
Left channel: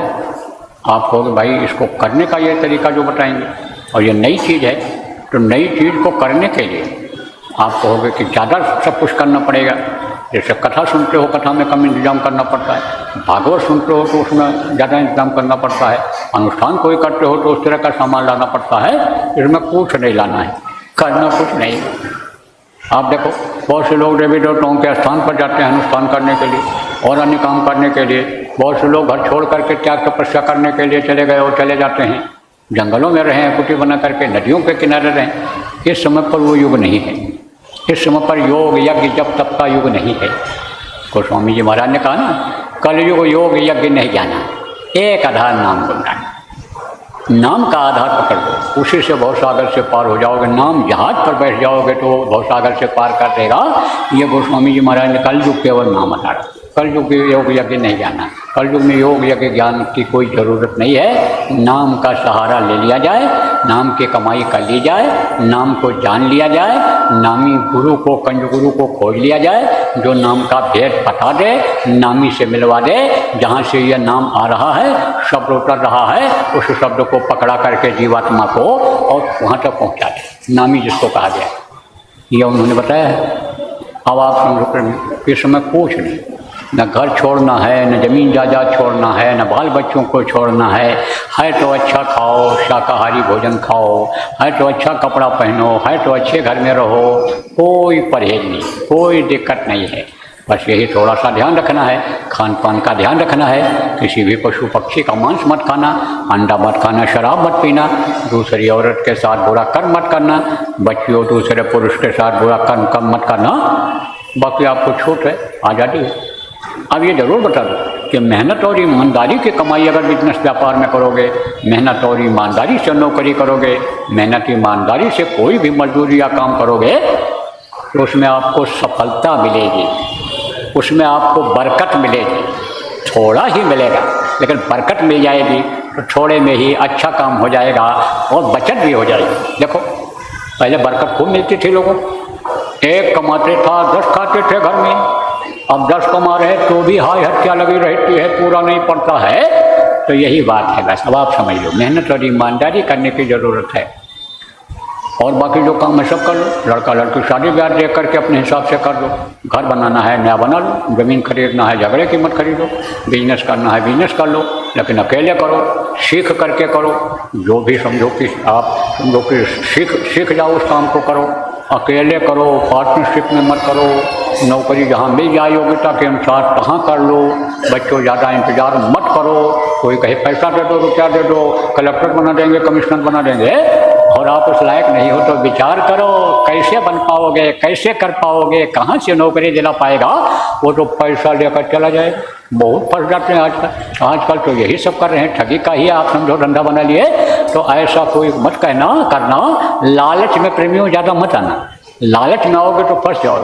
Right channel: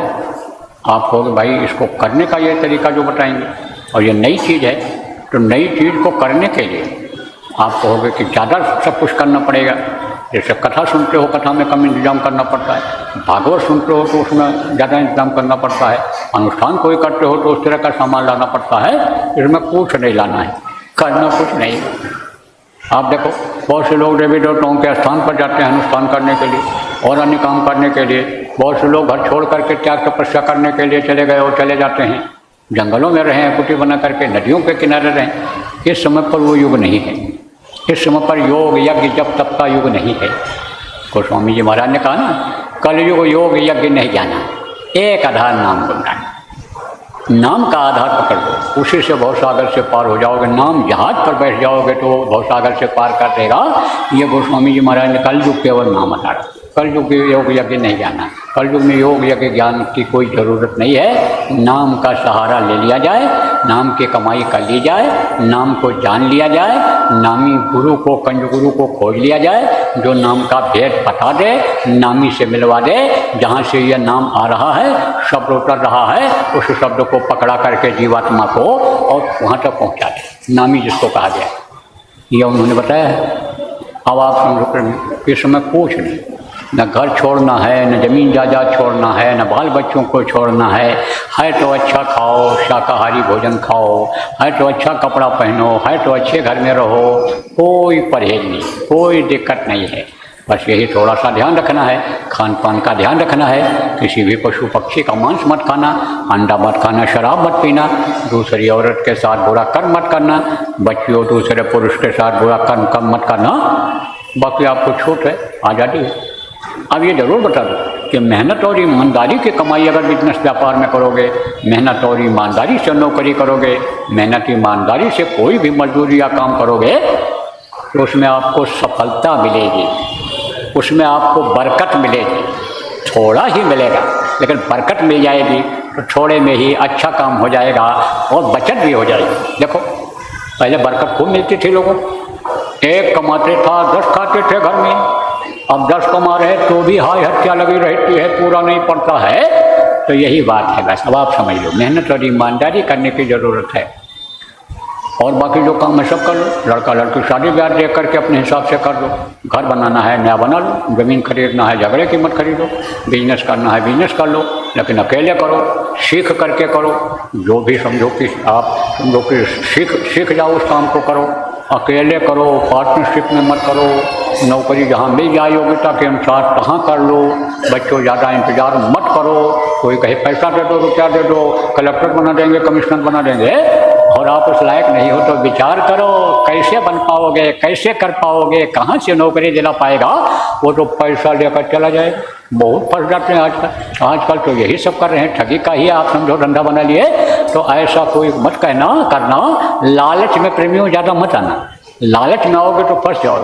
आप कहोगे भाई इसको करने का ये तरीका जो बताएंगे, और ये नई चीज़ है, तो नई चीज़ को करने के लिए आप कहोगे कि ज़्यादा सब कुछ करना पड़ेगा। जैसे कथा सुनते हो, कथा में कम इंतजाम करना पड़ता है। भागवत सुनते हो तो उसमें ज़्यादा इंतजाम करना पड़ता है। अनुष्ठान कोई करते हो तो उस तरह का सामान लाना पड़ता है। इसमें कुछ नहीं लाना है, करना कुछ नहीं। आप देखो, बहुत से लोग देवी देवताओं के स्थान पर जाते हैं अनुष्ठान करने के लिए और अन्य काम करने के लिए। बहुत से लोग घर छोड़ करके त्याग तपस्या करने के लिए चले गए और चले जाते हैं। जंगलों में रहें, कुटी बना करके नदियों के किनारे रहें। इस समय पर वो युग नहीं है। इस समय पर योग यज्ञ जप तप का युग नहीं है। गोस्वामी जी महाराज ने कहा ना, कलयुग योग यज्ञ नहीं जाना, एक आधार नाम को जाना। नाम का आधार पकड़ लो, उसी से भवसागर से पार हो जाओगे। नाम जहाज पर बैठ जाओगे तो भवसागर से पार कर देगा। ये गोस्वामी जी महाराज ने कलयुग केवल नहीं है, कलयुग योग यज्ञ नहीं जाना। कलयुग में योग यज्ञ ज्ञान की कोई ज़रूरत नहीं है। नाम का सहारा ले लिया जाए, नाम की कमाई कर ली जाए, नाम को जान लिया जाए, नामी गुरु को, कंज गुरु को खोज लिया जाए, जो नाम का भेद बता दे, नामी से मिलवा दे। जहाँ से यह नाम आ रहा है, शब्द उतर रहा है, उस शब्द को पकड़ा करके जीवात्मा को और वहाँ तक पहुँचा दे, नामी जिसको कहा गया। यह उन्होंने बताया है। अब आप समझो इस समय कुछ नहीं, न घर छोड़ना है, न ज़मीन जायदाद छोड़ना है, न बाल बच्चों को छोड़ना है तो अच्छा खाओ, शाकाहारी भोजन खाओ, है तो अच्छा कपड़ा पहनो, है तो अच्छे घर में रहो, कोई परहेज नहीं, कोई दिक्कत नहीं है। बस यही थोड़ा सा ध्यान रखना है, खान पान का ध्यान रखना है। किसी भी पशु पक्षी का मांस मत खाना, अंडा मत खाना, शराब मत पीना, दूसरी औरत के साथ बुरा कर्म मत करना, बच्चियों दूसरे पुरुष के साथ बुरा कर्म मत करना। बाकी आपको छूट है, आज़ादी है। अब ये जरूर बता दो कि मेहनत और ईमानदारी की कमाई अगर बिजनेस व्यापार में करोगे, मेहनत और ईमानदारी से नौकरी करोगे, मेहनत ईमानदारी से कोई भी मजदूरी या काम करोगे, तो उसमें आपको सफलता मिलेगी, उसमें आपको बरकत मिलेगी। थोड़ा ही मिलेगा लेकिन बरकत मिल जाएगी। तो थोड़े में ही अच्छा काम हो जाएगा और बचत भी हो जाएगी। देखो, पहले बरकत खूब मिलती थी लोगों, एक कमाते था 10 खाते थे घर में। अब 10 कमा रहे तो भी हाय हत्या लगी रहती है, पूरा नहीं पड़ता है। तो यही बात है बस। अब आप समझ लो, मेहनत और ईमानदारी करने की ज़रूरत है, और बाकी जो काम है सब कर लो। लड़का लड़की शादी ब्याह देख करके अपने हिसाब से कर लो। घर बनाना है नया बना लो, ज़मीन खरीदना है झगड़े की मत खरीदो, बिजनेस करना है बिजनेस कर लो, लेकिन अकेले करो, सीख करके करो। जो भी समझो कि आप समझो कि सीख जाओ, उस काम को करो। अकेले करो, पार्टनरशिप में मत करो। नौकरी जहाँ मिल जाए योग्यता के अनुसार वहाँ कर लो। बच्चों ज़्यादा इंतजार मत करो। कोई कहीं पैसा दे दो तो क्या दे दो, कलेक्टर बना देंगे, कमिश्नर बना देंगे, और आप उस लायक नहीं हो तो विचार करो कैसे बन पाओगे, कैसे कर पाओगे, कहाँ से नौकरी दिला पाएगा। वो तो पैसा लेकर चला जाएगा। बहुत पढ़ जाते हैं आजकल तो यही सब कर रहे हैं, ठगी का ही आप समझो धंधा बना लिए। तो ऐसा कोई मत करना। लालच में प्रेमियों ज़्यादा मत आना, लालच में आओगे तो फंस जाओ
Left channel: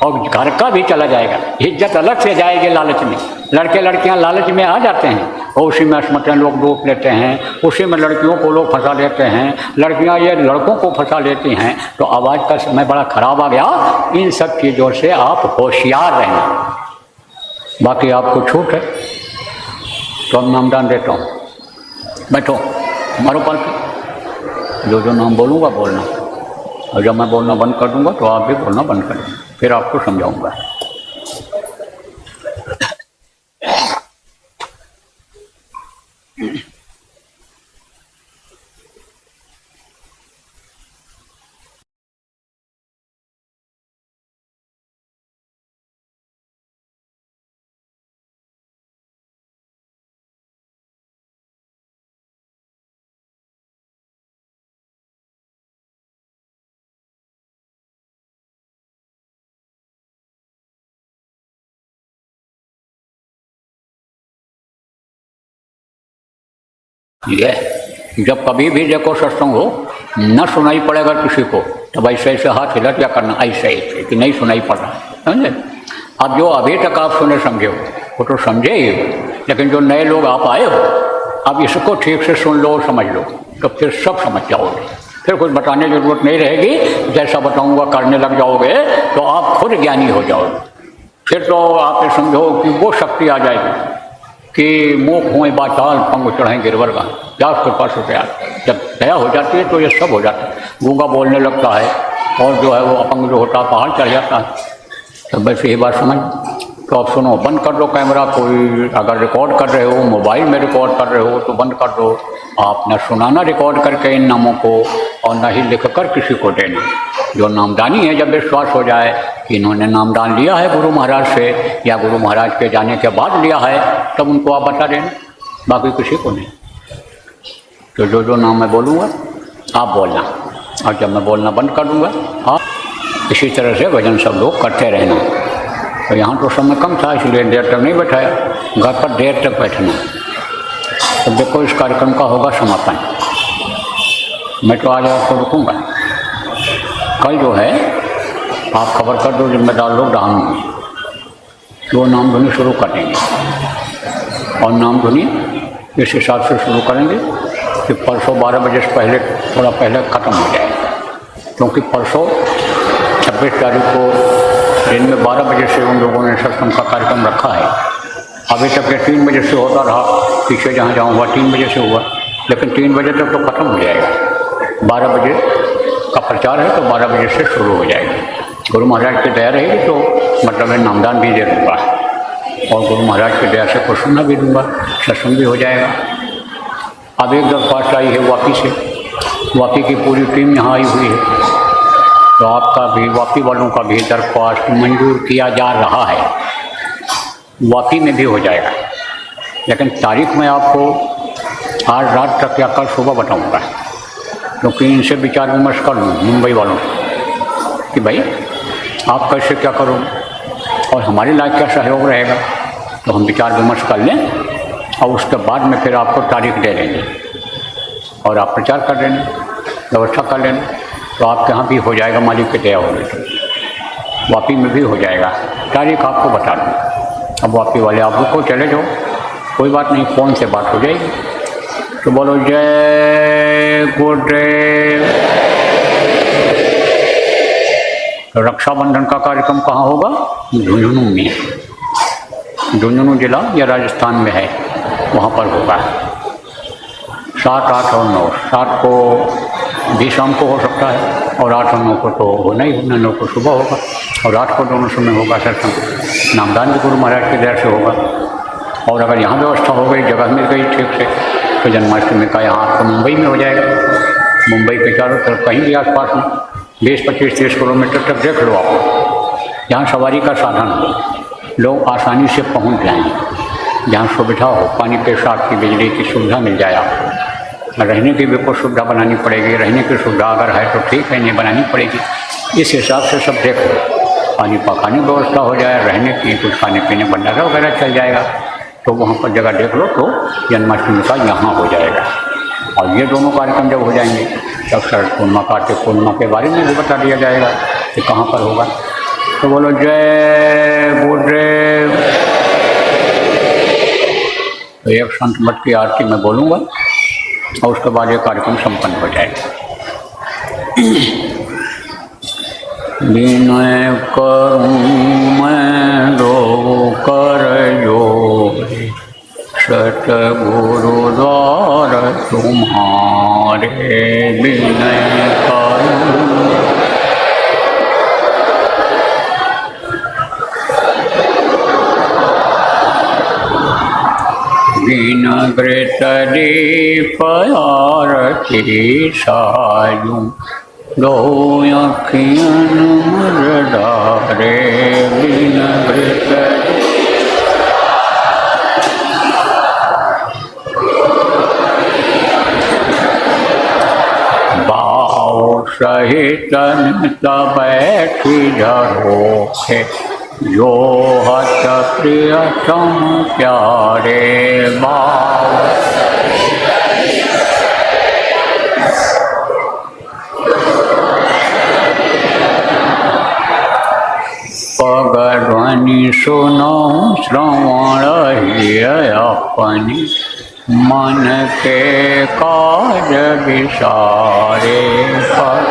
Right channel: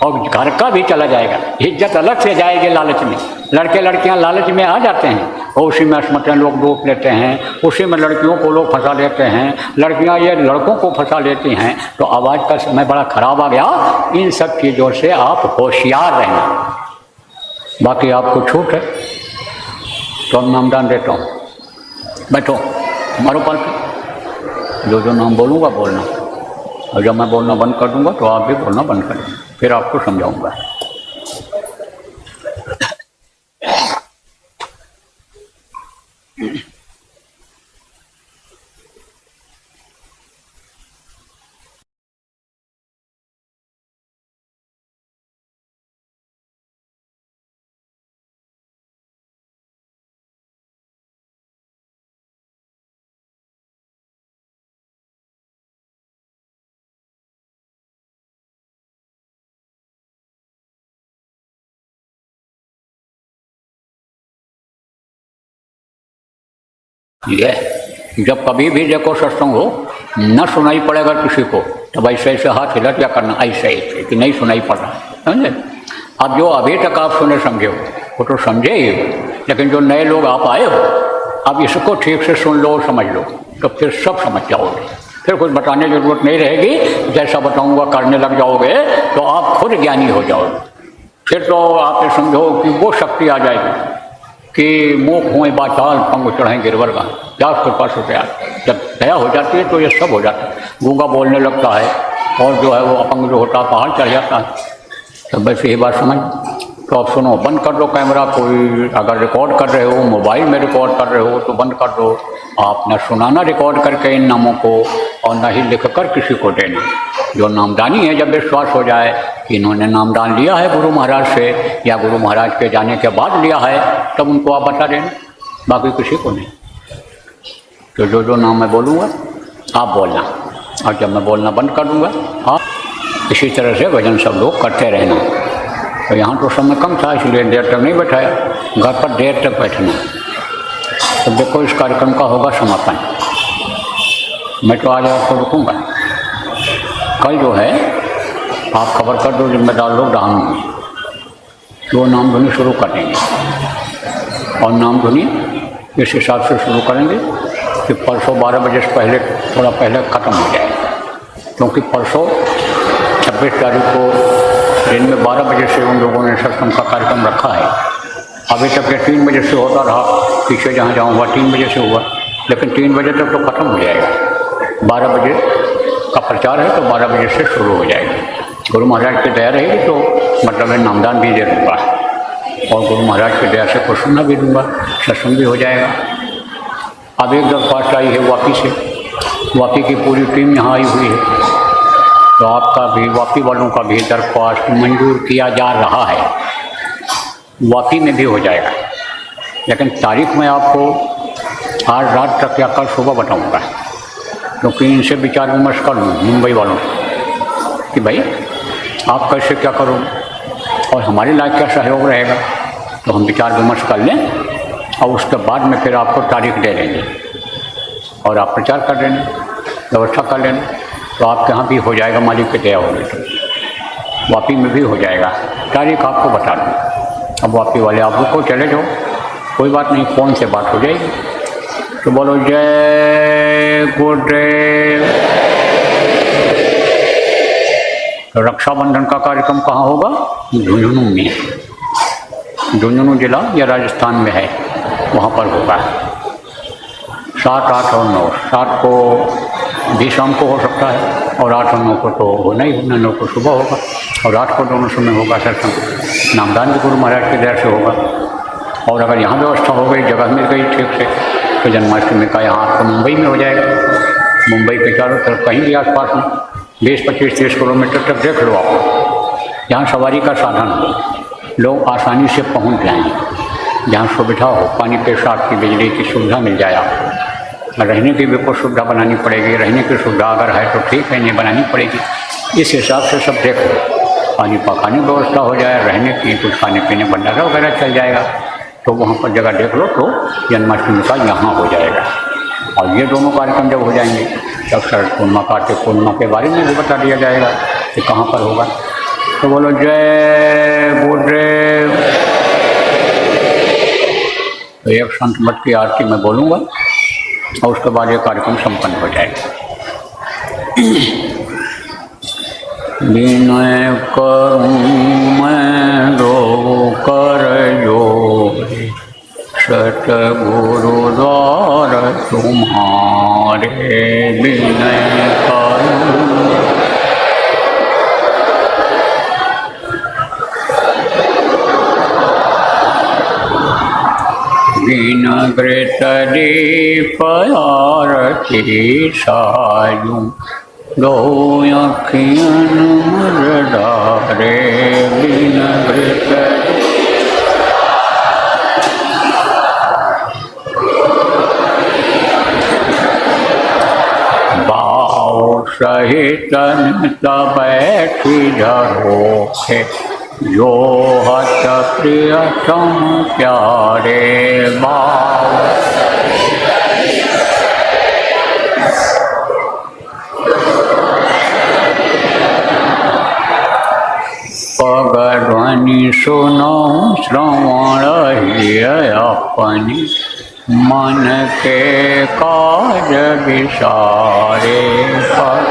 और घर का भी चला जाएगा, इज्जत अलग से जाएगी लालच में। लड़के लड़कियां लालच में आ जाते हैं, उसी में असमतल लोग डूब लेते हैं, उसी में लड़कियों को लोग फंसा देते हैं, लड़कियां ये लड़कों को फंसा लेती हैं। तो आवाज़ का समय बड़ा खराब आ गया। इन सब चीज़ों से आप होशियार रहना। बाकी आपको छूट है तो हम नामदान देता हूँ। बैठो, हमारे पास जो नाम बोलूँगा बोलना, और जब मैं बोलना बंद कर दूंगा तो आप भी बोलना बंद कर देंगे, फिर आपको समझाऊंगा। ये जब कभी भी देखो सत्संग हो, न सुनाई पड़ेगा किसी को, तब ऐसे ऐसे हाथ हिला क्या करना, ऐसे ऐसे कि नहीं सुनाई पड़ रहा, समझे। अब जो अभी तक आप सुने समझे हो वो तो समझे ही हो, लेकिन जो नए लोग आप आए हो, अब इसको ठीक से सुन लो, समझ लो, तो फिर सब समझ जाओगे, फिर कुछ बताने की जरूरत नहीं रहेगी। जैसा बताऊंगा करने लग जाओगे तो आप खुद ज्ञानी हो जाओगे। फिर तो आप ये समझो कि वो शक्ति आ जाएगी कि मुँह खोए बाचाल पंग चढ़ाए गिरवर का, क्या कृपा से प्यार। जब दया हो जाती है तो ये सब हो जाता है। गूंगा बोलने लगता है और जो है वो अपंग जो होता है पहाड़ चढ़ जाता है। तब वैसे ये बात समझ, तो आप सुनो, बंद कर दो कैमरा। कोई अगर रिकॉर्ड कर रहे हो, मोबाइल में रिकॉर्ड कर रहे हो तो बंद कर दो। आप न सुनाना रिकॉर्ड करके इन नामों को, और न ही लिख कर किसी को देना। जो नामदानी है, जब विश्वास हो जाए कि इन्होंने नामदान लिया है गुरु महाराज से या गुरु महाराज के जाने के बाद लिया है, तब उनको आप बता देना, बाकी किसी को नहीं। तो जो जो नाम मैं बोलूँगा आप बोलना, और जब मैं बोलना बंद कर दूँगा आप इसी तरह से भजन सब लोग करते रहना। तो यहाँ तो समय कम था इसलिए देर तक नहीं बैठाया, घर पर देर तक बैठना। तो देखो इस कार्यक्रम का होगा समापन। मैं तो आज आपको रुकूँगा, कल जो है आप खबर कर दो जिम्मेदार लोग डालूंगी, वो नाम धुनी शुरू कर देंगे। और नाम धुनी इस हिसाब से शुरू करेंगे कि परसों 12 बजे से पहले, थोड़ा पहले ख़त्म हो जाए, क्योंकि परसों 26 तारीख को दिन में 12 बजे से उन लोगों ने सत्संग का कार्यक्रम रखा है। अभी तक 3 बजे से होगा, वहाँ पीछे जहाँ जाऊँ हुआ 3 बजे से हुआ, लेकिन 3 बजे तक तो ख़त्म हो जाएगा। 12 बजे का प्रचार है तो 12 बजे से शुरू हो जाएगा। तो दया रहेगी तो मतलब मैं मंदान भी दे दूँगा और गुरु महाराज की दया से कुछ भी दूँगा। में भी हो जाएगा, लेकिन तारीख में आपको आज रात तक या कल सुबह बताऊंगा, क्योंकि इनसे विचार विमर्श कर लूँ मुंबई वालों कि भाई आप कैसे क्या करो और हमारे लायक क्या सहयोग रहेगा। तो हम विचार विमर्श कर लें और उसके बाद में फिर आपको तारीख दे देंगे और आप प्रचार कर देना, व्यवस्था कर लेना। तो आपके यहाँ भी हो जाएगा, मालिक की दया होगी तो वापी में भी हो जाएगा। तारीख आपको बता दूँ। अब वापी वाले आप रुको, चले जाओ, कोई बात नहीं, फ़ोन से बात हो जाएगी। तो बोलो जय गुरुदेव। तो रक्षाबंधन का कार्यक्रम कहाँ होगा? झुंझुनू में। झुंझुनू जिला या राजस्थान में है। 7, 8 और 9, 7 को भी शाम को हो सकता है और 8 और 9 को तो होना ही होना, 9 को सुबह होगा और 8 को दोनों समय होगा। सर नामदान भी गुरु महाराज की दया से होगा। और अगर यहाँ व्यवस्था हो गई, जगह मिल गई ठीक से, तो जन्माष्टमी का यहाँ आपको मुंबई में हो जाएगा। मुंबई के चारों तरफ कहीं भी आसपास में 20, 25, 30 किलोमीटर तक देख लो आप, जहाँ सवारी का साधन हो, लोग आसानी से पहुँच जाएंगे, जहाँ सुविधा हो, पानी पेशाब की, बिजली की सुविधा मिल जाए आपको। रहने की भी कुछ सुविधा बनानी पड़ेगी, रहने की सुविधा अगर है तो ठीक है, नहीं बनानी पड़ेगी। इस हिसाब से सब देख लो, पानी पकाने की व्यवस्था हो जाए, रहने की, कुछ खाने पीने भंडारा वगैरह चल जाएगा, तो वहाँ पर जगह देख लो तो जन्माष्टमी का यहाँ हो जाएगा। और ये दोनों कार्यक्रम जब हो जाएंगे तब सर पूर्णिमा कार्तिक पूर्णिमा के बारे में भी बता दिया जाएगा कि कहाँ पर होगा। तो बोलो जय गुरुदेव। तो एक संत मठ की आरती में बोलूँगा और उसके बाद ये कार्यक्रम संपन्न हो जाएगा। विनय करूँ मैं दो कर जोड़, सतगुरु द्वार तुम्हारे विनय करूँ। विनग्रत दीप आरती सायूं, दो अखियन मुरदारे विनग्रत। बाओ सहित बैठी जाओ, जो हत प्रियतम प्यारे बाओ। सुनो श्रवण हिय अपनी, मन के काज विसारे पर।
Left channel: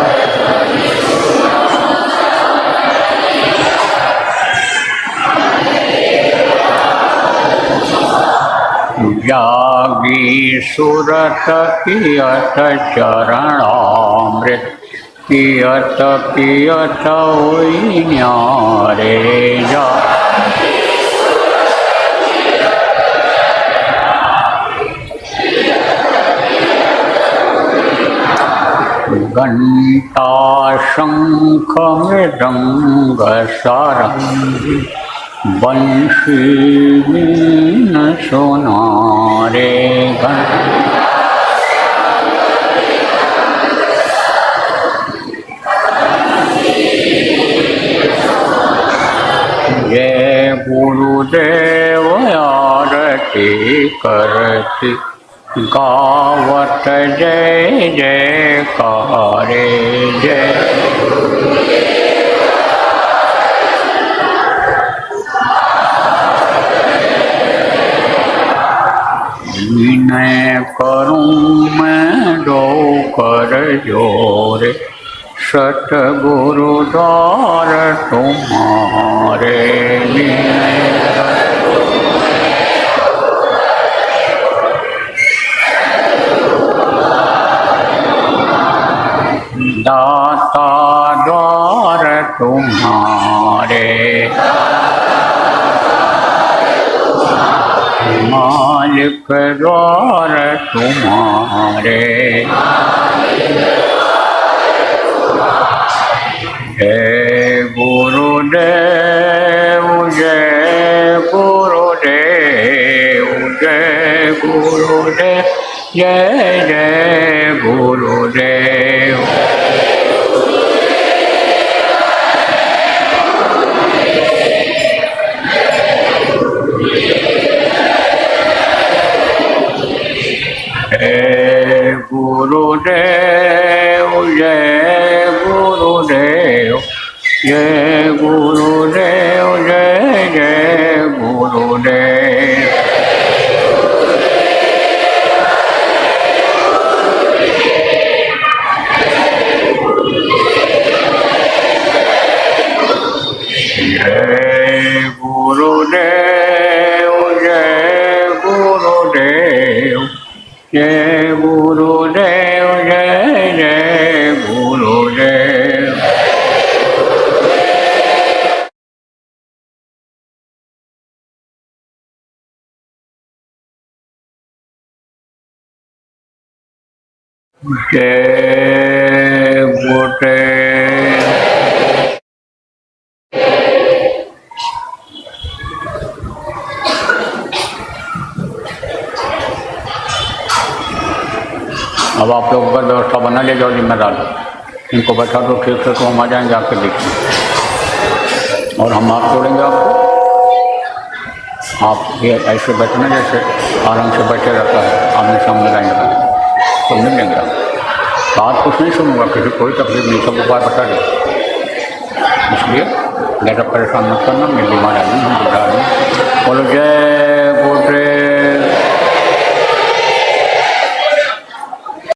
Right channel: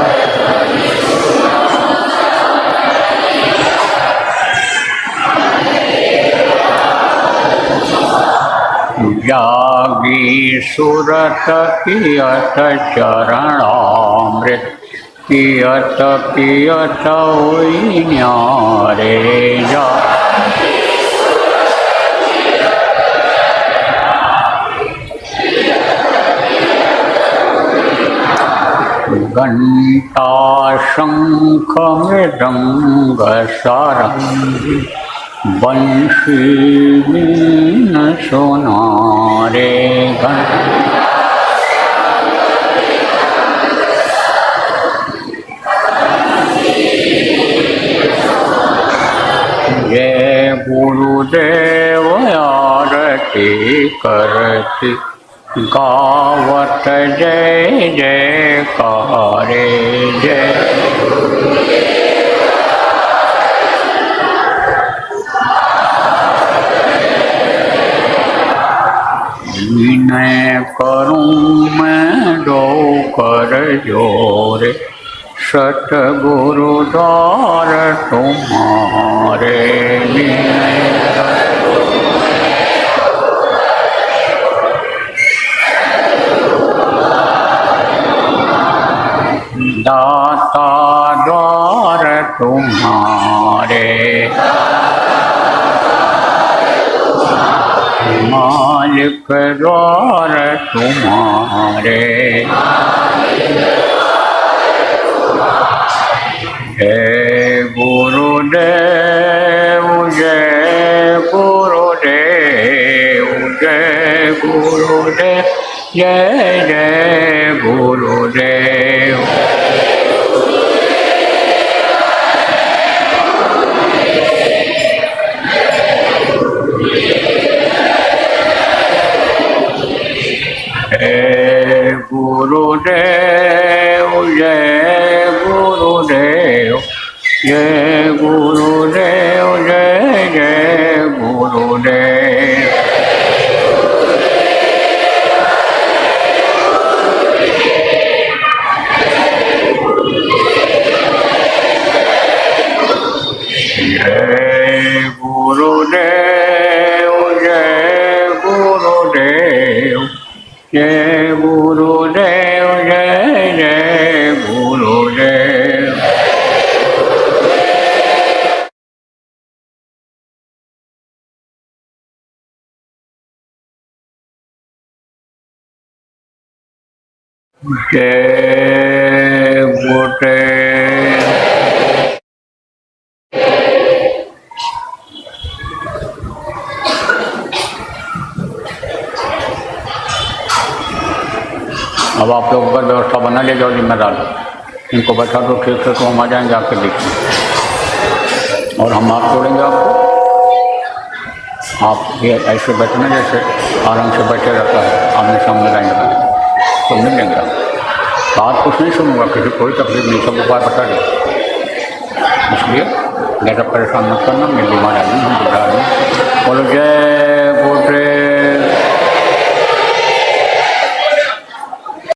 जागी सुरत पियत चरणामृत, पियत पियत होई न्यारे। घंटा शंख मृदंग सारंग, बंसी में सोमारे। ये गुरुदेव आरती करती, गावत जय जयकारे जय। मैं करूँ मैं दो कर जोर, सतगुरु द्वार पे दाता द्वार तुम्हारे। जय गुरुदेव जय गुरुदेव जय गुरुदेव जय जय गुरुदेव। जय गुरुदेव जय गुरुदेव जय गुरुदेव जय जय गुरुदेव। जय गुरुदेव जय गुरुदेव जय गुरुदेव जय जय गुरुदेव। जय गुरुदेव। अब आप लोगों का व्यवस्था बना ले जाओ जिम्मेदार, इनको बैठा दो ठीक से, तो हम आ जाएंगे आपके बीच में और हम आप छोड़ेंगे आपको। आप ये ऐसे बैठना जैसे आराम से बैठे रहता है, आमने सामने रहेंगे तो मिल लेंगे। बात कुछ नहीं सुनूंगा, किसी कोई तकलीफ नहीं, सब उपाय बता दो। इसलिए ज़्यादा परेशान मत करना, मेरी बीमार आदमी हम बुढ़ा रहे। बोलो जय